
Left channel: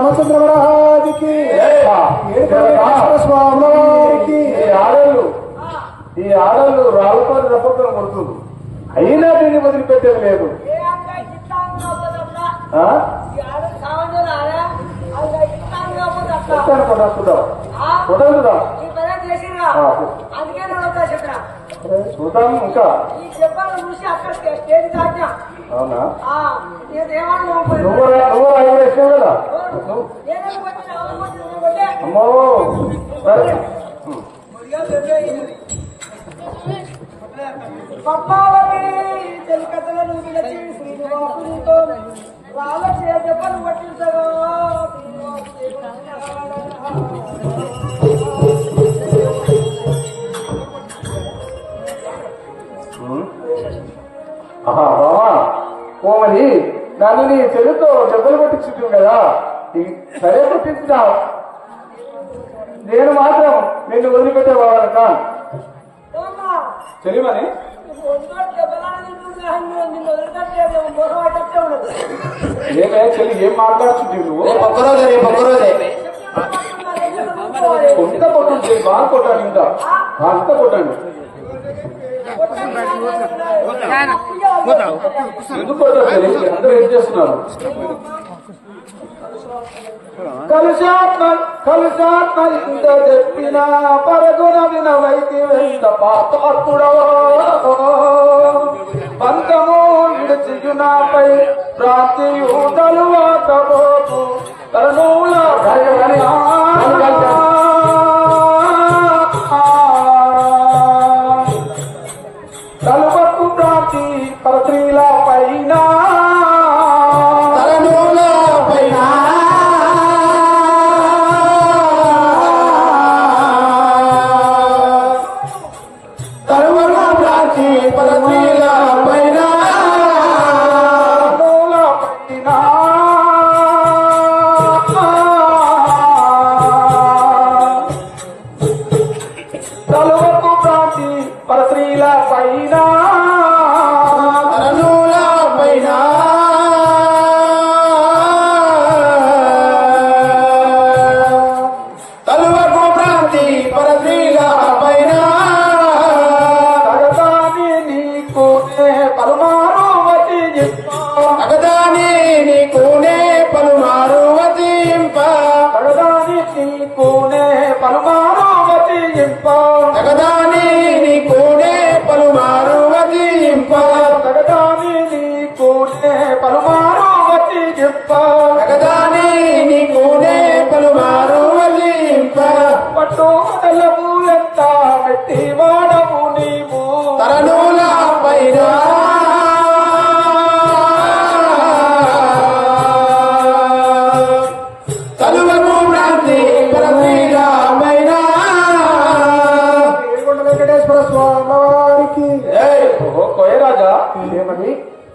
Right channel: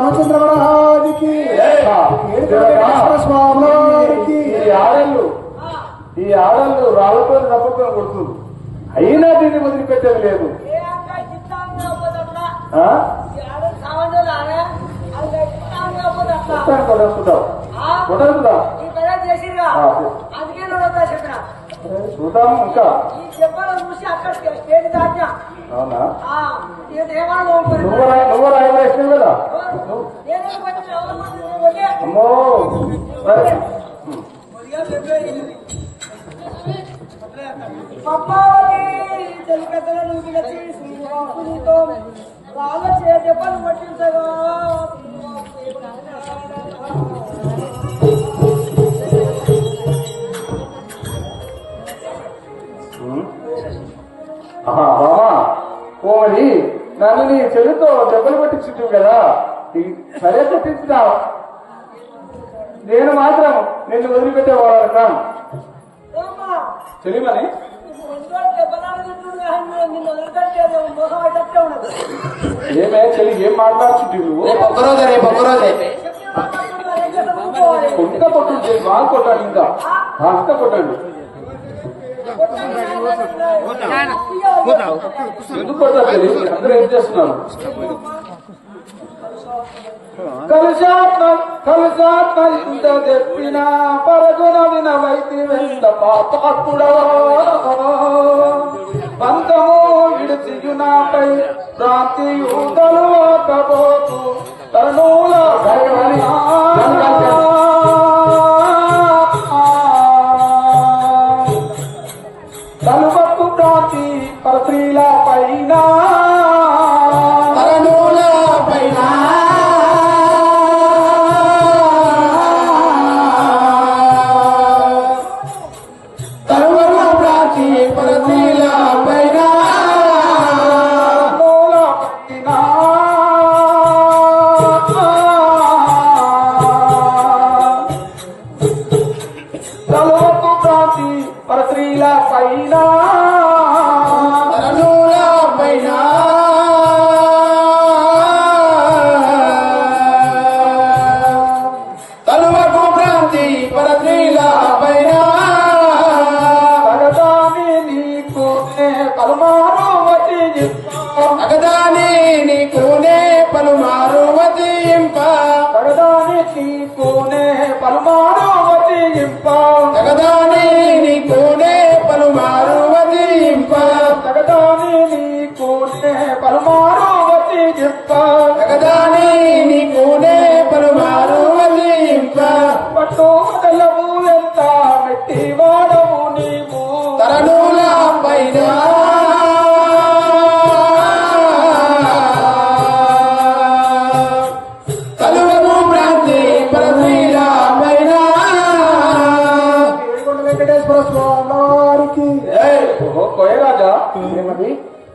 రామచంద్రమహారాజుకి స్వామి వారికి ఈ ఆడళ్ళు రాళ్ళతో రప్పకం కొడుతుంది. అయినా దీన్ని వదిలిపెట్టేది లేదు. చూద్దాం ఇంకా అవునా నువ్వు రాయన ఇష్టం కదా అమ్మో తెలికతలో నువ్వు పిలిచి శ్రీనివాసునితో వాళ్ళ చెప్పలు పట్టించగా బావా ఓ మరి నన్ను నీ చెడుతో దెబ్బలు పట్టించుంటుంది కదా సరే పట్టించున్నావు. నేను మాత్రం నిన్ను వదిలిపెట్టేవాళ్ళ తెలియమని ఏమే చెల్లి ఏం మాట్లాడుతుంది నువ్వు ఎంత కొట్టుంటే బాగా కొట్టాను ఇంకా అంత కొట్టండి ఎందుకు అందరూ ఏం చేస్తున్నారు? కలుషాత్మ ఇంత తెప్పిన పరుగున వినవైతి వెంత పాపాత్ముడో పంతము విడిచియునాపై ప్రాంతియుతలు వాకపోతు తరుణుల తలుపత్తు ప్రాంతి పరస్త్రీల పైన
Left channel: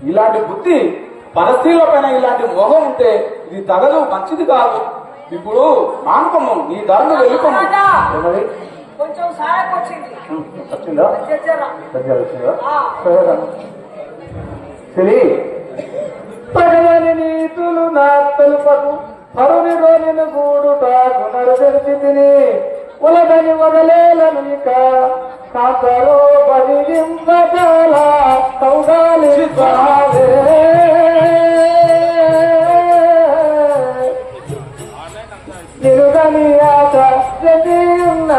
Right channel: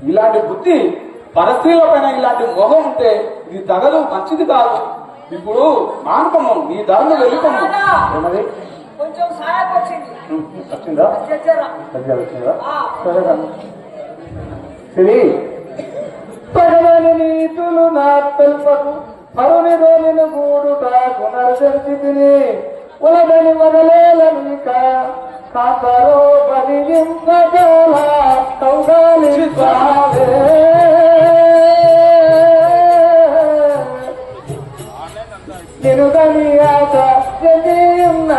ఇలాంటి బుద్ధి పరస్త్రీల పైన ఇలాంటి మొహం ఉంటే ఇది తగదు, మంచిది కాదు. ఇప్పుడు మానపము నీ ధర్మం వెళ్ళిపోము. ఏమది కొంచెం సహాయం వచ్చింది వచ్చిందా? వచ్చిందా? సరే తగదని నీతులు నా తెలుపదు పరుని రోలిన గూడు తాగునరు తిని ఉలదని వదలేలను కాకరో బదిలింపగల కౌగాలి నినుగని ఆట జనీన్న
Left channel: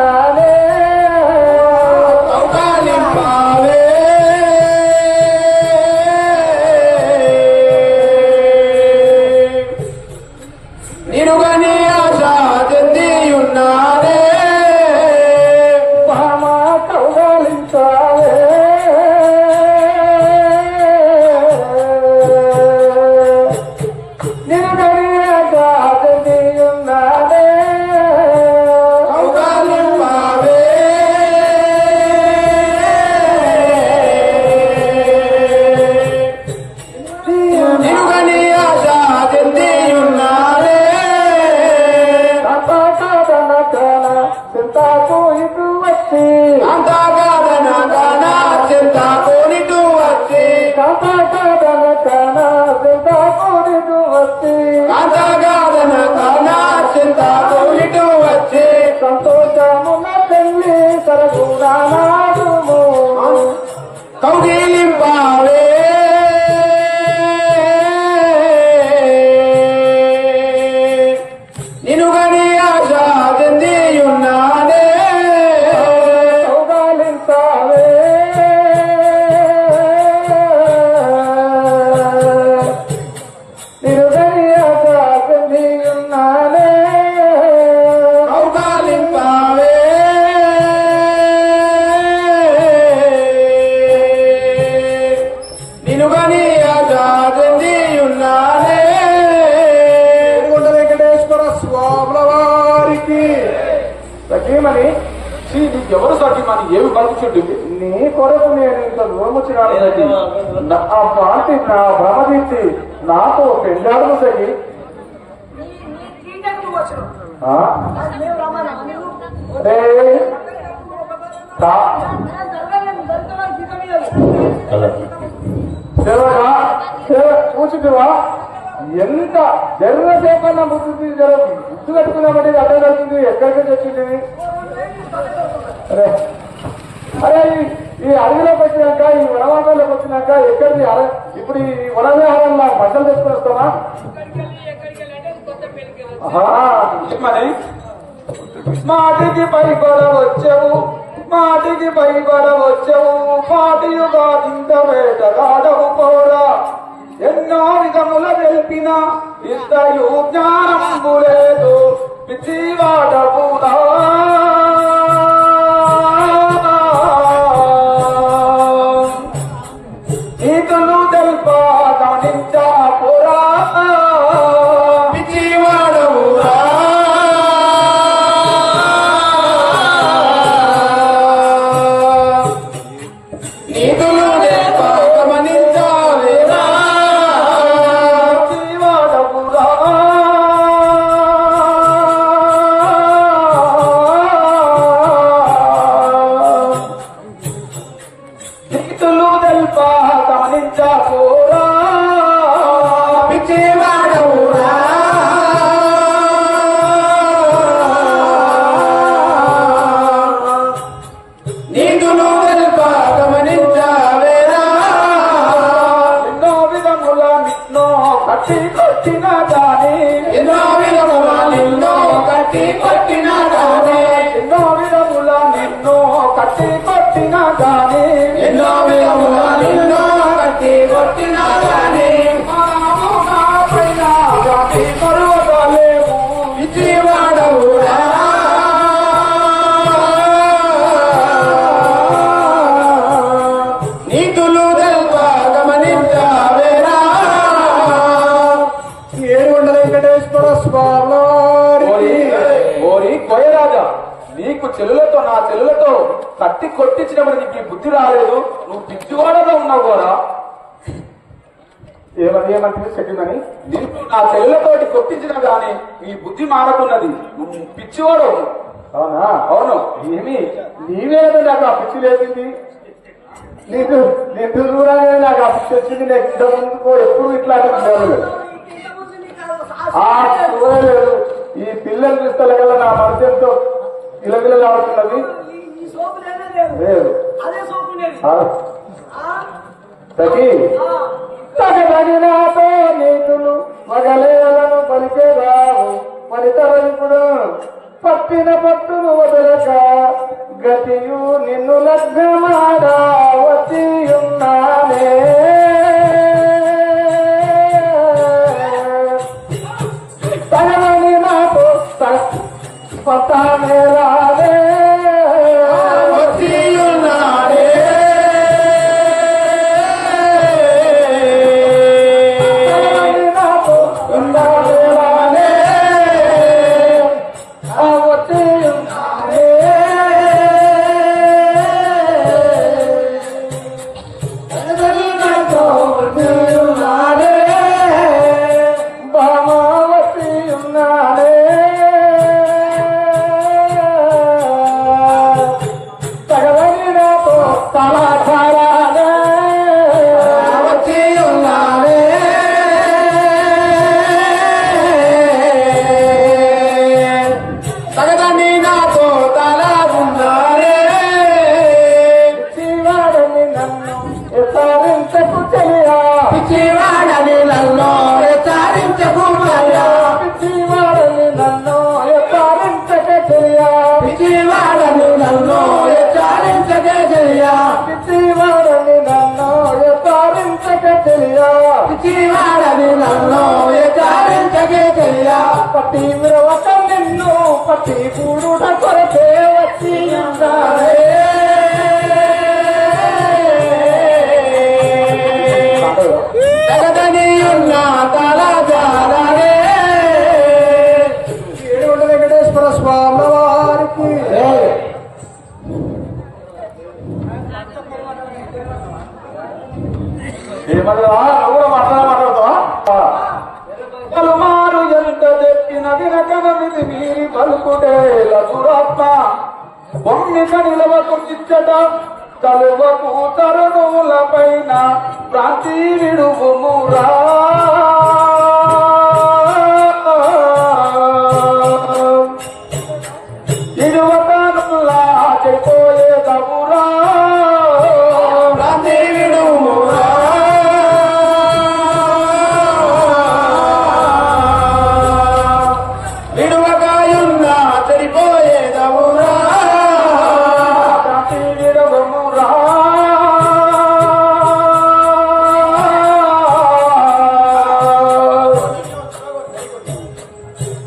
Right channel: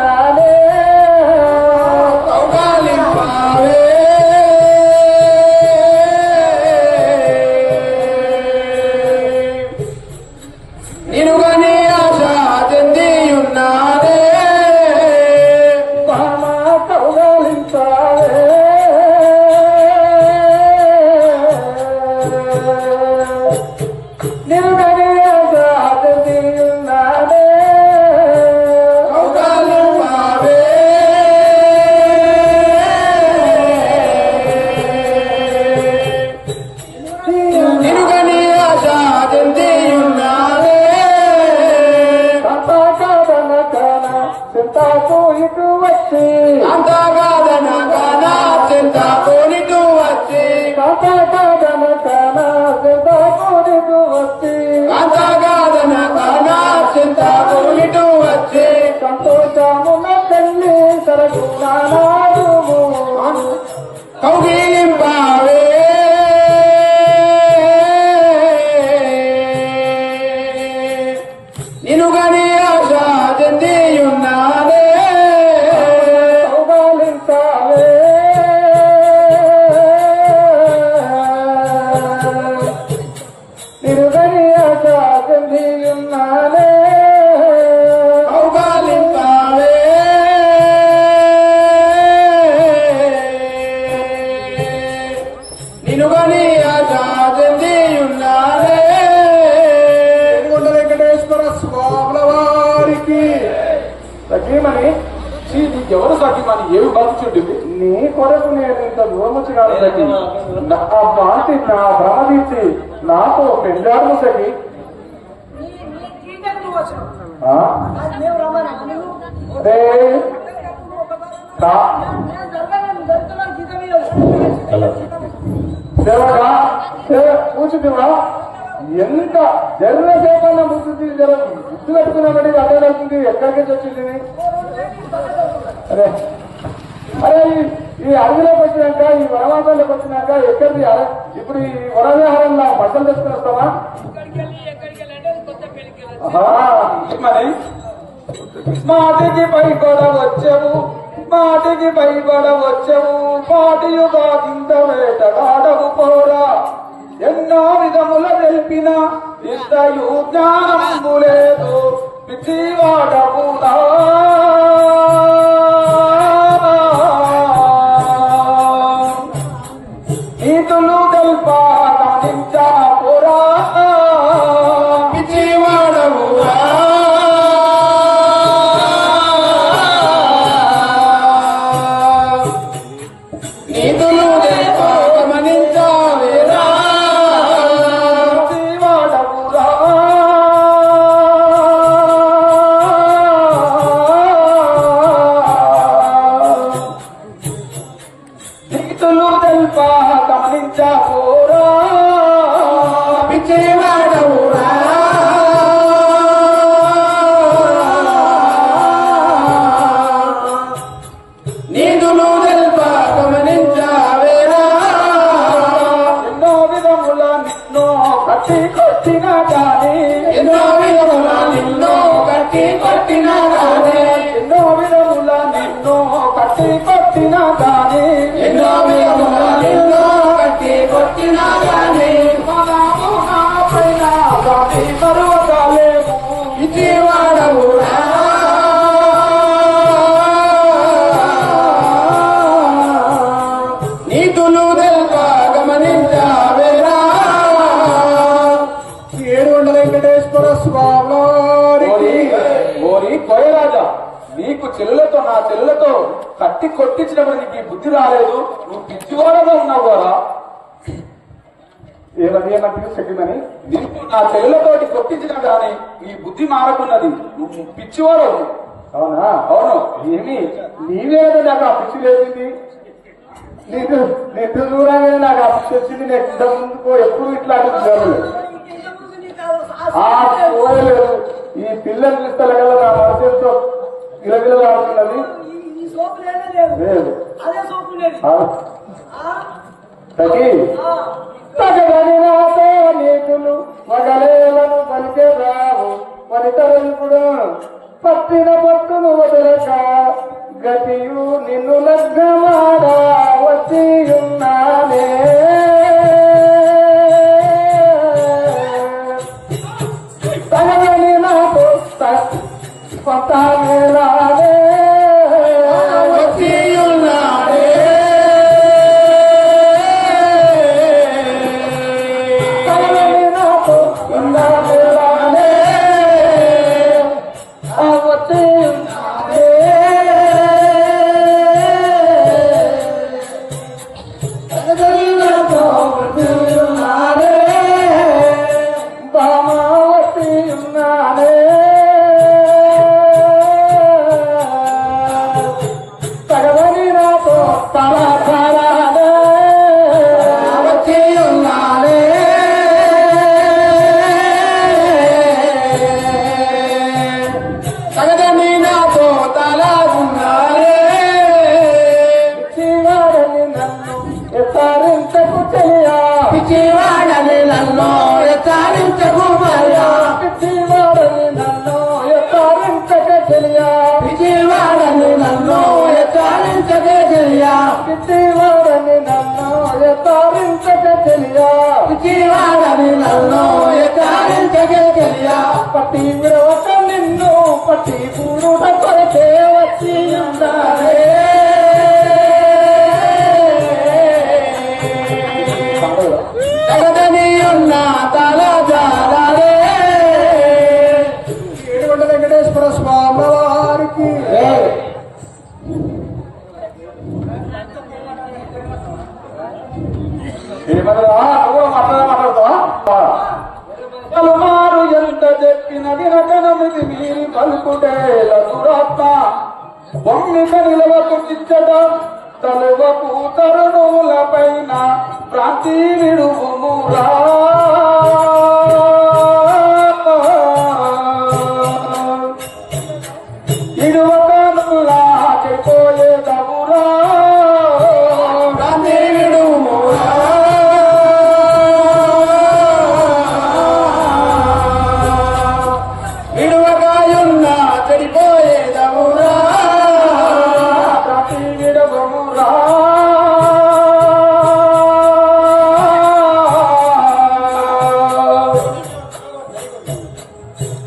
నేను కని ఉన్నాడే సంతోషము తల్లి సరగుణాడు కౌగిలింపావే నిన్ను గని ఆశా చెందియున్నానే కౌగాలింపావే నిన్ను గని ఆశా చెందియున్నానే సఖీమని ఎవరు సఖీమని ఏమి బలుచుంటుంది నీ కొరకు నేను ఇంత దూరం వచ్చినాను సఖి నా పాంటి నా భ్రమదించి నాతో పెళ్ళాడు సఖి కూర్చుంటున్నా ఎంత జర్రసేపన్న ముద్దు ముద్దు కట్టుకున్నామంటే అదే వెళ్తుంది ఎక్కడికి వచ్చింది అరే అరే ఈ అడవిలోకి వచ్చినాక ఈ వనవాసంలోకి వచ్చినాక ఎక్కడిది ఇప్పుడు ఈ వనవిహారంలో బట్టలు తెచ్చుకుని వస్తామా మాటికి పై కూడా వచ్చావు మాటికి పై కూడా వచ్చావు మాటియుగా ఇంత వేటగాడవు కూడా ఎన్నో విధముల తెలిపిన ఇంతయు జ్ఞానము లేదు పిచ్చివాడకుడా నీతులు తెలుపా గమనించకురా పిచ్చివాడవురా నీతులు తెలుపా గమనించావేరా గమనించకూరా పిచ్చివాడవురా నీతులు తెలుప గమనించావేరా ఎన్నో విధముల నిన్నో కట్టి కొట్టిన గాని ఎన్నో విధముల నిన్నో కట్టి కొట్టిన గాని ఎన్నో విధముల నిన్నో కట్టి కొట్టిన గాని ఎన్నో విధముల నిన్నో కట్టి కొట్టిన గాని పైన మరువలేము పిచ్చివాడవురా నీతులు తెలుప గమనించావేరా 700 వెంకటేశ్వర స్వామి ఓరి కోయరాజా నీకు చెల్లులతో నా చెల్లులతో కట్టి కొట్టించినప్పుడు నీకు ఈ బుద్ధి రాలేదు నువ్వు పిచ్చివాడగా ఉన్నావు కూడా ఏమంటే చెప్పిమని నీకు నా చెల్లులతోటి కొట్టించిన గాని ఈ బుద్ధి మారకున్నది నువ్వు పిచ్చివాడు అవునా అవును ఏమి నీవేదో నాకు ఆ పిచ్చి లేచింది నీకు నేను దూరంగా నాకు ఆ పిచ్చి వచ్చింది నేను ఇంత ముందుకో ఎప్పుడు ఇట్లాంటి చూడలేదు ఈ పిల్లలు చూస్తే నా మనసుతో గిలగిలగా ఆడుతున్నది లేదు నాతో నీతులు మగలేలను పలికేరావు పలితరప్పుడు పట్టిన పట్టును వదలక గతియు నిన్ను లగ్నమాడా వచ్చి ఉన్నానే తనని నాకు కొత్త రాలే వచ్చి ఉన్నాడే తనని నాకు ఉన్న పట్టి విరవట నిన్ను పట్టి కూడుట కొరకే వచ్చి ఉండాలే జగదని ఉన్న తలజాలే 7 వెంకటేశ్వర స్వామి వారికి ఏమన్నా నువ్వు మాట్లాడతావా మారు ఎంత చెప్పిన వినకనమిది మీరి పలుకుటేల దురాత్మ బొమ్మిక నిలవకు నిచ్చట తలువకు తరుణుల పైన ప్రాంతి విడుమురా ఇరువకనులా చెడిపోయే తగురా ప్రాంతి విడుమురా విడువగాయున్నా చెడిపోయేదవురా ప్రాంతి విడుమురా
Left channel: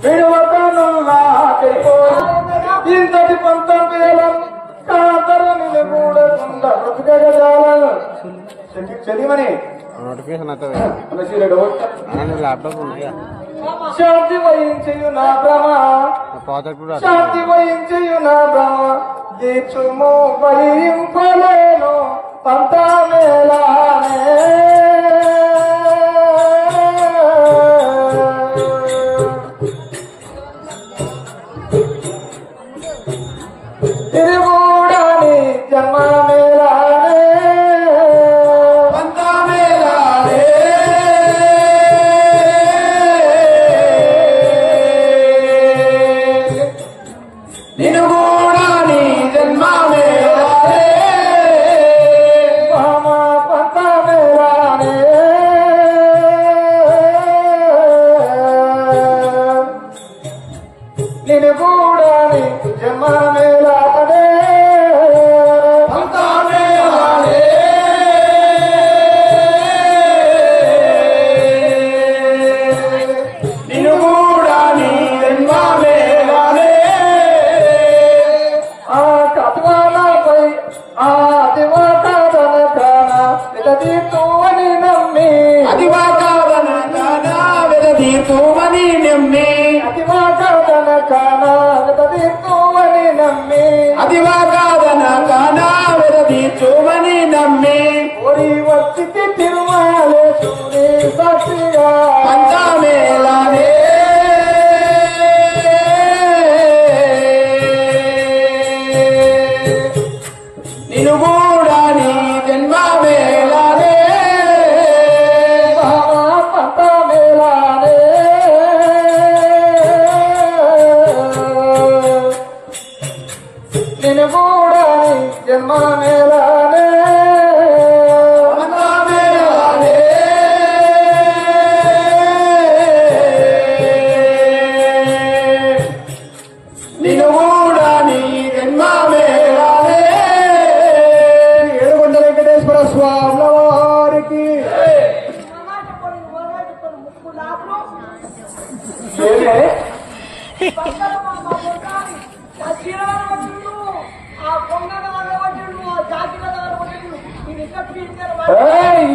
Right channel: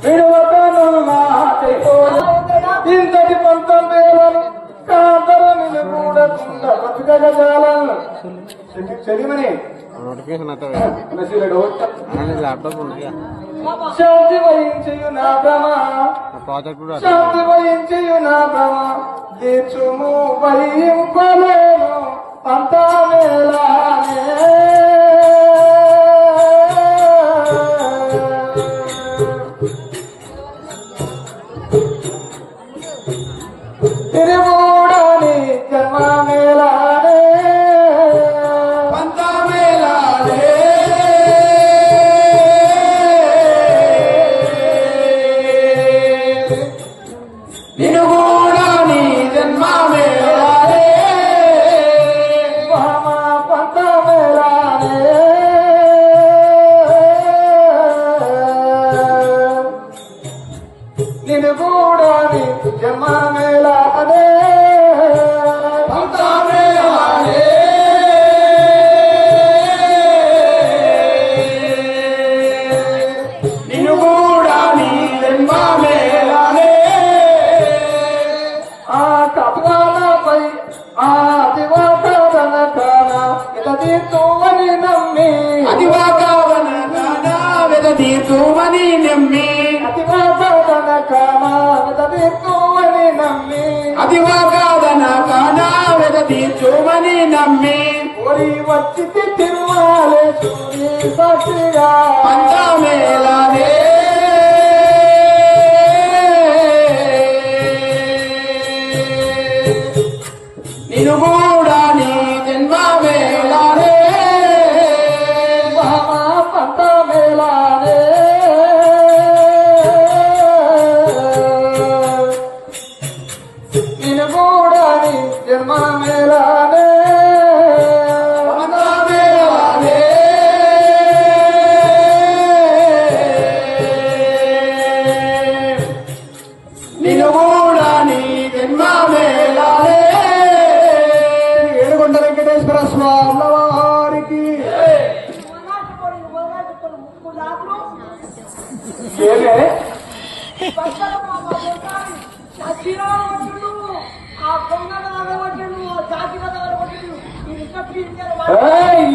విడువకనున్నా ఇంతటి పంతం వేలం కాంతరని కూడకుండా బ్రతుకగజాలను చెలిమని నోటిఫికేషన్ అయితే ల్యాప్టాప్ ఉన్నాయా శాంతి వహించు నా భ్రమ ప్రాజెక్ట్ కూడా శాంతి వహించు నా భ్రమ దీక్షుము వహింపలేను పంతా మేళానే తిరుగుడాని జన్మ మేళానే పంతా మేళానే నిన్ను కూడా నీ జన్మ మేళానే పంతా మేళానే నిన్ను కూడా నీ జన్మ మేళానే పంతా మేళానే నిన్ను కూడా నీ జన్మ మేళానే ఆ కత్వాలపై ఆ అతివాకాదన కాన వెదతీతువని నమ్మి అతివాకాదన కాన వెదతీతువని నమ్మి అతివాకాదన కాన వెదతీతువని నమ్మి అతివాకాదన కాన వెదతీతువని నమ్మి ఓరి వచ్చికి తిరుమలేశ్వరి సాక్షిగా పంతా మేళానే నిన్ను కూడా నీ జన్మ మేళానే పంత మేళానే నిన్ను కూడా నీ జన్మ మేళానే పంత మేళానే నిన్ను కూడా నీ జన్మ మేళానే 7 వెంకటేశ్వర స్వామి వారికి ఏమే ఆ పొంగన వగవడ్డు ఆ జాతి వగవడ్డు ఇది కప్పి ఏయ్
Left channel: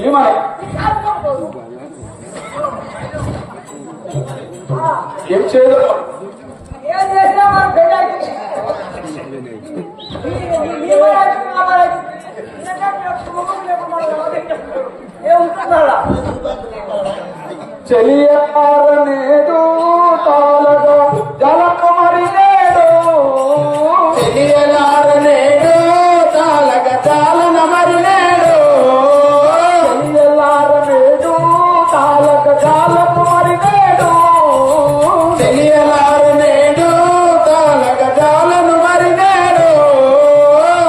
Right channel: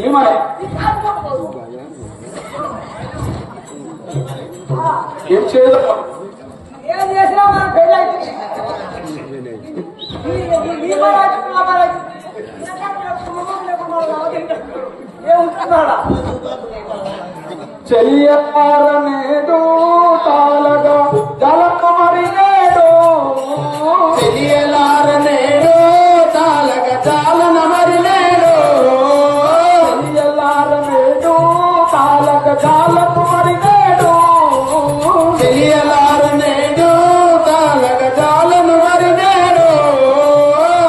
ఏమని ఏం చేయలేదు ఏం చేసినా చెలియారనేదు తాళగా జలకు మరినేడు చెలియలారనేడు తాళగా జాలన మరినేడు చెలియలారనేడు తాళగా జాలకు మరినేడు చెలియలారనేడు తాళగా జాలను మరినేడు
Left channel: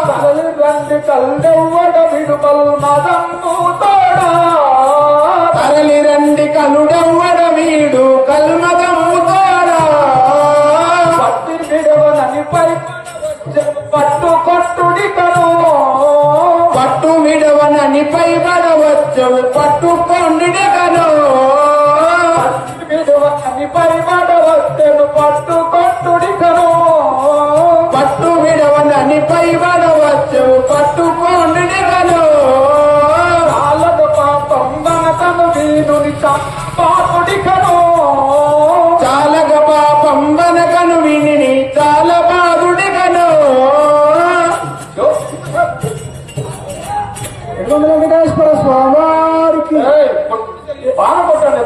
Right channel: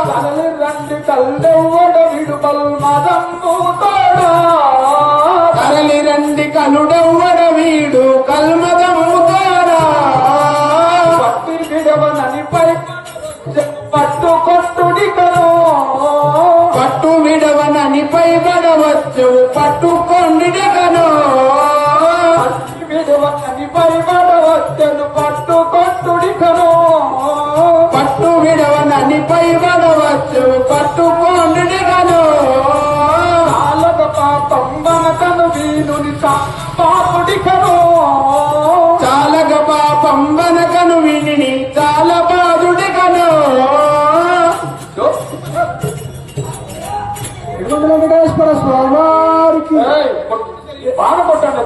కలలి రండి కల్లెవ్వడ విడుపల్ మదం పూతాడు కలలి రండి కనుడెవ్వడ విడవన్నని పై పడవచ్చవు పట్టుకొండుడిగను విడవన్నని పై పడవచ్చను పట్టుకొట్టుడిగను పట్టు విడవన్నని పై పడవచ్చవు పట్టుకొండుడిగను చాలక పాపం మనకను వీరుని పాపుడిగను చాలక పాపం మనకను విని చాలా బాధుడిగను వెంకటేశ్వర స్వామి వారికి బాగా కొట్టండి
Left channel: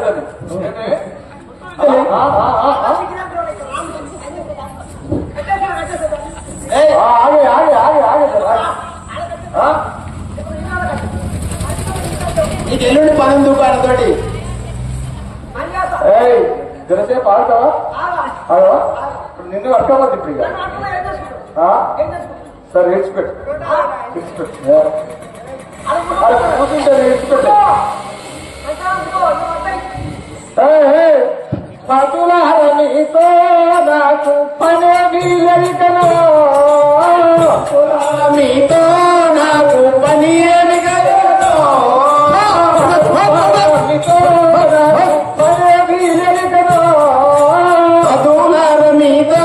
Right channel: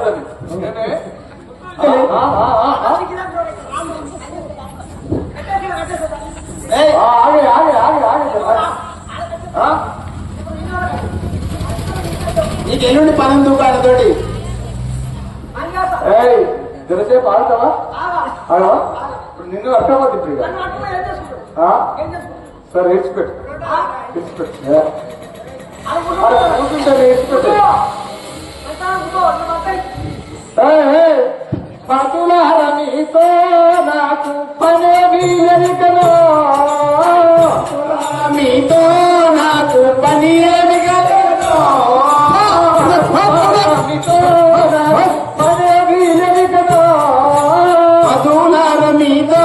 ఆగే ఆగే ఆగే ఆగే నీకు ఎల్లుండి 12 రూపాయలతోటి జరసేపు ఆగుతావా ఆగవా ఇప్పుడు నిన్ను అర్థమవుతుంది ఇప్పుడు సార్ ఏడ్చిపెట్టు కూర్చుంటాను ఏడ్చిపెట్టు పతులారనితో నాకు పనే వీలనికను మీతో నాకు పని ఏమి కలిగను పనే వీలనికను పతులార మీతో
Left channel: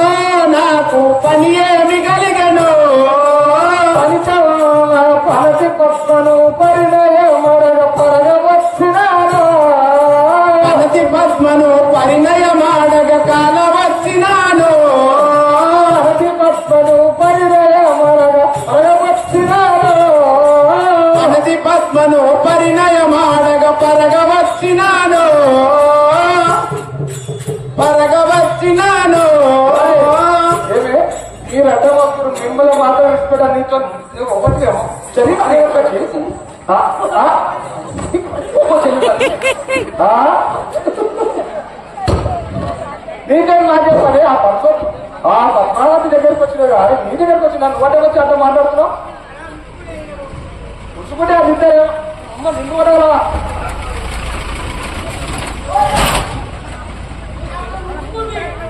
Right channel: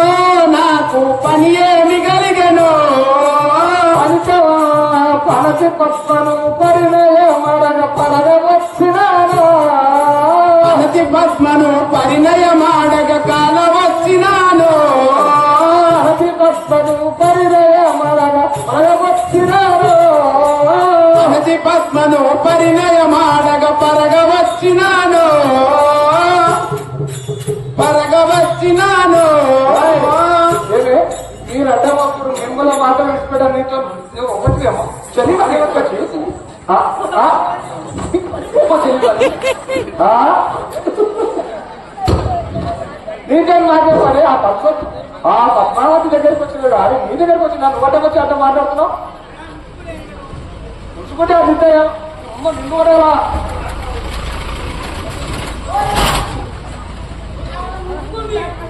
నాకు పని ఏమి కలిగను పనసి పప్పను పరిణయ మరగ పరగ వచ్చినాను పనసి పద్మను పరిణయ మాడగ కాల వచ్చినాను పనసి పద్మను పరిణయ మరగ పరగ వచ్చినాను పనసి పద్మను పరిణయ మాడగ పరగ వచ్చినాను పరగ వచ్చినాను ఈ రడ్డభక్తుడు మిమ్మల్ని మాట్లాడించుకోవడం నీతో ఒకటి చలి అనే ఒక చేసు నీకేం మాట్లాడతాడే ఆ పద్మావతి దగ్గరికి వచ్చినాడు ఆయన నీ దగ్గరికి వచ్చినాను వంట వచ్చి అంత మాట్లాడుతున్నావు ఉంచుకుంటే అది ఇద్దరు అమ్మ నిన్ను వరాలా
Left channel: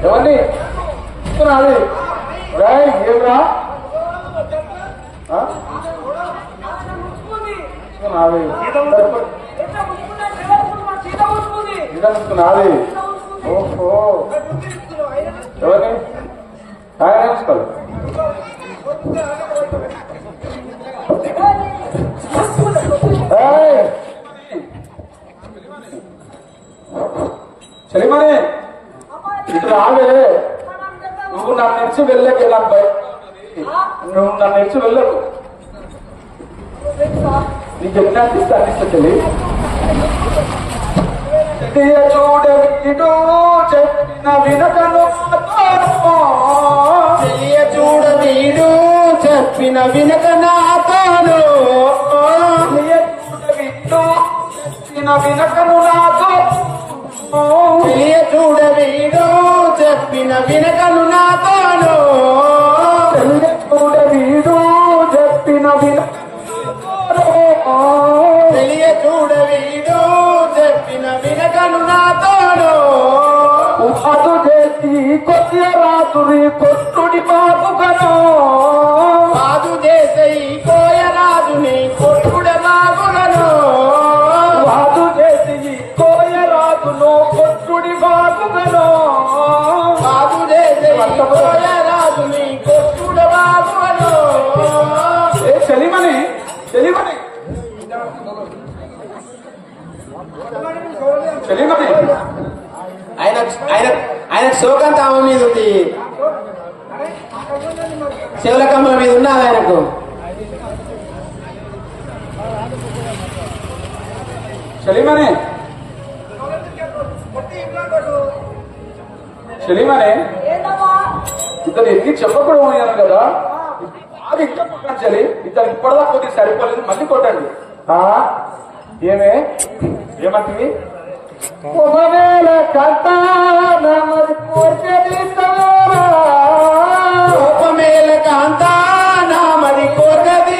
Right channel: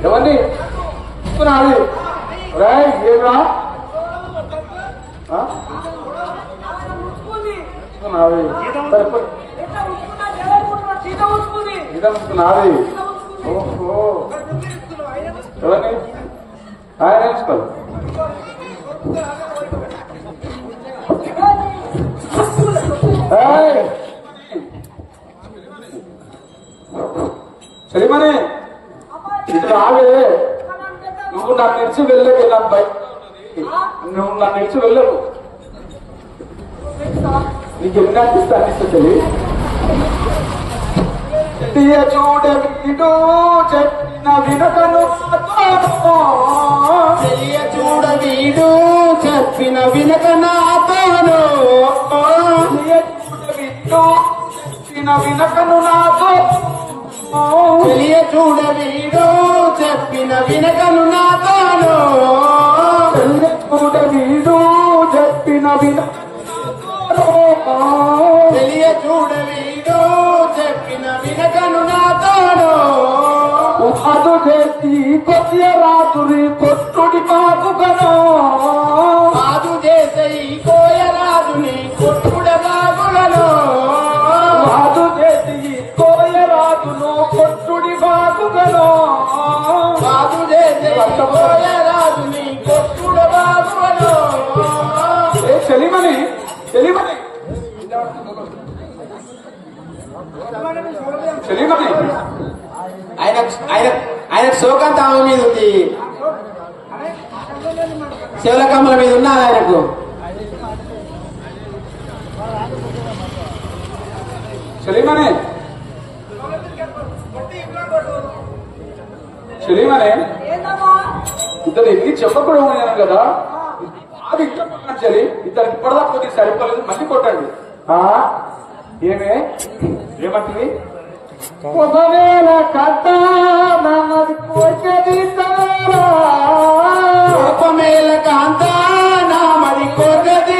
ఎవరిని ఇస్తున్నాను ఏమిరా నాది నాది ఓహో ఎవరిని ఆయన నేర్చుకోవాలి సరిమని ఇటు రావే నువ్వు నన్ను తెచ్చి వెళ్ళకి వెళ్ళాను నువ్వు నన్ను తెచ్చి వెళ్ళరు నీకు ఎన్ని ఇస్తా చెల్లి చూడవీడు చెప్పిన వినకను చూడవీడు చెప్పిన వినక నాతోను చెప్పిన వినకను నాతో చూడవీడు చెప్పిన వినకను నాతోను చూడవీడు చెప్పిన వినక చూడవీడు చెప్పిన వినకను నాతోను అదు చేసి కొద్ది రాత్రి కొట్టుడి బాబుగను అదు చేసి కోయరాజుని కొట్టుడి బాబుగను అదు చేసి కోయరాజును కొట్టుడి బాబుగను అదు చేసి కోయరాజుని కొట్టుడి బాబుగను చెలిమని చెలిమని చెలిమని ఆయన శోకంత ఆమె మీద ఉంది శివలకమ్మల మీద ఉన్నది ఆయనకు చెలిమని చెలిమని ఇద్దరు ఎన్ని చెప్పకూడదు ఉన్నాను కదా బాగా ఇంకా కొట్టండి చలి ఇద్దరు ఇప్పటిదాకా కొద్ది సరిపోలేదు మళ్ళీ కొట్టండి ఏమే ఏమంటివి ఒకవేళ కాంతానమది కోర్చది ఒకవేళ కాంతానమది కోర్చది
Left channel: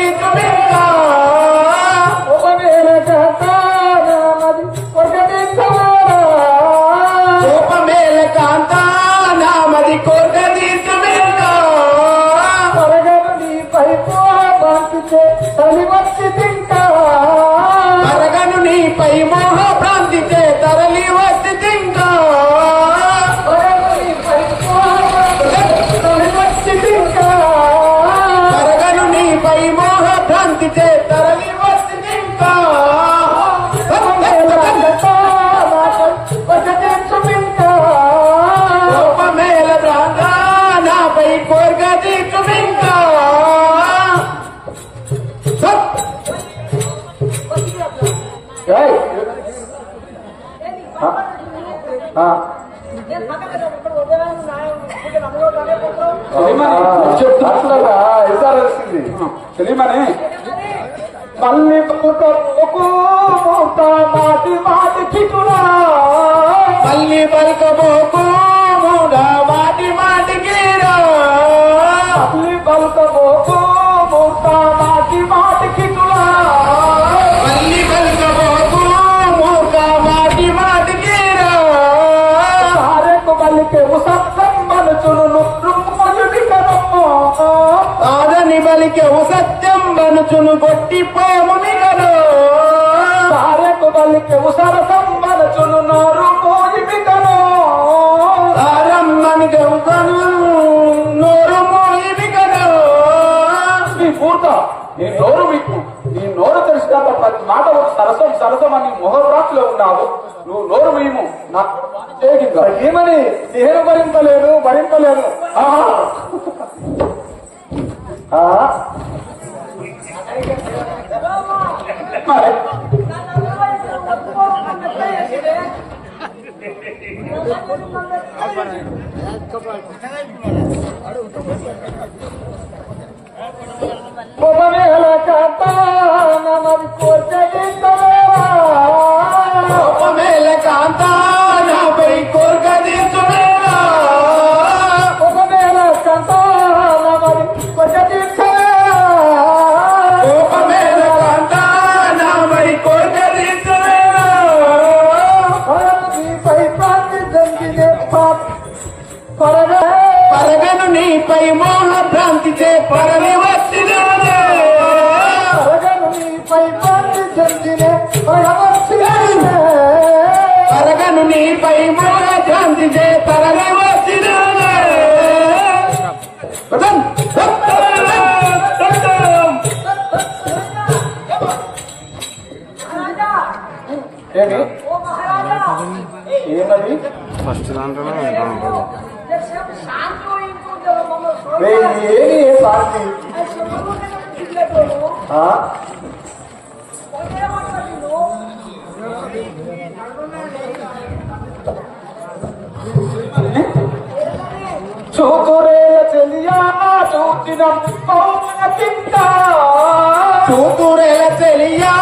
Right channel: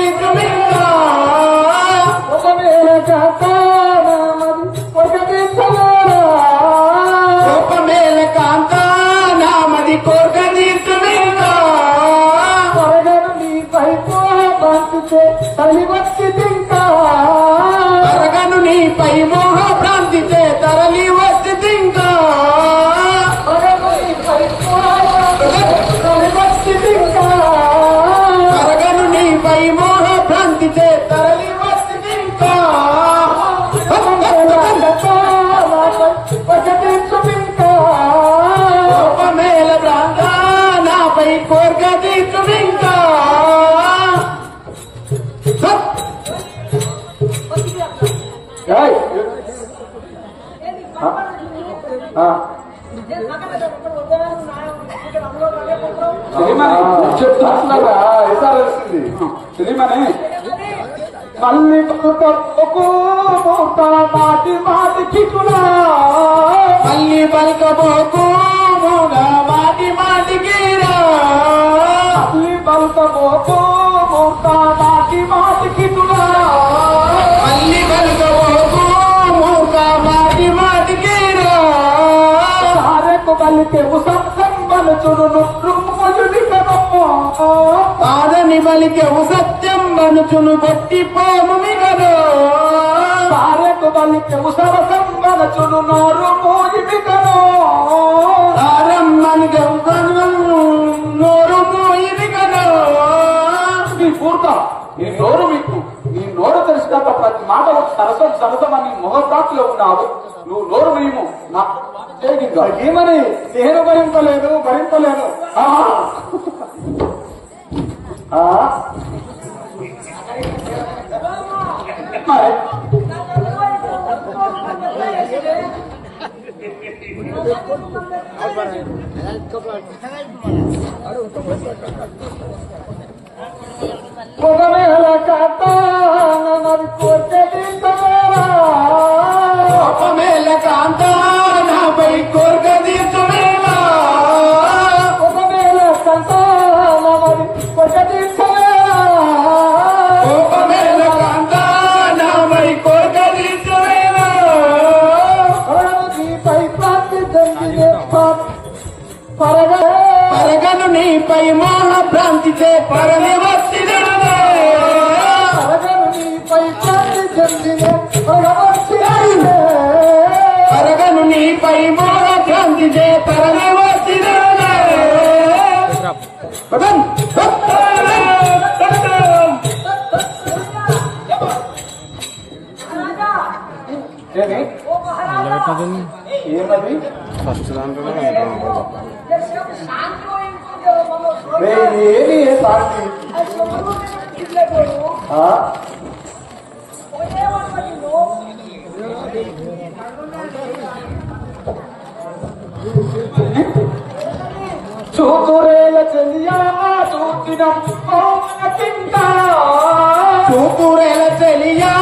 ఒకవేళ కాంతానమది కోర్చది ఒకవేళ కాంతానమది కోర్చది త్వరగా నీ పైపో పంపితే తల్లి వచ్చి తింటా ఏయ్! చెప్తున్నా ఇసారసింది తెలియమని మళ్ళీ పలుకబోకు మూట మాటి మాటి చిక్కునా మళ్ళీ పలుకబోకు మూట మాటి మాటికి మళ్ళీ పలుకబోకు మూట మాటి మాటికి మళ్ళీ పలుకబోకు మూట మాటి మాటికి సారెకు బలికే ఉసత్సం బలుచును ఆదని బలికెవు సత్యం బనుచును గొట్టిపోముమిగను సారెకు బలికెవు సరసం బనుచును నోరు మోయిమిగను సారమ్మనిగవు నోరు మోయిమిగను నీ పూర్త నీ నోరు మీకు నీ నోరు తెలిసినాక ప్రతి మాట సరసం సరసం అని మొహప్రాప్తిలో ఉన్నావు నువ్వు నోరు మేము నా ఏమని నేను భరింపలేను మరి ఒకవేళ కాంతానమది ఒకవేళ కాంతానపై కోర్గదీర్చువేనా ఒకవేళ కాంతానమది ఒకవేళ కాంతానపై కోర్గదీర్చువేనా నీపై ప్రాంతి జంగినే పరగను నీపై మోహ భ్రాంతిచే పరని వచ్చినదే పరగను నీపై ప్రాంతి జంగినే పరగను నీపై మోహ భ్రాంతిచే పరని వచ్చినదే ఏమని ఫస్ట్ దాంట్లోనే ఏది ఏ శాంతి చూతురేల చెలియా చూచిన చూతురేల చెలియా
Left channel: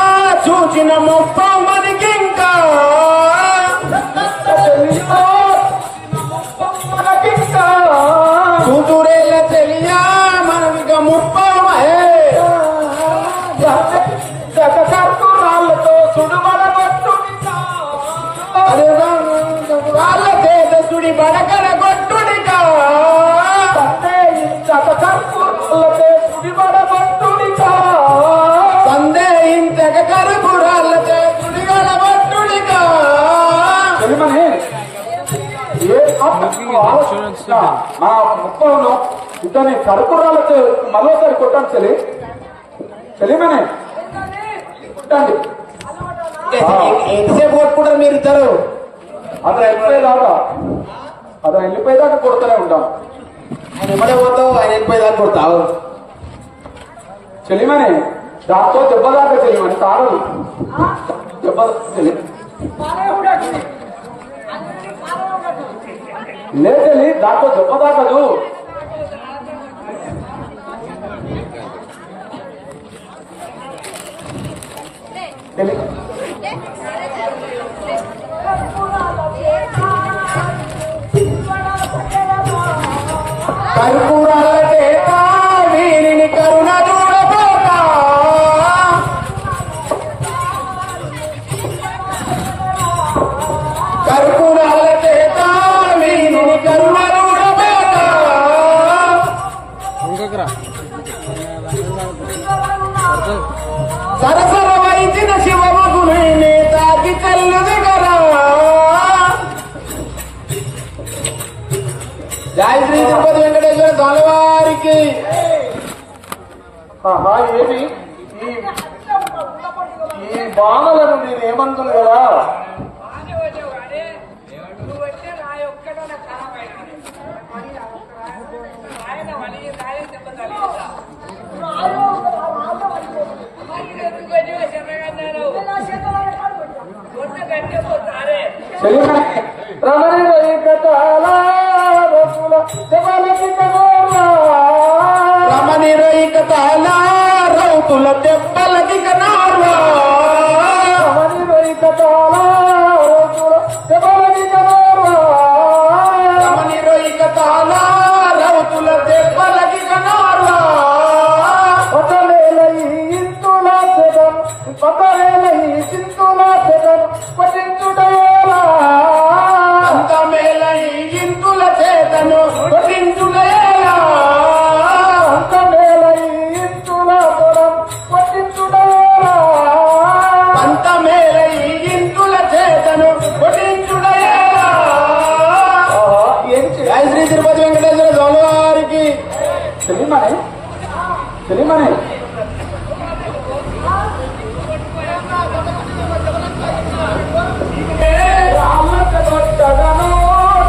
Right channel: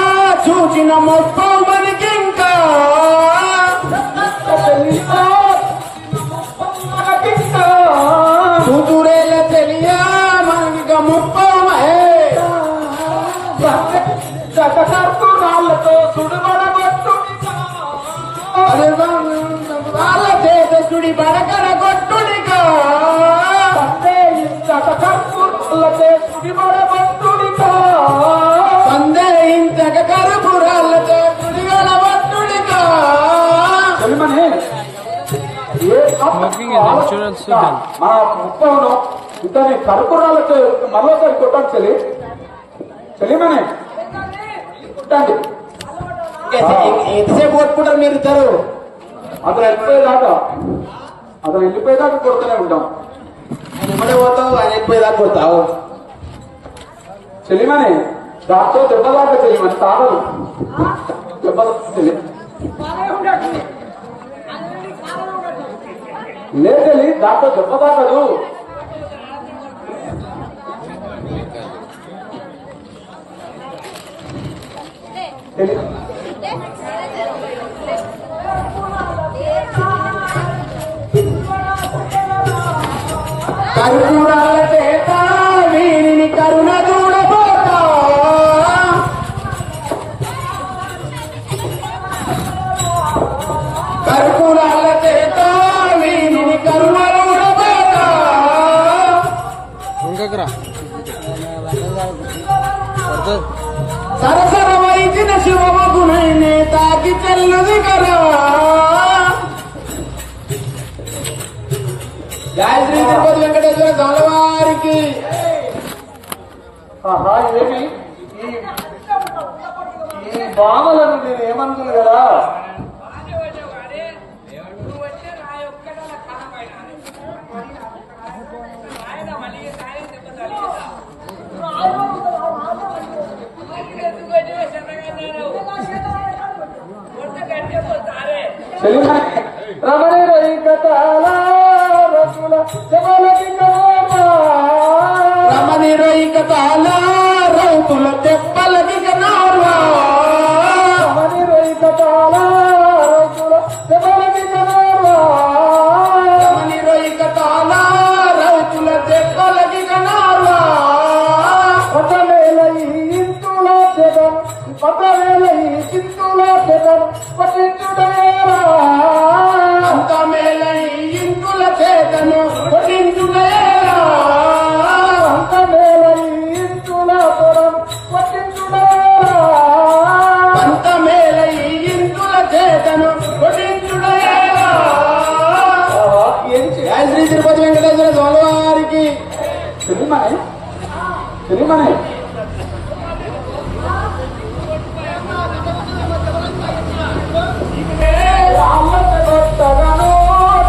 చూచిన మొప్పమనికింకా చూతురేల చెలియా మనక ముప్పమే రాళ్లతో సుడుబడగొట్టు వాళ్ళ చేత సుడి బడకరగొట్టుడిగా కర్పూరాలతో సుడిబడగొట్టుడిగా పందే ఇంతక కర్పూరాలతో సుడిగలగొట్టుడిగా తెలిమనే నా ముప్పను ఇతని కర్పూరాలతో మరోసారి కొట్టాను తెలియమనే కొట్టండి ఎంతసేపు కొట్టుకుంటారు మీరు ఇద్దరు అతను వెళ్ళిపోయేదాకా కొడుతూనే ఉంటాం ఎమ్మడే పోతావు ఆయన వెళ్ళిపోయేదాకా కొడతావు చెలిమని దాంతో దెబ్బదాకా చెలిమని తాగదు దెబ్బ లేదలి దాంతో దెబ్బదాకదు కర్పూరాల చేత వీరిని కరుణ చూడబోతా కర్పూరాల చేత వీరిని కరుణ చూడబోతా సరసర వైచిన శివమగునే తాకి చెల్లుది కదా జయ శ్రీ తిరుపతి వెంకటేశ్వర గలవారికి ఏమి ఈ భావలను నేను ఏమంటుంది కదా రమణి రొయ్యకతాల రసుల దెబ్బలకి కనోర్వా రమణి రొయ్యకతాల రౌతుల దెబ్బలకి కనోర్వా రమణి రొయ్యకతాల రసుల దెబ్బలకి కనోర్వా రమణి రొయ్యకతాల రౌతుల దెబ్బలకి కనోర్వా ఒకవేళ ఈ ఇంతుల పెదం ఒకవేళ ఈ చింతుల పెదం పట్టించుడేరా అంతమేల ఈ ఇంతుల చేతను పట్టించుడేరా అంతవేళ ఈ ఇంతుల పెదం పట్టించుడేరా అంతమేల ఈ ఇంతుల చేతను పట్టించుడేరా జై శ్రీ తిరుపతి వెంకటేశ్వర స్వామి వారికి తెలియమనే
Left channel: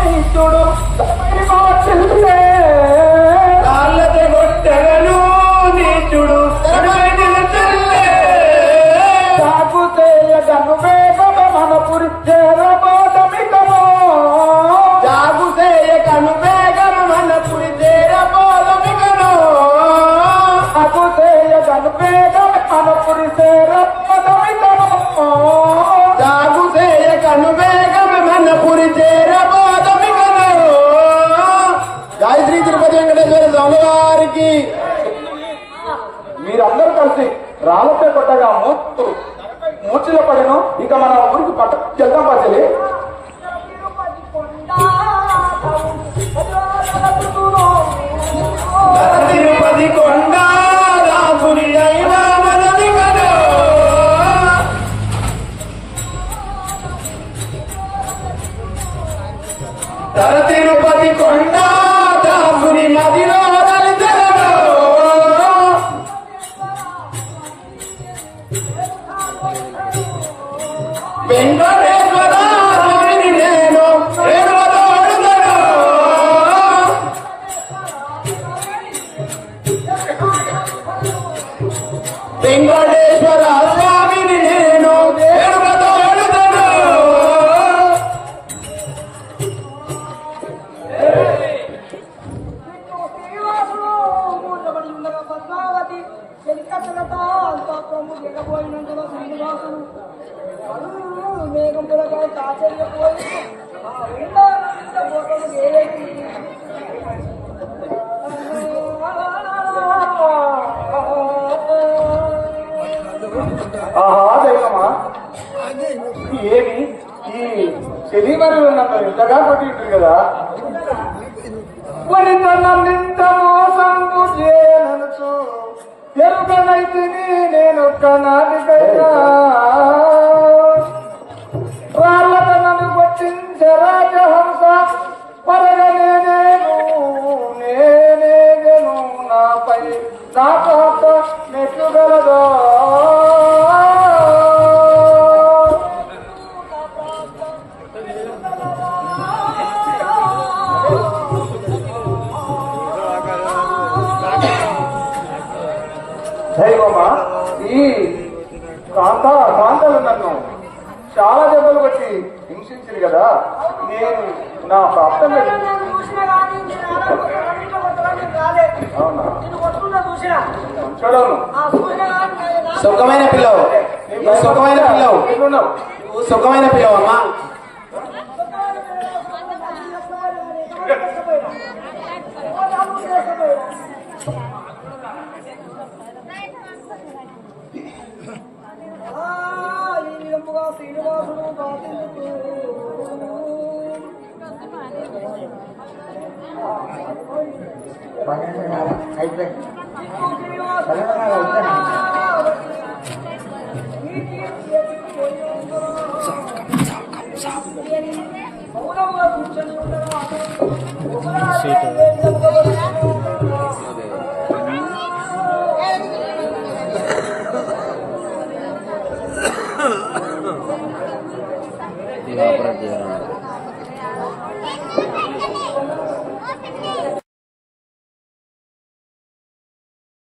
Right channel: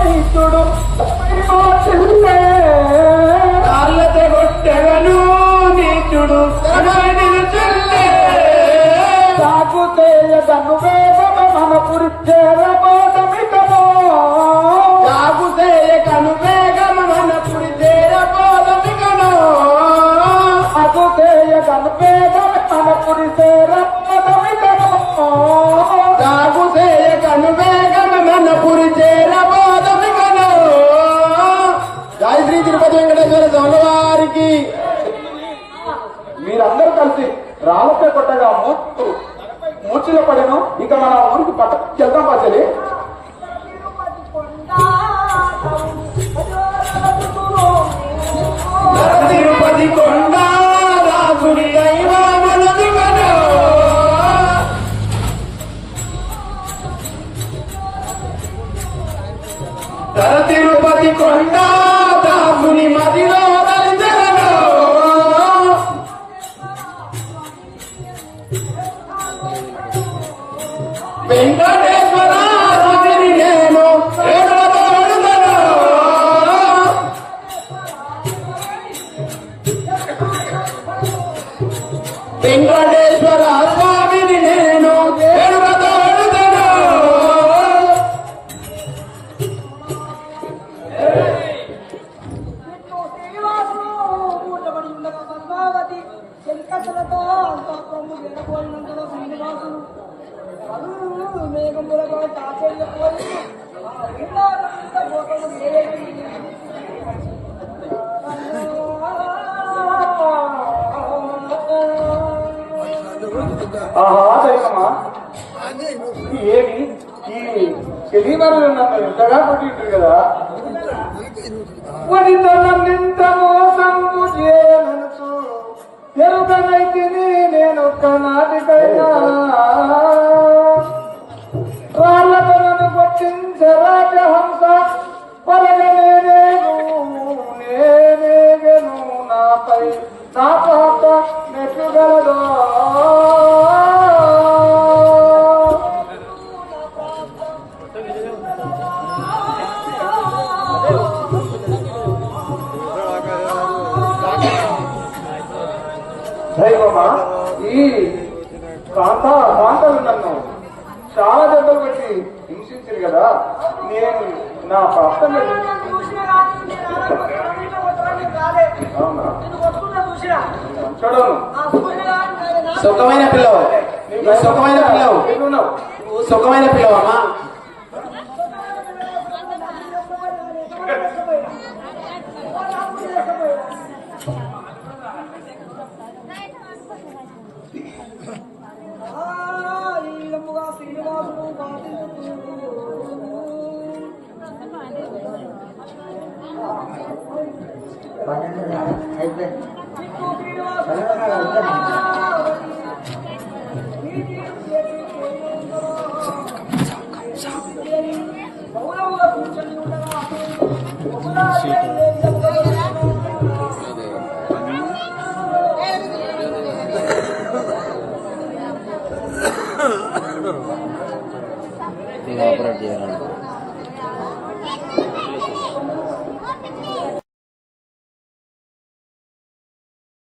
నీచుడు కాళ్ళతో కొట్టెను నీచుడు సాగు చేయదను వేగమ మన పురి చేరబోదమికను జాగు చేయకను వేగం మన పురి చేరబోదమికను సాగు చేయదను వేగమ మన పురి చేరబోదమికను జాగు చేయకను వేగం మన పురి చేరబోదమికను జై శ్రీ తిరుపతి వెంకటేశ్వర స్వామి వారికి మీరందరూ కలిసి రాళ్ళతో కొట్టగా మూర్చిలో పడను ఇక మన ఊరికి వెళ్దాం పాచలి తిరుపతి కొండ రాసుని దైవమనదిగను తిరుపతి కొండ దాసుని మదిలో దలితలను వెంకటేశ్వర నేను రేగోదాడుదను వెంకటేశ్వర స్వామిని నేను రేగోదాడుదను శ్రీనివాసుడు మూర్చబడి ఉండగా పద్మావతి చెలికత్తలతో అంతఃపురము జగబోయినందున శ్రీనివాసుడు మేఘములతో ఆశ్చర్యపోయి ఆ వృందానంద భోగము ఆహా దైవమా ఏమి ఈ శనివారం నన్ను ఇంతగా కొట్టింటారు కదా వనితనంత మోసంకు చేయననుచు ఎరుగనైతిని నేను కనాటికైనా వాళ్ళతో నన్ను కొట్టించే రాజహంస పరగనేనేను నేనేగను నాపై నా పాప నెట్టుగలదో దైవమా ఈ కాంతలు నన్ను చాలా దెబ్బలు కొట్టి హింసించారు కదా నేను నా ప్రాప్తంగా అవునా చూడను సుఖమైన పిల్లవు సుఖమైన పిల్లవు సుఖమైన పిల్లవమ్మా ఈ విధముగా శ్రీనివాసుడు ఆపరేట్ చేయాలి